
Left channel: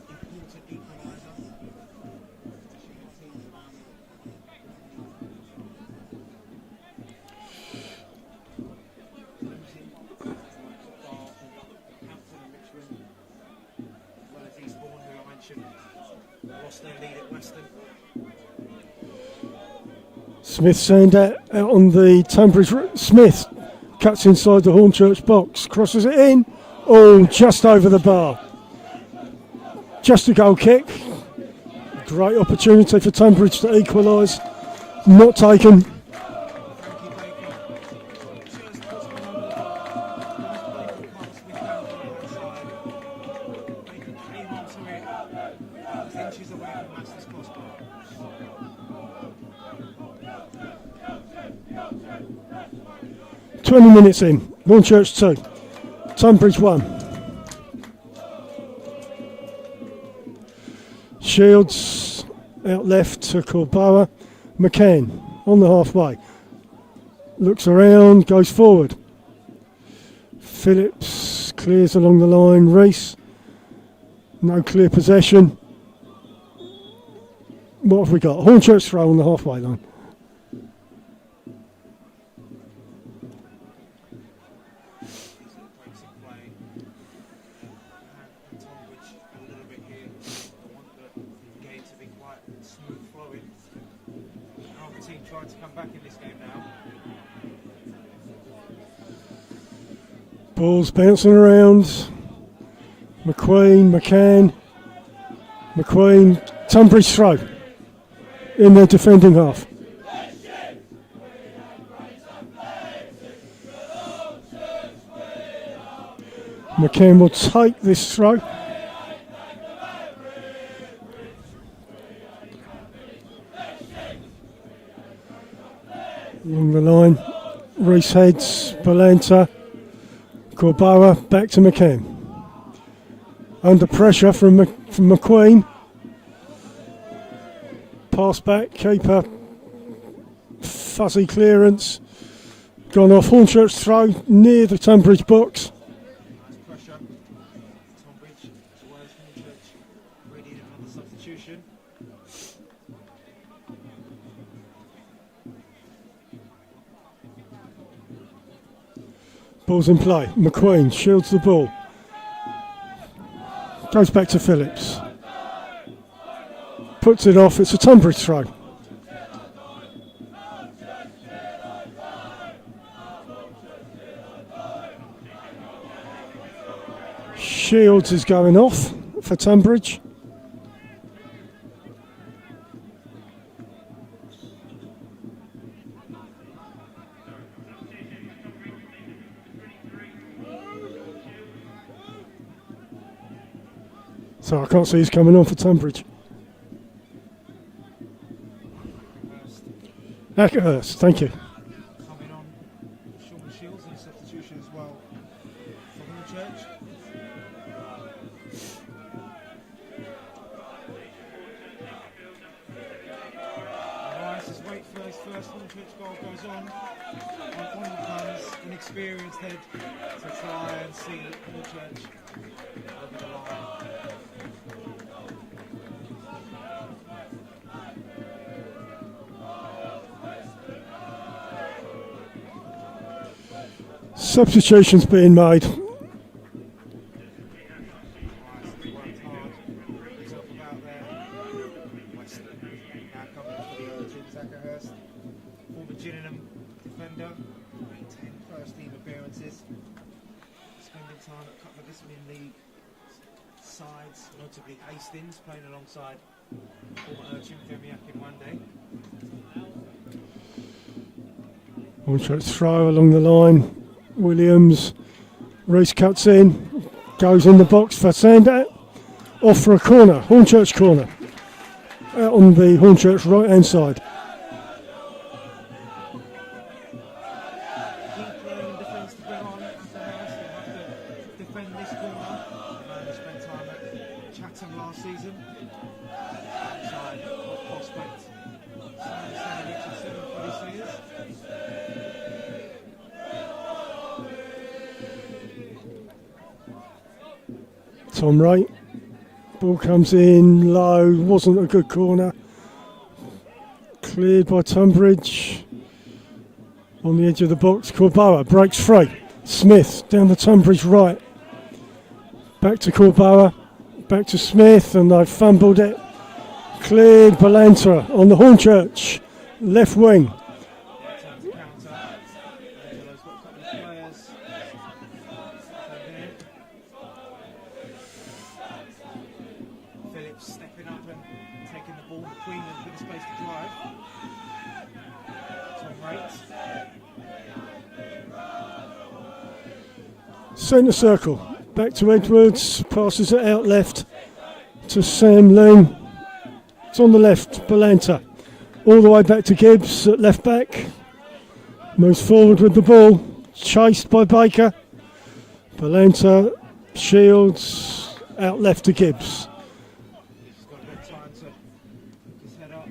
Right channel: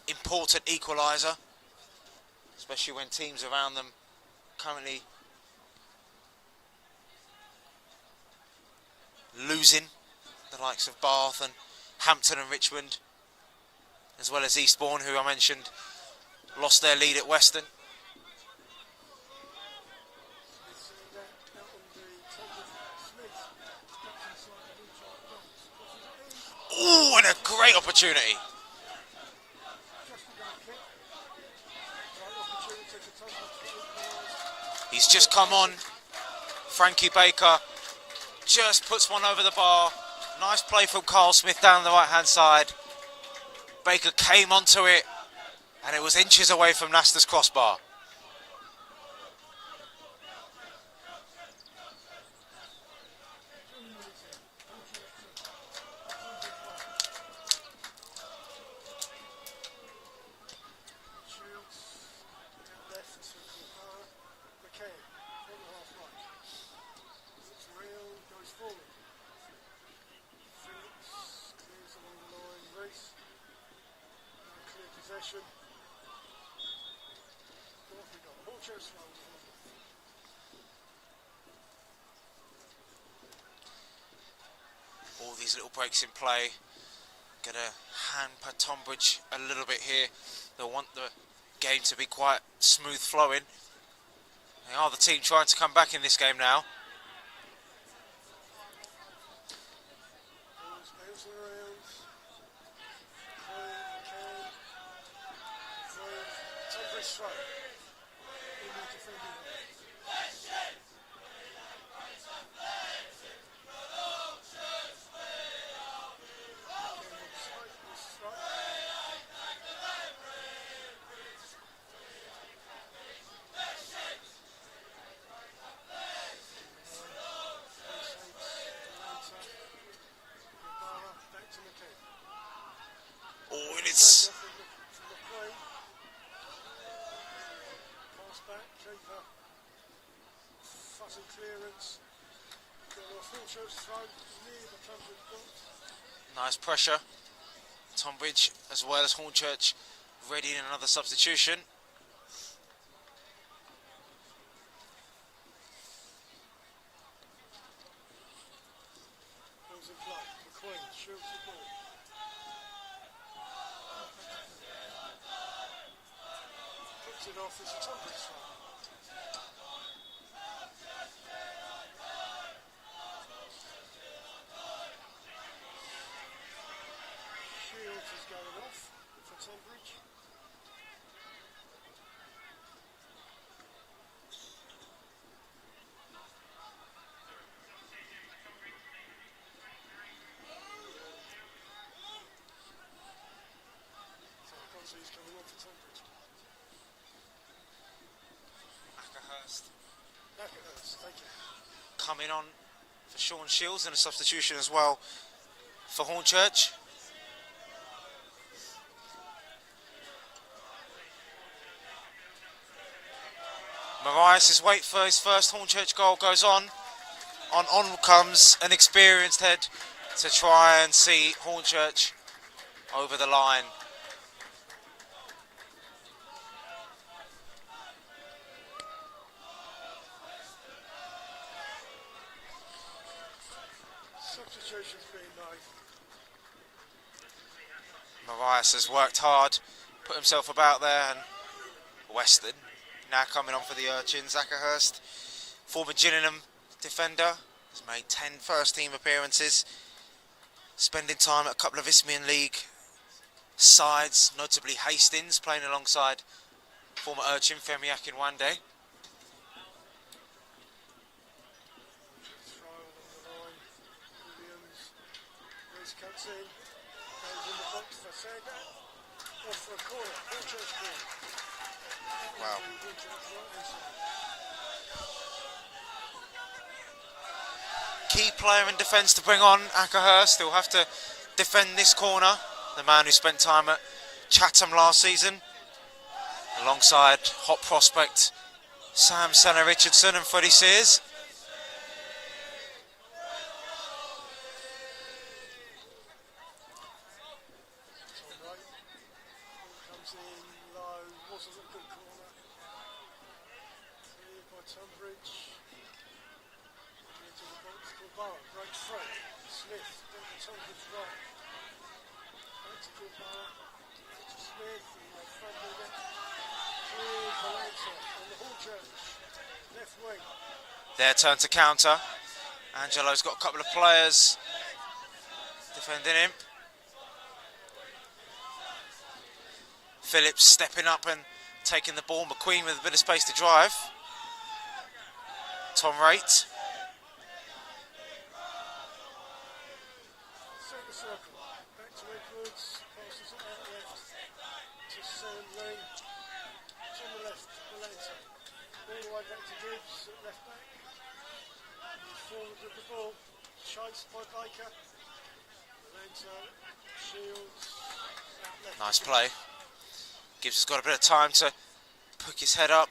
important equaliser, especially when teams around them currently losing, the likes of Bath and Hampton and Richmond, as well as Eastbourne, who I mentioned lost their lead at Western. Smith Sandat out on the Tonbridge. Smith cuts inside the Hornchurch box, crosses it in. Oh, just over the bar. Just a goal kick. Great opportunity for Tonbridge to equalise. He's just Not come taken. on. Frankie Baker just puts one over the bar. Nice play from Carl Smith down the right-hand side. Baker came onto it, and it was inches away from Leicester's crossbar. "20 minutes in, Hornchurch 2, Tonbridge 1. Shields out left to Corboa. McCann on the halfway. Looks around, goes forward. Phillips clears along the line. Reese, no clear possession. What have we got? Hornchurch throw on the halfway line. All these little breaks in play going to hamper Tonbridge a little bit here. They want the game to be quite smooth flowing. They are the team trying to come back in this game now. Ball's bouncing around. McCann. Tonbridge throw in their defending half. McCann will take this throw. Along the line, Reese heads, Balanta, Corboa, back to McCann. Under pressure from McQueen. Pass back, keeper, fuzzy clearance. Gone off. Hornchurch throw near the Tonbridge box. Nice pressure. Tonbridge as well as Hornchurch ready in another substitution. Ball's in play. McQueen shields the ball. Goes back to Phillips. Puts it off. It's a Tonbridge throw. Shields is going off for Tonbridge. So I can't see he's coming on for Tonbridge. Ackerhurst, thank you. Coming on for Sean Shields and a substitution as well for Hornchurch. Marias' wait for his first Hornchurch goal goes on. On comes an experienced head to try and see Hornchurch over the line. Substitutions being made. Marias has worked hard, put himself about there, and Weston now coming on for the Urchins. Ackerhurst, former Gillingham defender, has made 10 first-team appearances, spending time at a couple of Isthmian League sides, notably Hastings, playing alongside former Urchin Femi Akinwande. Hornchurch throw along the line. Williams, Reese cuts in, goes in the box for Sandat, off for a corner, Hornchurch corner, out on the Hornchurch right hand side. Key player in defence to bring on, Ackerhurst. He'll have to defend this corner, the man who spent time at Chatham last season, alongside hot prospect Sam Senna-Richardson and Freddie Sears. Tom Wright, ball comes in low, wasn't a good corner. Cleared by Tonbridge. On the edge of the box, Corboa breaks free. Smith down the Tonbridge right. Back to Corboa, back to Smith, and they've fumbled it. Cleared, Balanta on the Hornchurch left wing. Their turn to counter. Angelo's got a couple of players defending him. Phillips stepping up and taking the ball. McQueen with a bit of space to drive. Tom Raitt. Centre circle. Back to Edwards. Passes it out left to Sam Lang. It's on the left. Balanta. All the way back to Gibbs at left back. Moves forward with the ball. Chased by Baker. Balanta. Shields. Out left Nice to Gibbs. play. Gibbs has got a bit of time to pick his head up.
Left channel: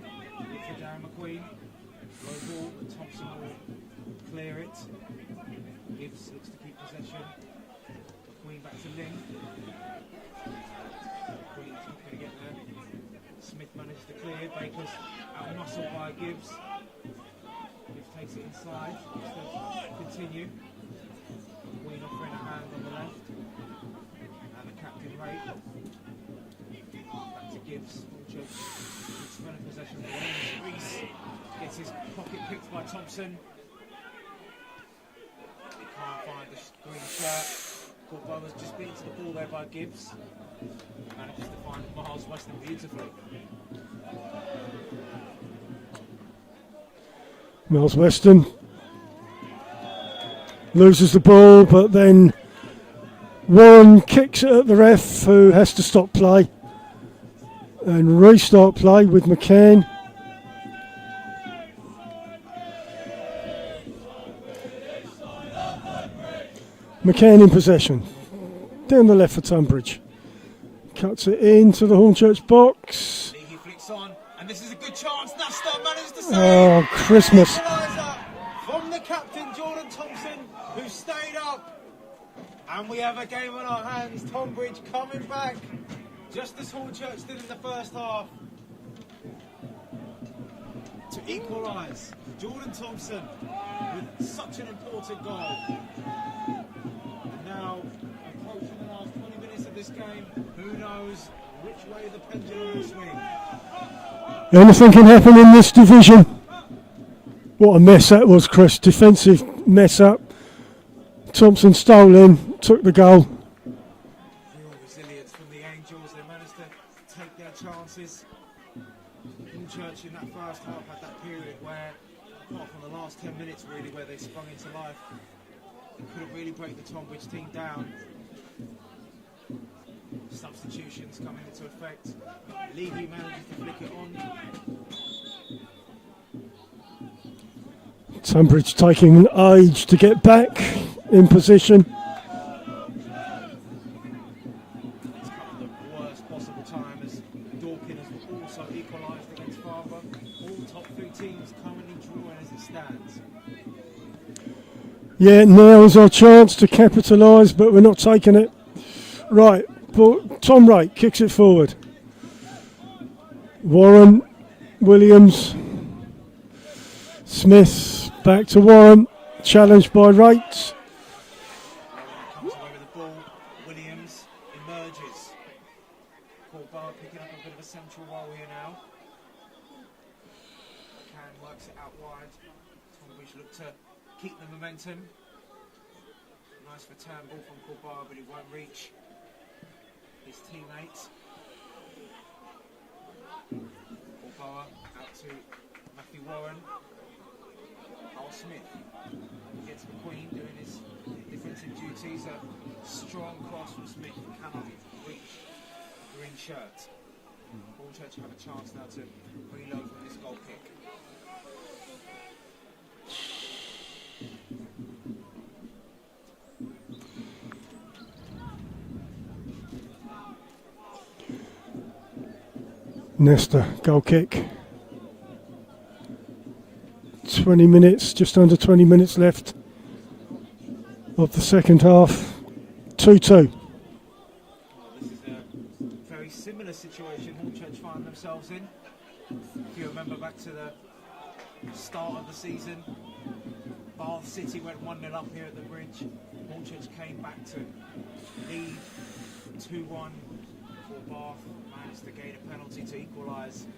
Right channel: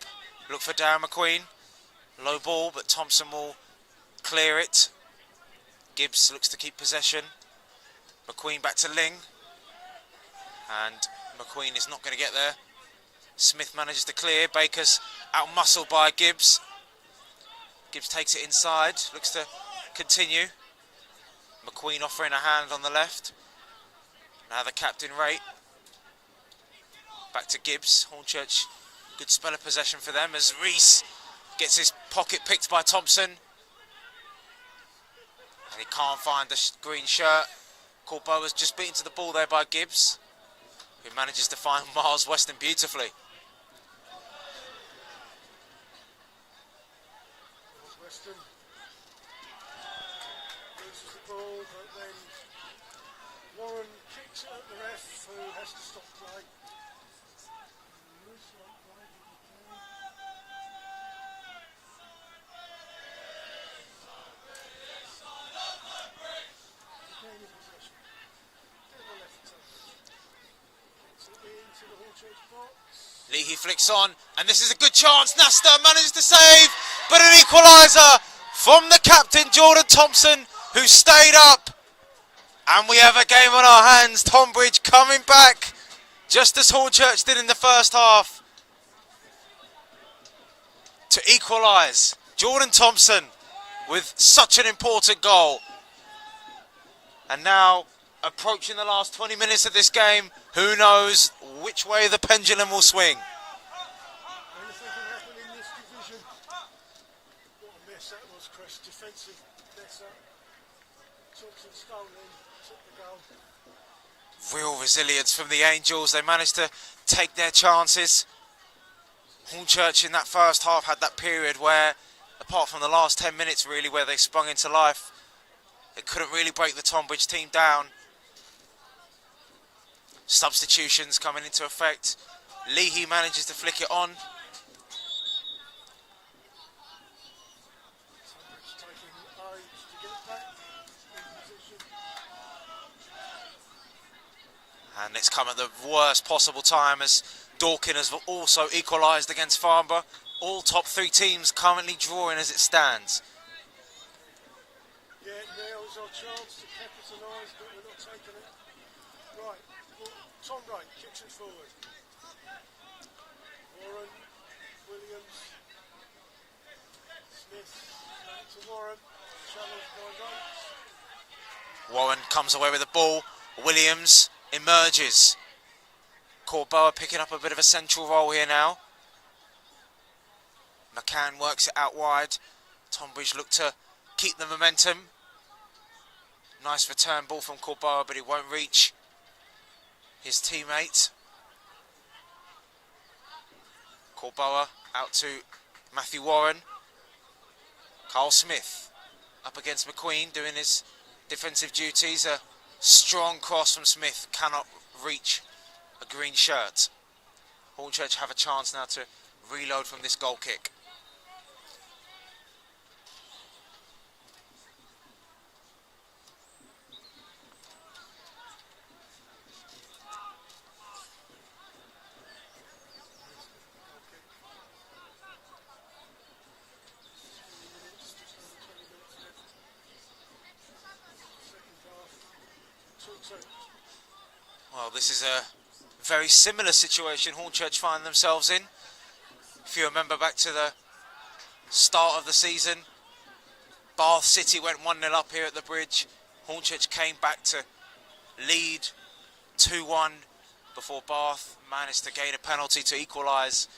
Look for Darren McQueen. Low ball, but Thompson will clear it. Gibbs looks to keep possession. McQueen back to Ling. And McQueen is not going to get there. Smith manages to clear. Baker's out-muscled by Gibbs. Gibbs takes it inside. Looks to continue. McQueen offering a hand on the left. Now the captain, Raitt. Back to Gibbs. Hornchurch, good spell of possession for them as Reese gets his pocket picked by Thompson. He can't find the green shirt. Corbeau was just beaten to the ball there by Gibbs, who manages to find Miles Weston beautifully. Miles Weston loses the ball, but then Warren kicks it at the ref, who has to stop play and restart play with McCann. McCann in possession. Down the left for Tonbridge. Cuts it into the Hornchurch box. Leahy flicks on, and this is a good chance. Nasta manages to save, Oh, but an Christmas. equaliser from the captain, Jordan Thompson, who stayed up. And we have a game on our hands. Tonbridge coming back, just as Hornchurch did in the first half, to equalise. Jordan Thompson with such an important goal. And now, approaching the last 20 minutes of this game, who knows which way the pendulum will swing. Anything can happen in this division. What a mess that was, Chris. Defensive mess up. Thompson stole in, took the goal. Real resilience from the Angels. They managed to take their chances. Hornchurch in that first half had that period where, apart from the last 10 minutes really, where they sprung into life, they couldn't really break the Tonbridge team down. Substitutions coming into effect. Leahy manages to flick it on. Tonbridge taking an age to get back in position. And it's come at the worst possible time as Dorking has also equalised against Farnborough. All top three teams currently drawing as it stands. Yeah, now is our chance to capitalise, but we're not taking it. Right, but Tom Raitt kicks it forward. Warren, Williams, Smith, back to Warren, challenged by Raitt. Warren comes away with the ball. Williams emerges. Corbeau picking up a bit of a central role here now. McCann works it out wide. Tonbridge look to keep the momentum. Nice return ball from Corbeau, but he won't reach his teammate. Corbeau out to Matthew Warren. Carl Smith up against McQueen doing his defensive duties. A strong cross from Smith cannot reach a green shirt. Hornchurch have a chance now to reload from this goal kick. Nesta, goal kick. 20 minutes, just under 20 minutes left of the second half. 2-2. Well, this is a very similar situation Hornchurch find themselves in. If you remember back to the start of the season, Bath City went 1-0 up here at the Bridge. Hornchurch came back to lead 2-1 before Bath managed to gain a penalty to equalise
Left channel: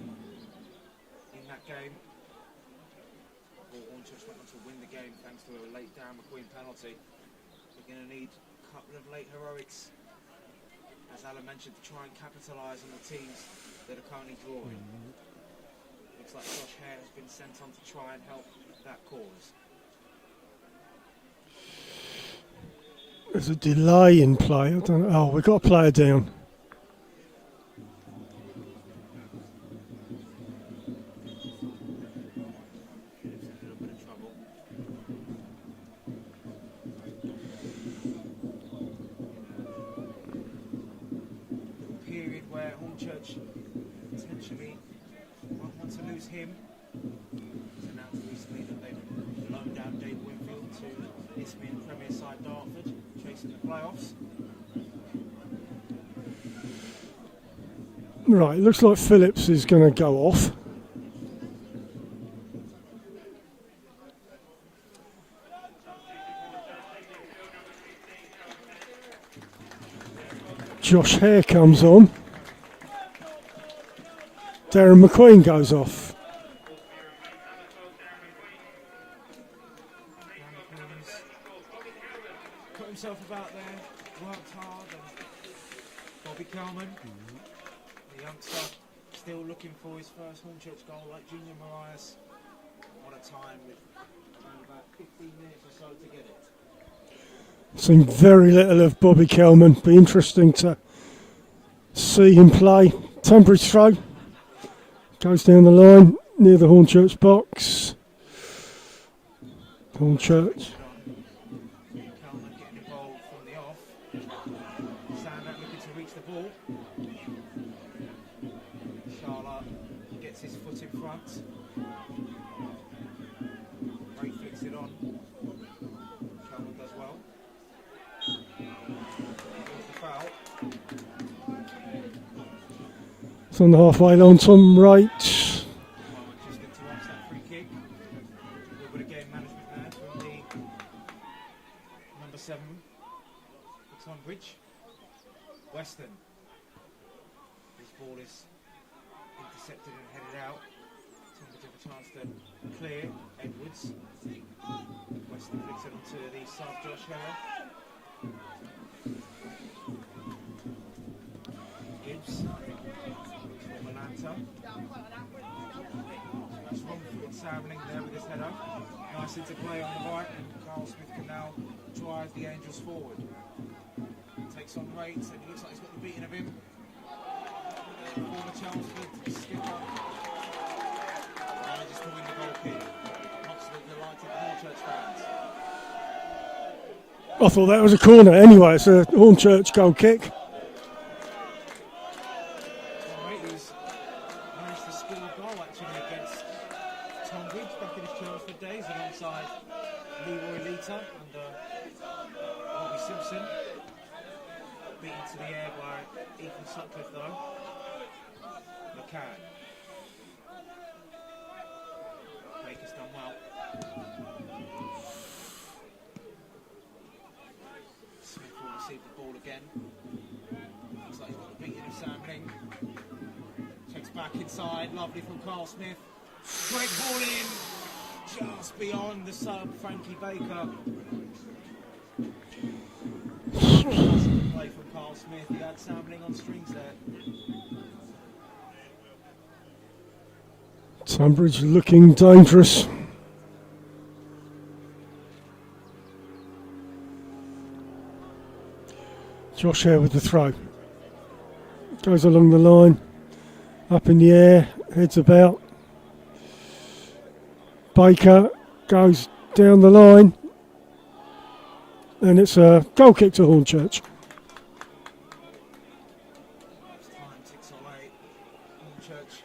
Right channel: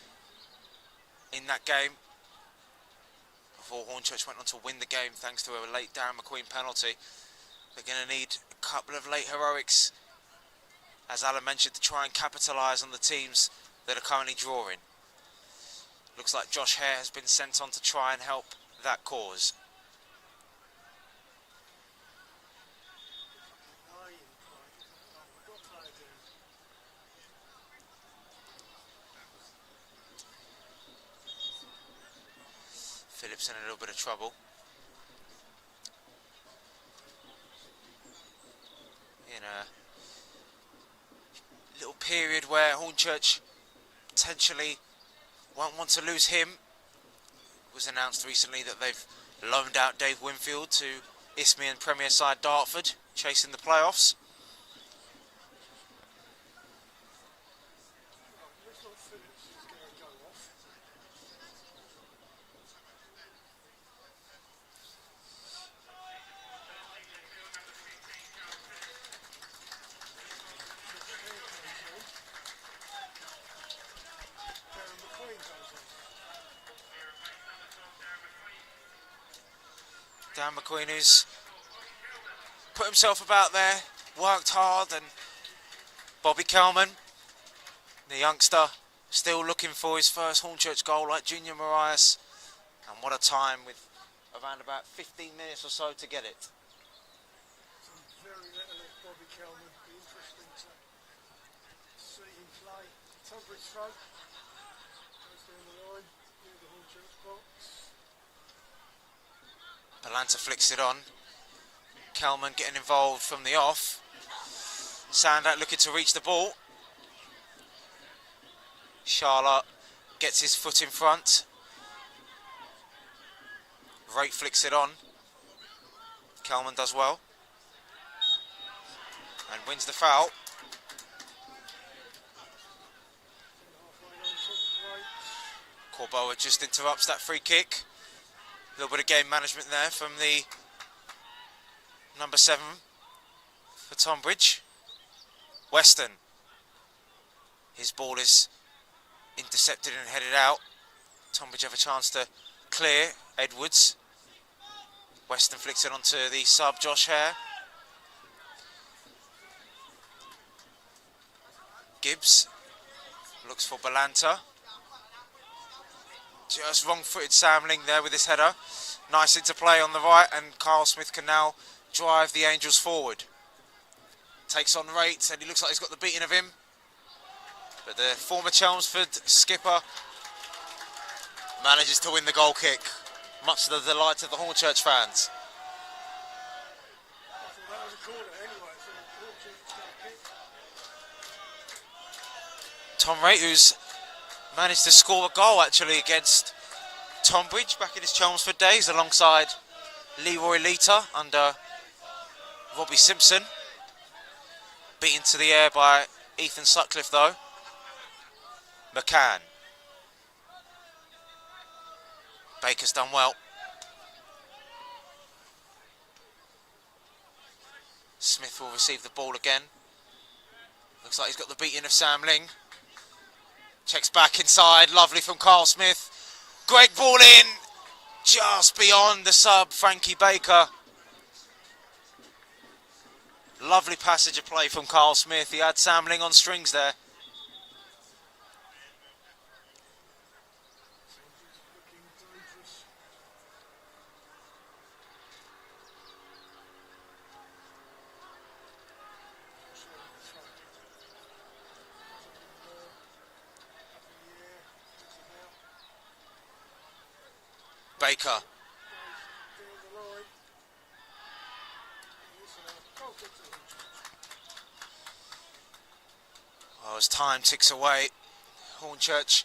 in that game. Before Hornchurch went on to win the game thanks to a late Darren McQueen penalty. They're going to need a couple of late heroics as Alan mentioned, to try and capitalise on the teams that are currently drawing. Looks like Josh Hare has been sent on to try and help that cause. There's a delay in play. I don't know. Oh, we've got a player down. Phillips in a little bit of trouble. In a little period where Hornchurch potentially won't want to lose him. It was announced recently that they've loaned out Dave Winfield to Isthmian Premier side Dartford, chasing the playoffs. Right, looks like Phillips is going to go off. Josh Hare comes on. Darren McQueen goes off. Dan McQueen, who's put himself about there, worked hard, and Bobby Kelman, the youngster, still looking for his first Hornchurch goal like Junior Marias. And what a time, with around about 15 minutes or so to get it. Seen very little of Bobby Kelman. Be interesting to see him play. Tonbridge throw. Goes down the line near the Hornchurch box. Atlanta flicks it on. Kelman getting involved from the off. Sandat looking to reach the ball. Charlotte gets his foot in front. Wright flicks it on. Kelman does well. And wins the foul. It's on the halfway line, Tom Wright. Corboa just interrupts that free kick. A little bit of game management there from the number 7 for Tonbridge. Weston. His ball is intercepted and headed out. Tonbridge have a chance to clear. Edwards. Weston flicks it onto the sub, Josh Hare. Gibbs looks for Balanta. Just wrong-footed Samling there with his header. Nice interplay on the right, and Carl Smith can now drive the Angels forward. Takes on Rate, and he looks like he's got the beating of him. But the former Chelmsford skipper manages to win the goal kick, much to the delight of the Hornchurch fans. I thought that was a corner. Anyway, it's a Hornchurch goal kick. Tom Rate, who's managed to score a goal actually against Tonbridge back in his Chelmsford days alongside Leroy Lita under Robbie Simpson. Beaten to the air by Ethan Sutcliffe though. McCann. Baker's done well. Smith will receive the ball again. Looks like he's got the beating of Samling. Checks back inside, lovely from Carl Smith. Great ball in, just beyond the sub, Frankie Baker. Lovely passage of play from Carl Smith. He had Samling on strings there. Tonbridge looking dangerous. Josh Hare with the throw. Goes along the line. Up in the air, heads about. Baker goes down the line. And it's a goal kick to Hornchurch. Well, as time ticks away, Hornchurch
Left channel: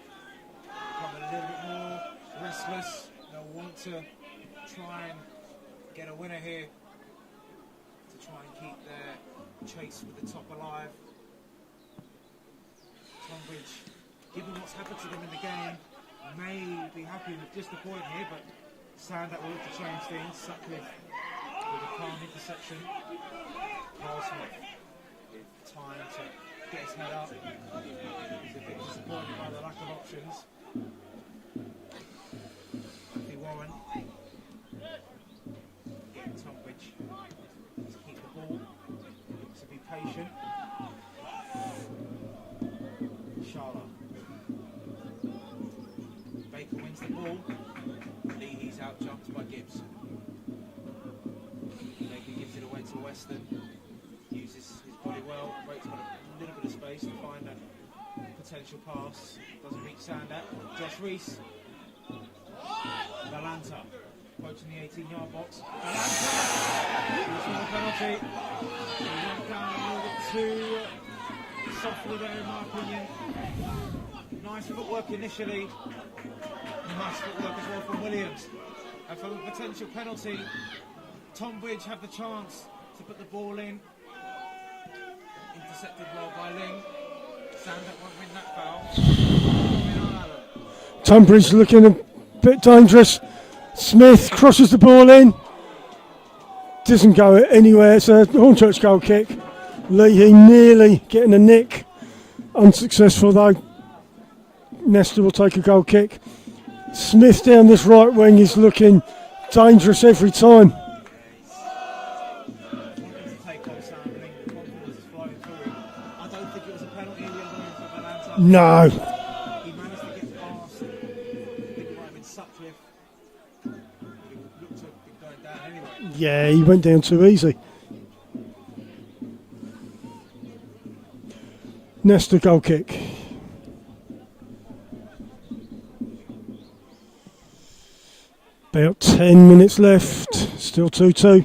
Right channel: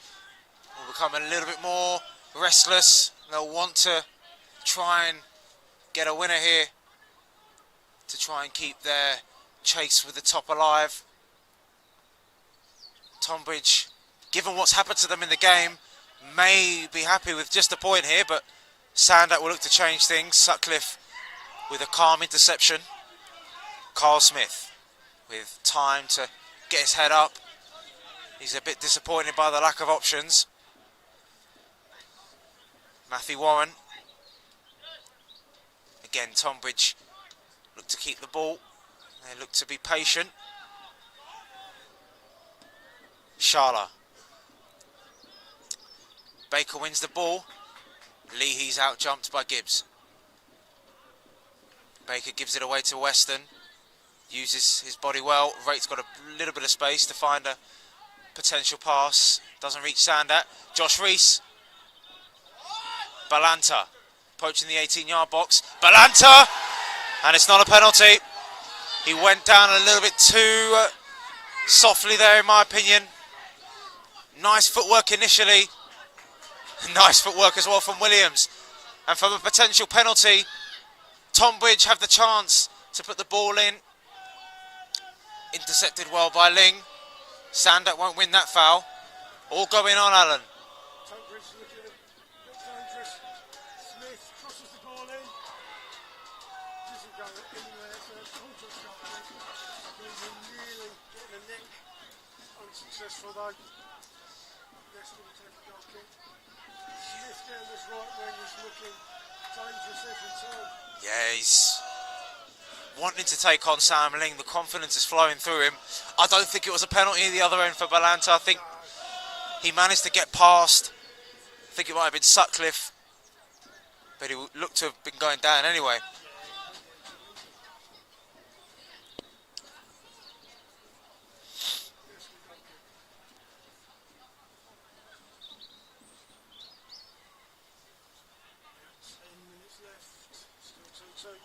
will become a little bit more restless. They'll want to try and get a winner here to try and keep their chase with the top alive. Tonbridge, given what's happened to them in the game, may be happy with just a point here, but Sandat will look to change things. Sutcliffe with a calm interception. Carl Smith with time to get his head up. He's a bit disappointed by the lack of options. Matthew Warren. Again, Tonbridge look to keep the ball. They look to be patient. Sharla. Baker wins the ball. Leahy's out jumped by Gibbs. Baker gives it away to Weston. Uses his body well. Wright's got a little bit of space to find a potential pass. Doesn't reach Sandat. Josh Reese. Balanta. Poaching the 18-yard box. Balanta! And it's not a penalty. He went down a little bit too softly there, in my opinion. Nice footwork initially. Nice footwork as well from Williams. And from a potential penalty, Tonbridge have the chance to put the ball in. Intercepted well by Ling. Sandat won't win that foul. All going on, Alan. Tonbridge looking a bit dangerous. Smith crosses the ball in. Doesn't go anywhere. It's a Hornchurch goal kick. Leahy nearly getting a nick. Unsuccessful though. Nesta will take a goal kick. Smith down this right wing is looking dangerous every time. Yeah, he's wanting to take on Sam Ling. The confidence is flowing through him. I don't think it was a penalty at the other end for Balanta. I think No. he managed to get past. I think it might have been Sutcliffe, but he looked to have been going down anyway. Yeah, he went down too easy. Nesta goal kick. About 10 minutes left, still 2-2.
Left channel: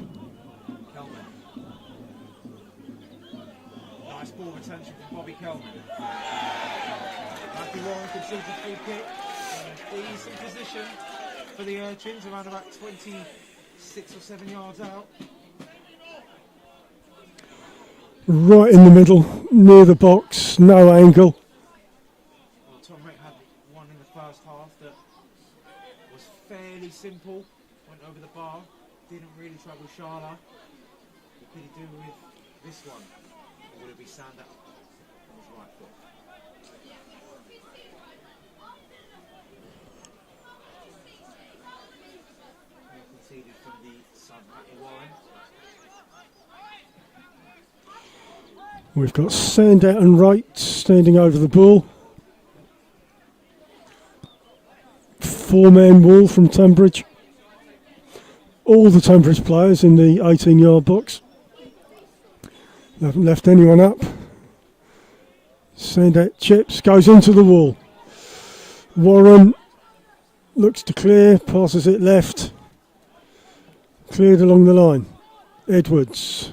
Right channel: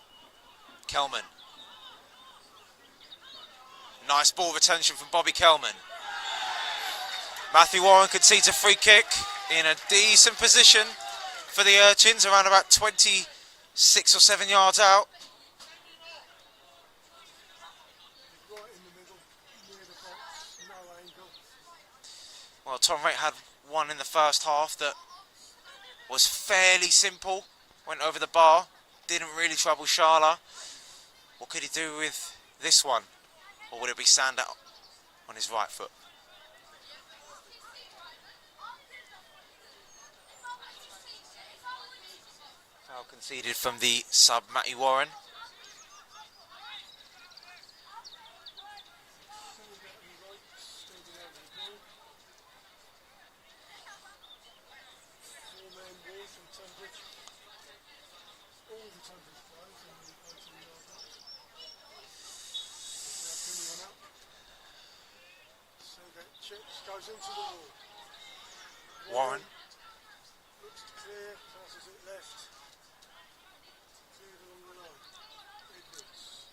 Kelman. Nice ball retention from Bobby Kelman. Matthew Warren concedes a free kick in a decent position for the Urchins, around about 26 or 7 yards out. Right in the middle, near the box, no angle. Well, Tom Wright had one in the first half that was fairly simple, went over the bar, didn't really trouble Sharla. What could he do with this one? Or would it be Sandat on his right foot? Foul conceded from the sub, Matty Warren. We've got Sandat and Wright standing over the ball. Four-man wall from Tonbridge. All the Tonbridge players in the 18-yard box. They haven't left anyone up. Sandat chips, goes into the wall. Warren looks to clear, passes it left. Cleared along the line. Edwards.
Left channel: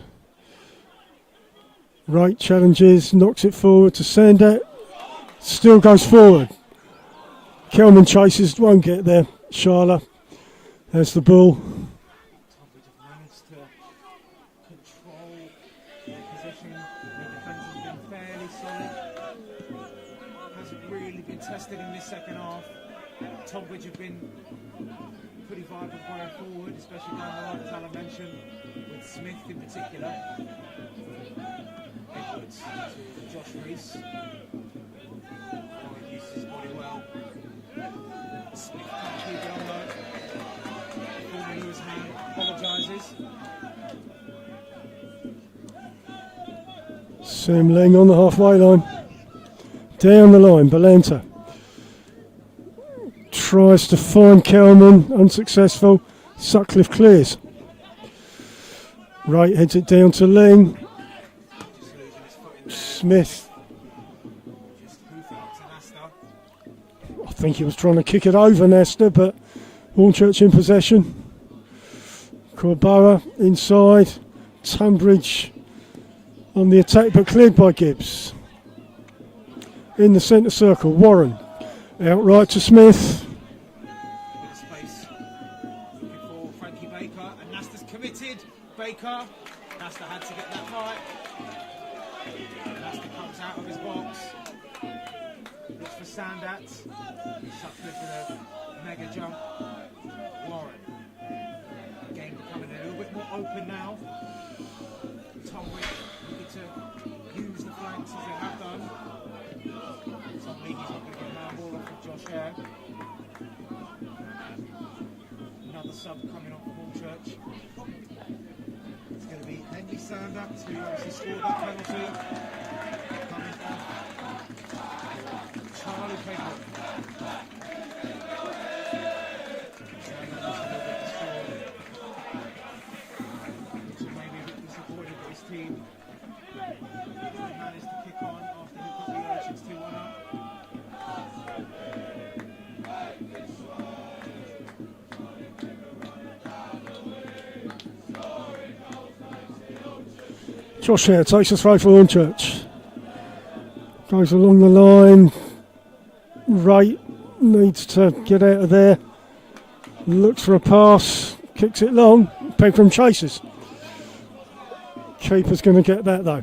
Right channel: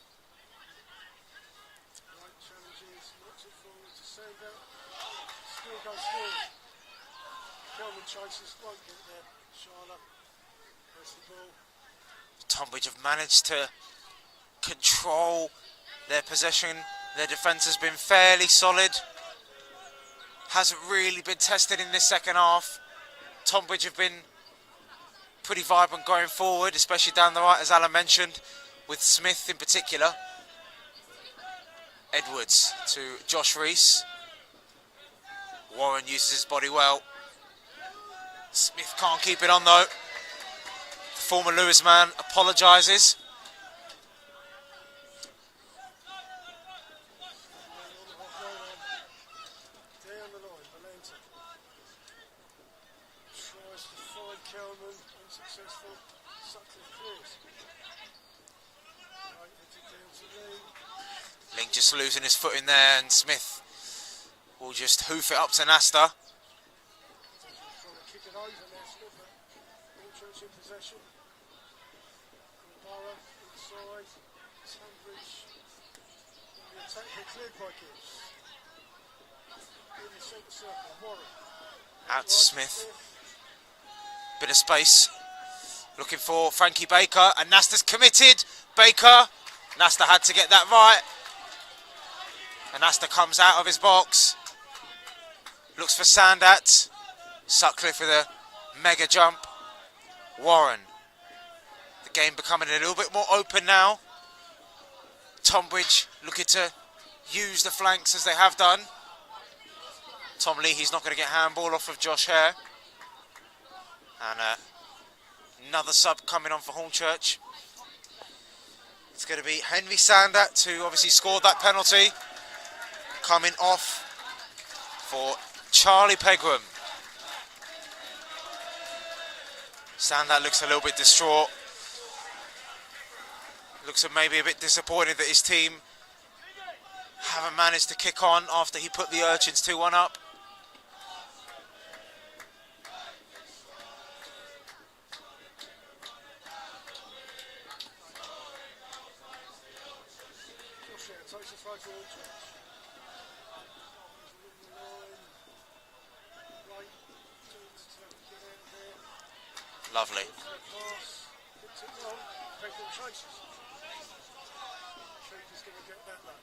Wright challenges, knocks it forward to Sandat. Still goes forward. Kelman chases, won't get there. Sharla has the ball. Tonbridge have managed to control their possession. Their defence has been fairly solid. Hasn't really been tested in this second half. Tonbridge have been pretty vibrant going forward, especially down the right, as Alan mentioned, with Smith in particular. Edwards to Josh Reese. Warren uses his body well. Smith can't keep it on though. The former Lewis man apologises. Sam Ling on the halfway line. Down the line, Balanta. Tries to find Kelman, unsuccessful. Sutcliffe clears. Wright heads it down to Ling. Ling just losing his foot in there, and Smith. Smith will just hoof it up to Nasta. I think he was trying to kick it over Nesta, but Hornchurch in possession. Corborough inside. Tonbridge on the attack, but cleared by Gibbs. In the centre circle, Warren. Out right to Smith. Bit of space. Looking for Frankie Baker, and Nasta's committed. Baker. Nasta had to get that right. And Nasta comes out of his box. Looks for Sandat. Sutcliffe with a mega jump. Warren. The game becoming a little bit more open now. Tonbridge looking to use the flanks as they have done. Tom Leahy's not going to get handball off of Josh Hare. And another sub coming on for Hornchurch. It's going to be Henry Sandat, who obviously scored that penalty. Coming off for Charlie Pegram. Standout looks a little bit distraught. Looks maybe a bit disappointed that his team haven't managed to kick on after he put the Urchins 2-1 up. Josh Hare takes a throw for Hornchurch. Goes along the line. Wright needs to get out of there. Lovely. Looks for a pass. Kicks it long. Pegram chases. Keeper's going to get that though.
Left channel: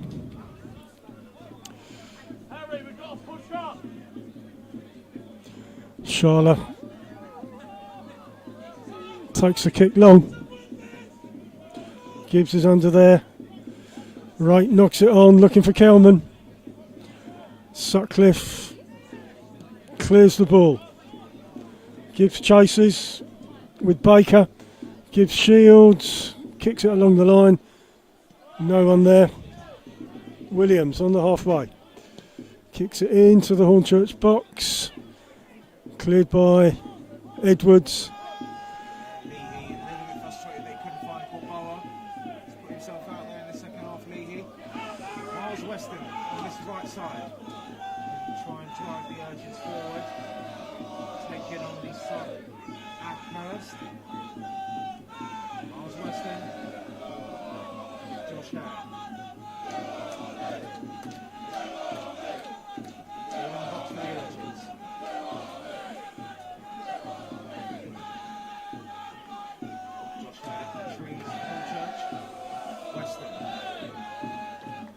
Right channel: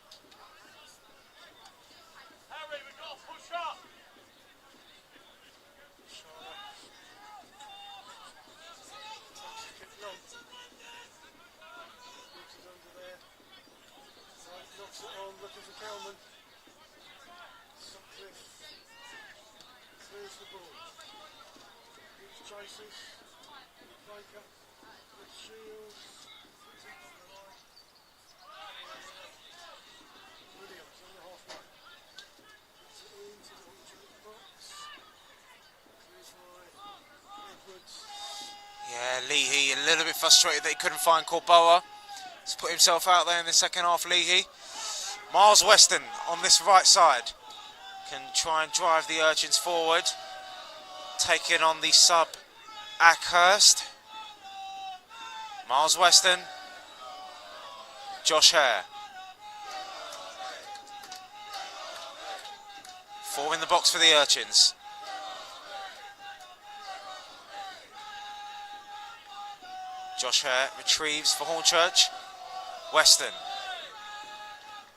Sharla takes the kick long. Gibbs is under there. Wright knocks it on, looking for Kelman. Sutcliffe clears the ball. Gibbs chases with Baker. Gibbs shields, kicks it along the line. No one there. Williams on the halfway. Kicks it into the Hornchurch box. Cleared by Edwards. Yeah, Leahy a little bit frustrated that he couldn't find Corboa. He's put himself out there in the second half, Leahy. Miles Weston on this right side can try and drive the Urchins forward. Taking on the sub Ackhurst. Miles Weston. Josh Hare. 4 in the box for the Urchins. Josh Hare retrieves for Hornchurch. Weston.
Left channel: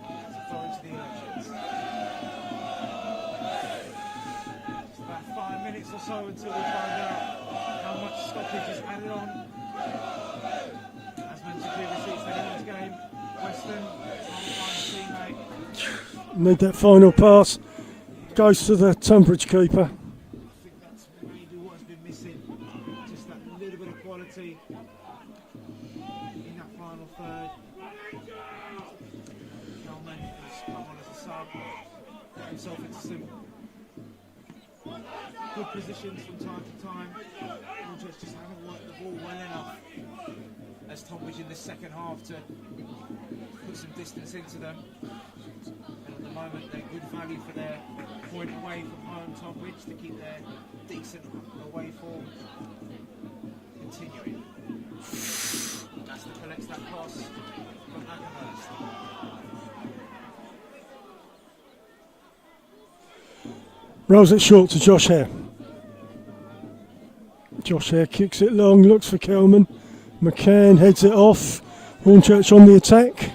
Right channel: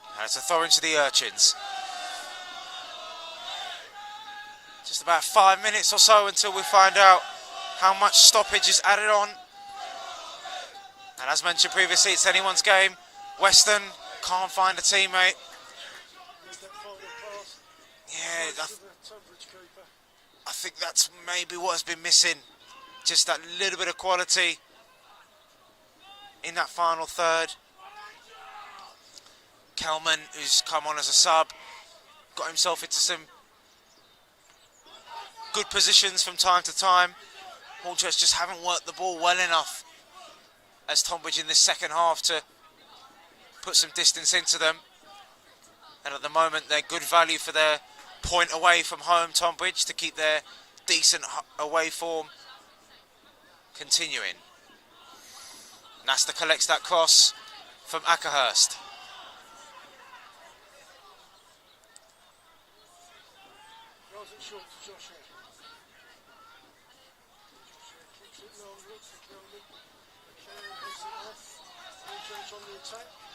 And it's a throw into the Urchins. Just about 5 minutes or so until we find out how much stoppage is added on. And as mentioned previously, it's anyone's game. Weston can't find a teammate. Need that final pass. Yeah, Goes to the Tonbridge keeper. I think that's maybe what has been missing. Just that little bit of quality in that final third. Kelman, who's come on as a sub, got himself into some good positions from time to time. Hornchurch just haven't worked the ball well enough as Tonbridge in this second half to put some distance into them. And at the moment, they're good value for their point away from home, Tonbridge, to keep their decent away form continuing. Nasta collects that cross from Ackerhurst. Rolls it short to Josh Hare. Josh Hare kicks it long, looks for Kelman. McCann heads it off. Hornchurch on the attack.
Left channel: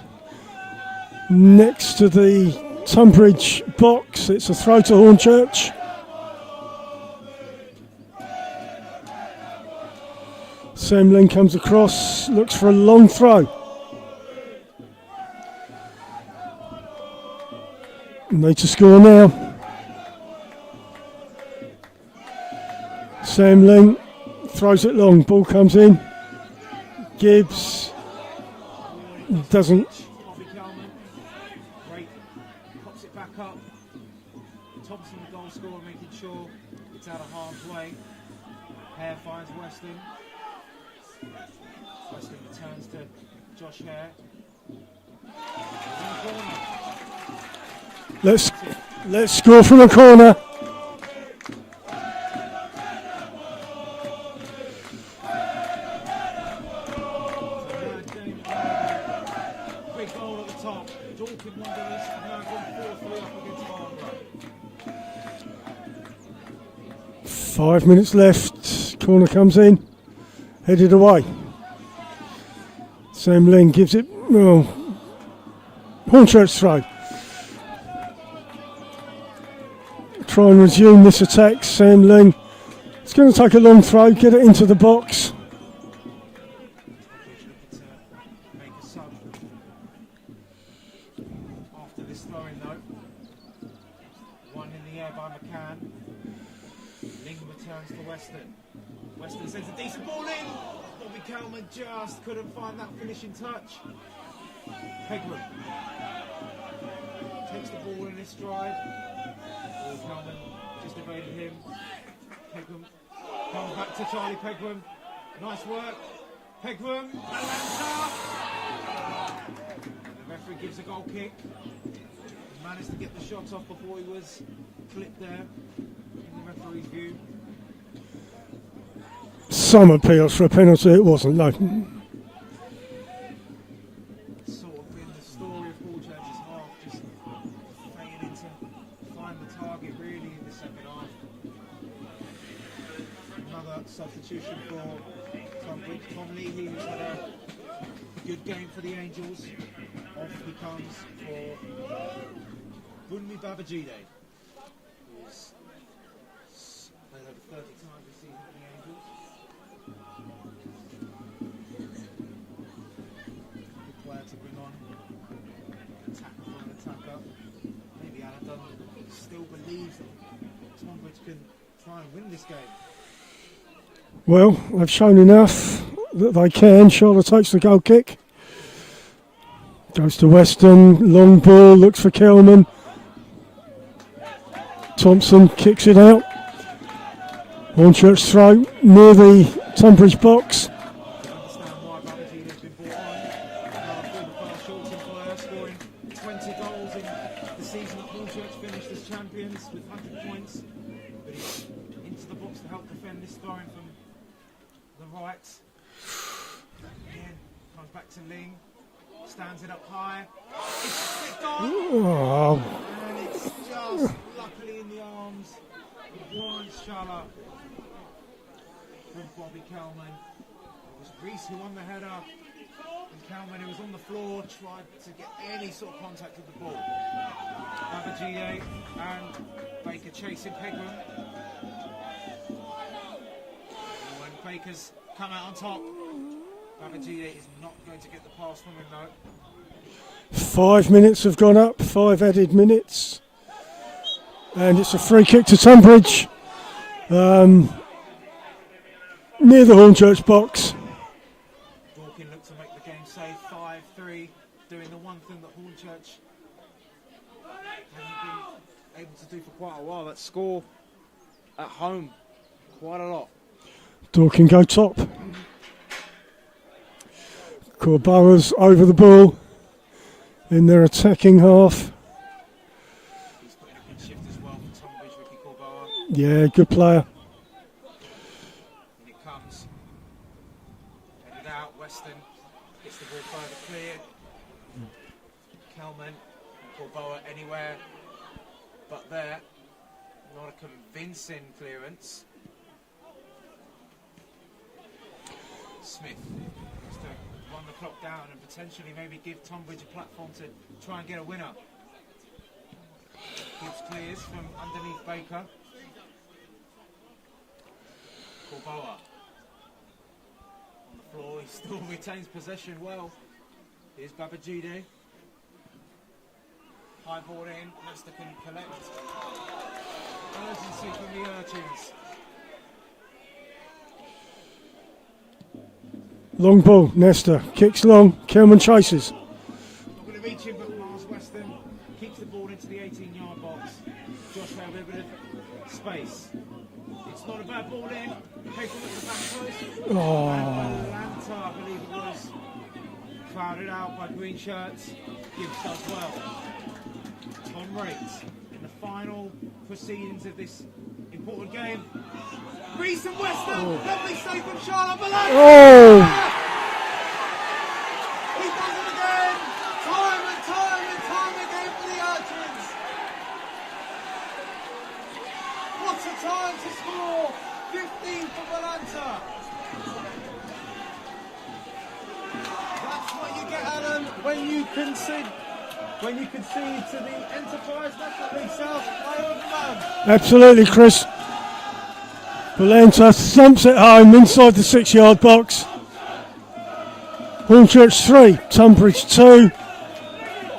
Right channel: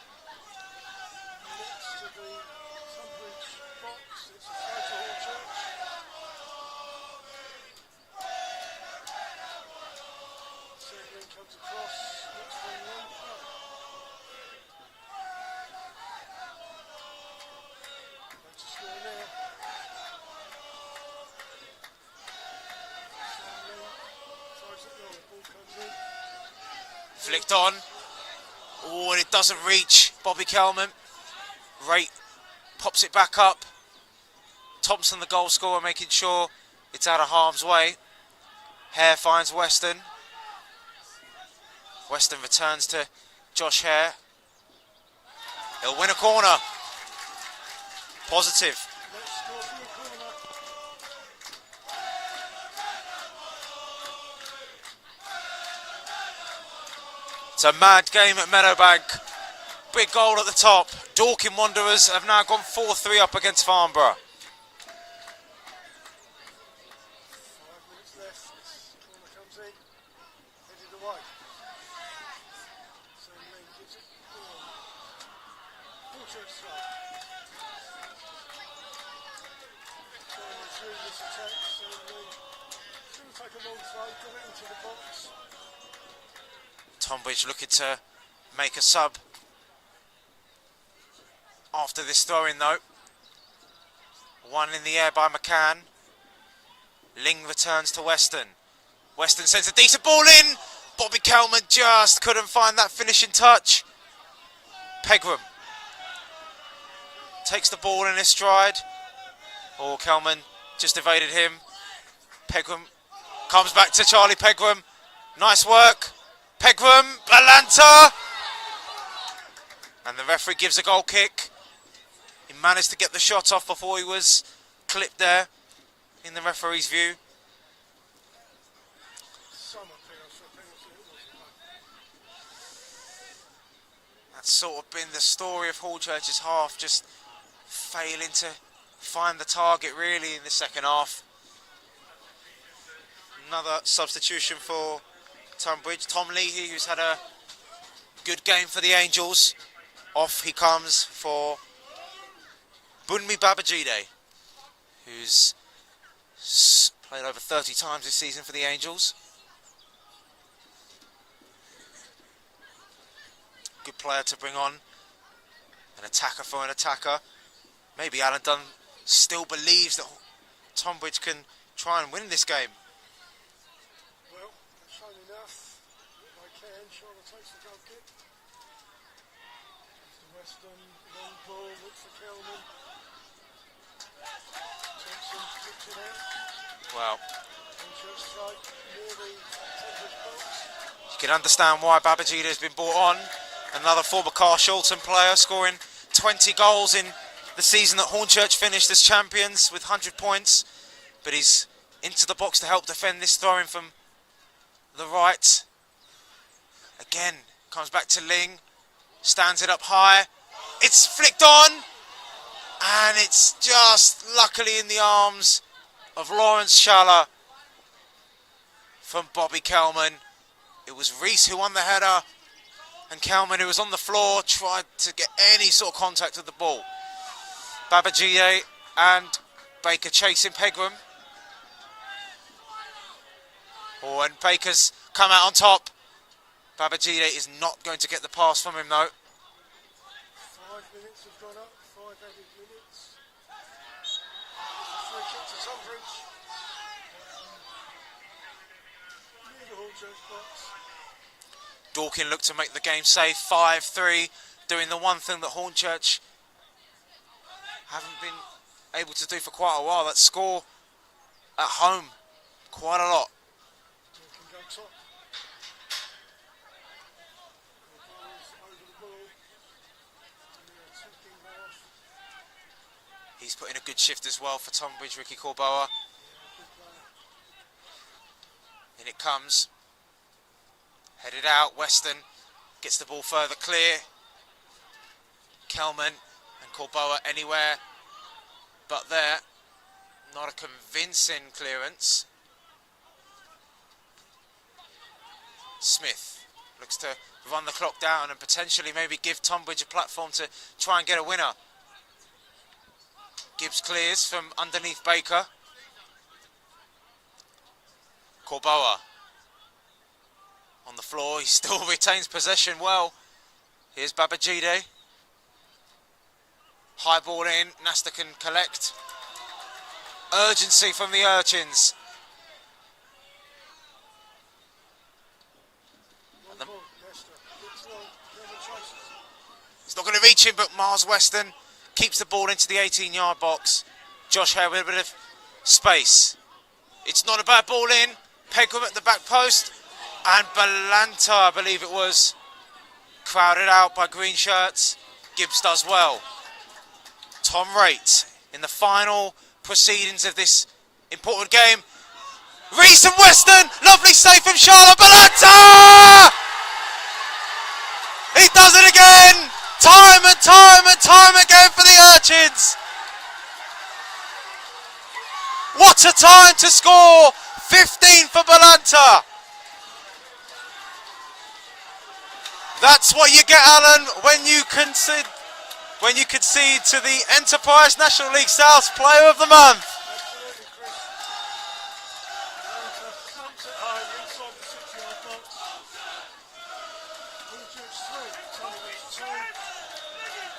Next to the Tonbridge box, it's a throw to Hornchurch. Sam Lynn comes across, looks for a long throw. Need to score now. Sam Lynn throws it long, ball comes in. Gibbs. On. Oh, and it doesn't reach Bobby Kelman. Great, pops it back up. Thompson, the goal scorer, making sure it's out of harm's way. Hare finds Weston. Weston returns to Josh Hare. He'll win a corner. Positive. Let's score from a corner. It's a mad game at Meadowbank. Big goal at the top. Dorking Wanderers have now gone 4-3 up against Farnborough. 5 minutes left. Corner comes in. Headed away. Sam Lynn gives it. Oh. Hornchurch throw. Try and resume this attack. Sam Lynn. It's going to take a long throw. Get it into the box. Tonbridge looking to make a sub after this throw-in though. One in the air by McCann. Ling returns to Weston. Weston sends a decent ball in. Bobby Kelman just couldn't find that finishing touch. Pegram takes the ball in his stride. Oh, Kelman just evaded him. Pegram comes back to Charlie Pegram. Nice work. Pegram, Balanta. And the referee gives a goal kick. He managed to get the shot off before he was clipped there, in the referee's view. Some appeals for a penalty, it wasn't, no. That's sort of been the story of Hornchurch's half, just failing to find the target really in the second half. Another substitution for Tonbridge. Tom Leahy, who's had a good game for the Angels. Off he comes for Bunmi Babajide, who's played over 30 times this season for the Angels. Good player to bring on. An attacker for an attacker. Maybe Alan Dunn still believes that Tonbridge can try and win this game. Well, they've shown enough that they can. Charlotte takes the goal kick. Goes to Weston, long ball, looks for Kelman. Thompson kicks it out. Wow. Hornchurch throw near the Tonbridge box. You can understand why Babajide has been brought on. Another former Carl Shulton player, scoring 20 goals in the season that Hornchurch finished as champions with 100 points. But he's into the box to help defend this throw-in from the right. Again, comes back to Ling. Stands it up high. It's flicked on. Oh. And it's just luckily in the arms of Lawrence Schaller from Bobby Kelman. It was Reese who won the header, and Kelman, who was on the floor, tried to get any sort of contact with the ball. Babajide and Baker chasing Pegram. Oh, and Baker's come out on top. Babajide is not going to get the pass from him though. 5 minutes have gone up, 5 added minutes. And it's a free kick to Tonbridge. Near the Hornchurch box. Dorkin looked to make the game safe, 5-3, doing the one thing that Hornchurch haven't been able to do for quite a while, that score at home quite a lot. Dorkin go top. Corbora's over the ball in their attacking half. He's put in a good shift as well for Tonbridge, Ricky Corbora. Yeah, good player. In it comes. Headed out, Weston gets the ball further clear. Kelman and Corbora anywhere but there. Not a convincing clearance. Smith looks to run the clock down and potentially maybe give Tonbridge a platform to try and get a winner. Gibbs clears from underneath Baker. Corbora on the floor, he still retains possession well. Here's Babajide. High ball in, Nasta can collect. Urgency from the Urchins. Long ball, Nesta kicks long, Kelman chases. It's not going to reach him, but Mars Weston keeps the ball into the 18-yard box. Josh Hare with a bit of space. It's not a bad ball in. Pegram at the back post. Oh. And Balanta, I believe it was, crowded out by green shirts. Gibbs does well. Tom Raitt in the final proceedings of this important game. Reese and Weston, lovely save from Charlotte Balanta! He does it again! Time and time and time again for the Urchins! What a time to score! 15 for Balanta! That's what you get, Alan, when you concede to the Enterprise National League South Player of the Month. Absolutely, Chris. Balanta thumps it home inside the 6-yard box. Hornchurch 3, Tonbridge 2.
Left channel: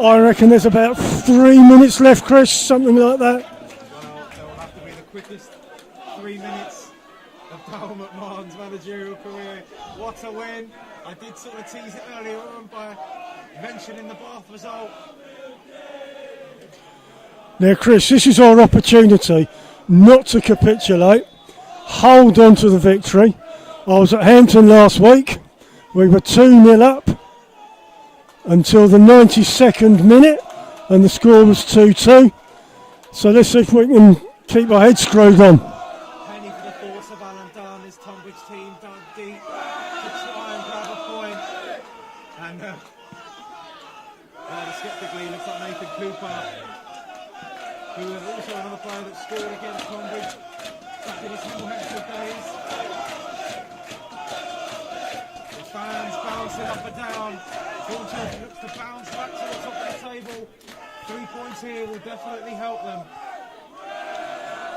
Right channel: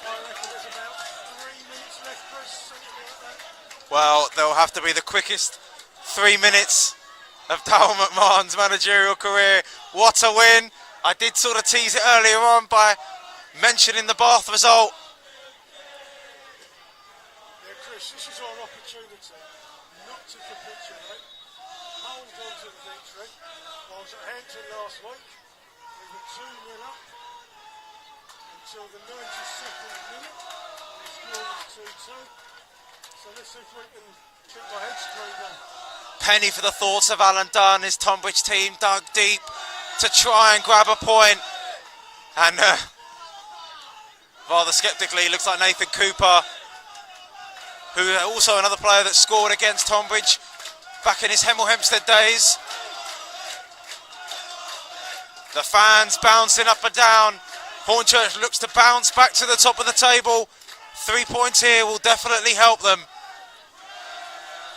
I reckon there's about 3 minutes left, Chris, something like that. Well, they'll have to be the quickest 3 minutes of Darryl McMahon's managerial career. What a win. I did sort of tease it earlier on by mentioning the Bath result. Now, Chris, this is our opportunity not to capitulate, hold on to the victory. I was at Hampton last week. We were 2-0 up until the 92nd minute, and the score was 2-2. So let's see if we can keep our heads screwed on. Penny for the thoughts of Alan Dunn. His Tonbridge team dug deep to try and grab a point. And rather sceptically, looks like Nathan Cooper, who also another player that scored against Tonbridge back in his Hemel Hempstead days. The fans bouncing up and down. Hornchurch looks to bounce back to the top of the table. 3 points here will definitely help them.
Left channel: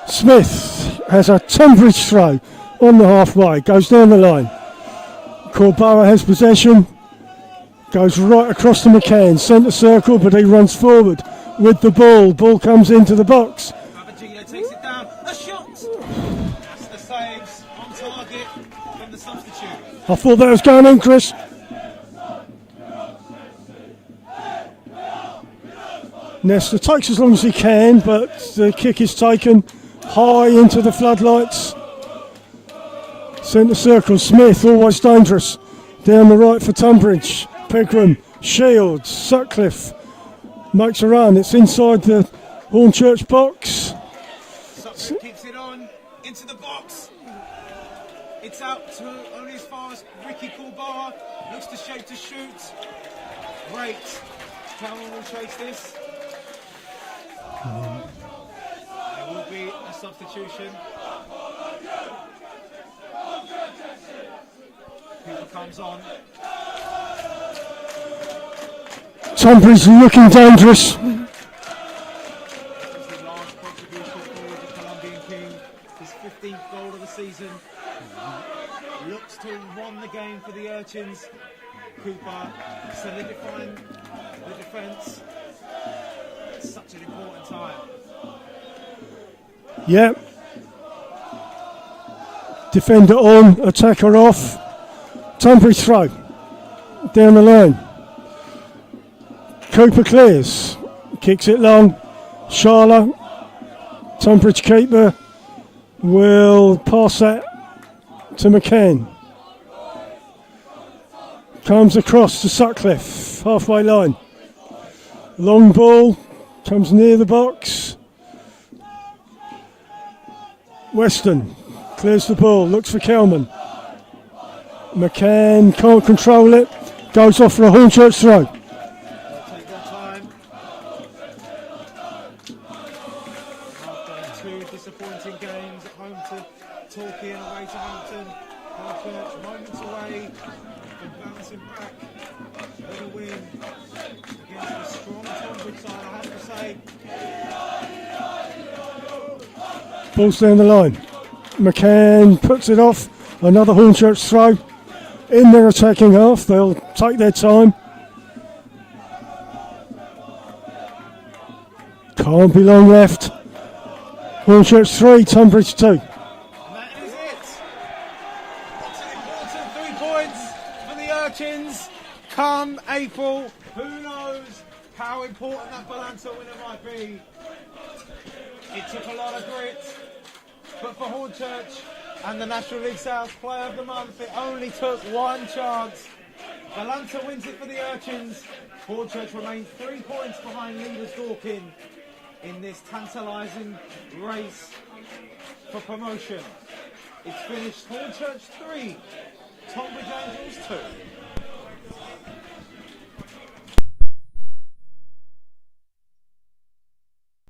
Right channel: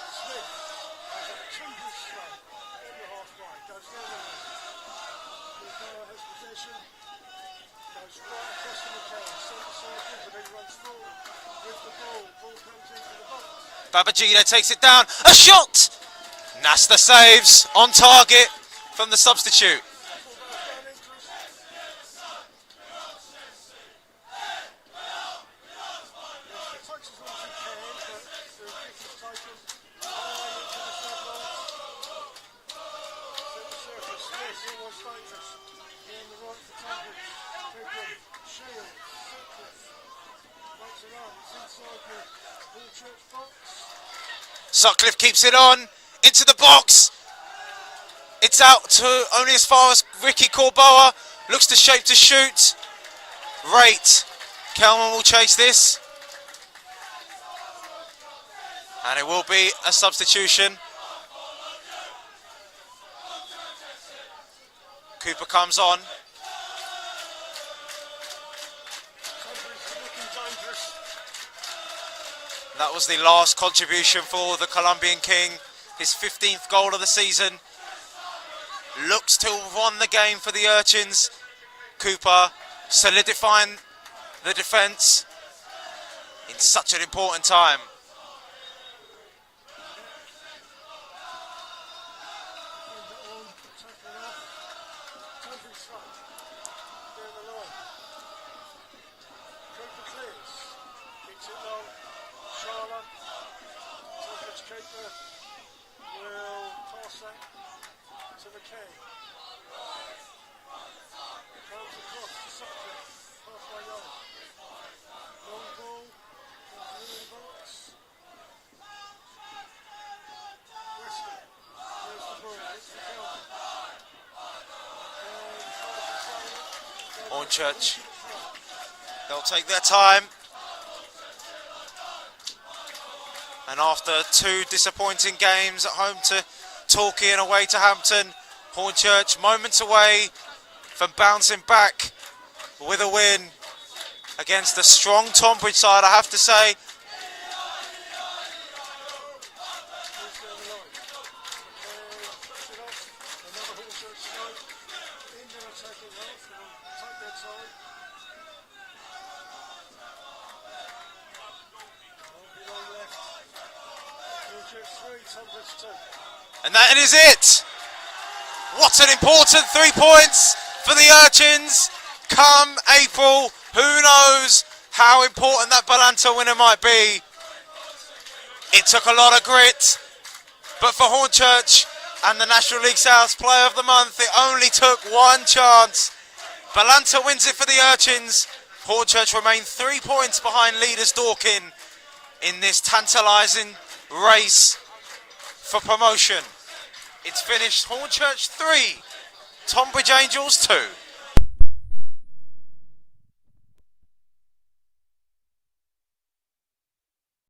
Smith has a Tonbridge throw on the halfway, goes down the line. Corboa has possession, goes right across to McCann, centre circle, but he runs forward with the ball. Ball comes into the box. Babajida takes it down. A shot! Nasta saves on target from the substitute. I thought that was going in, Chris. Nesta takes as long as he can, but the kick is taken high into the floodlights. Centre circle, Smith, always dangerous. Down the right for Tonbridge. Pegram, Shields, Sutcliffe makes a run. It's inside the Hornchurch box. Sutcliffe keeps it on, into the box. It's out to only as far as Ricky Corboa. Looks to shape to shoot. Rate. Kelman will chase this. And it will be a substitution. Cooper comes on. Tonbridge looking dangerous. That was the last contribution for the Colombian King. His 15th goal of the season. Looks to have won the game for the Urchins. Cooper solidifying the defence in such an important time. Yep. Defender on, attacker off. Tonbridge throw. Down the line. Cooper clears. Kicks it long. Sharla. Tonbridge keeper will pass that to McCann. Comes across to Sutcliffe. Halfway line. Long ball. Comes near the box. Weston clears the ball, looks for Kelman. McCann can't control it, goes off for a Hornchurch throw. They'll take their time. And after 2 disappointing games at home to Torquay and away to Hampton, Hornchurch moments away from bouncing back with a win against a strong Tonbridge side, I have to say. Ball's down the line. McCann puts it off. Another Hornchurch throw. In their attacking half, they'll take their time. Can't be long left. Hornchurch 3, Tonbridge 2. And that is it. What an important 3 points for the Urchins. Come April, who knows how important that Balanta winner might be. It took a lot of grit, but for Hornchurch and the National League South Player of the Month, it only took 1 chance. Balanta wins it for the Urchins. Hornchurch remain 3 points behind leaders Dorking in this tantalising race for promotion. It's finished Hornchurch 3, Tonbridge Angels 2.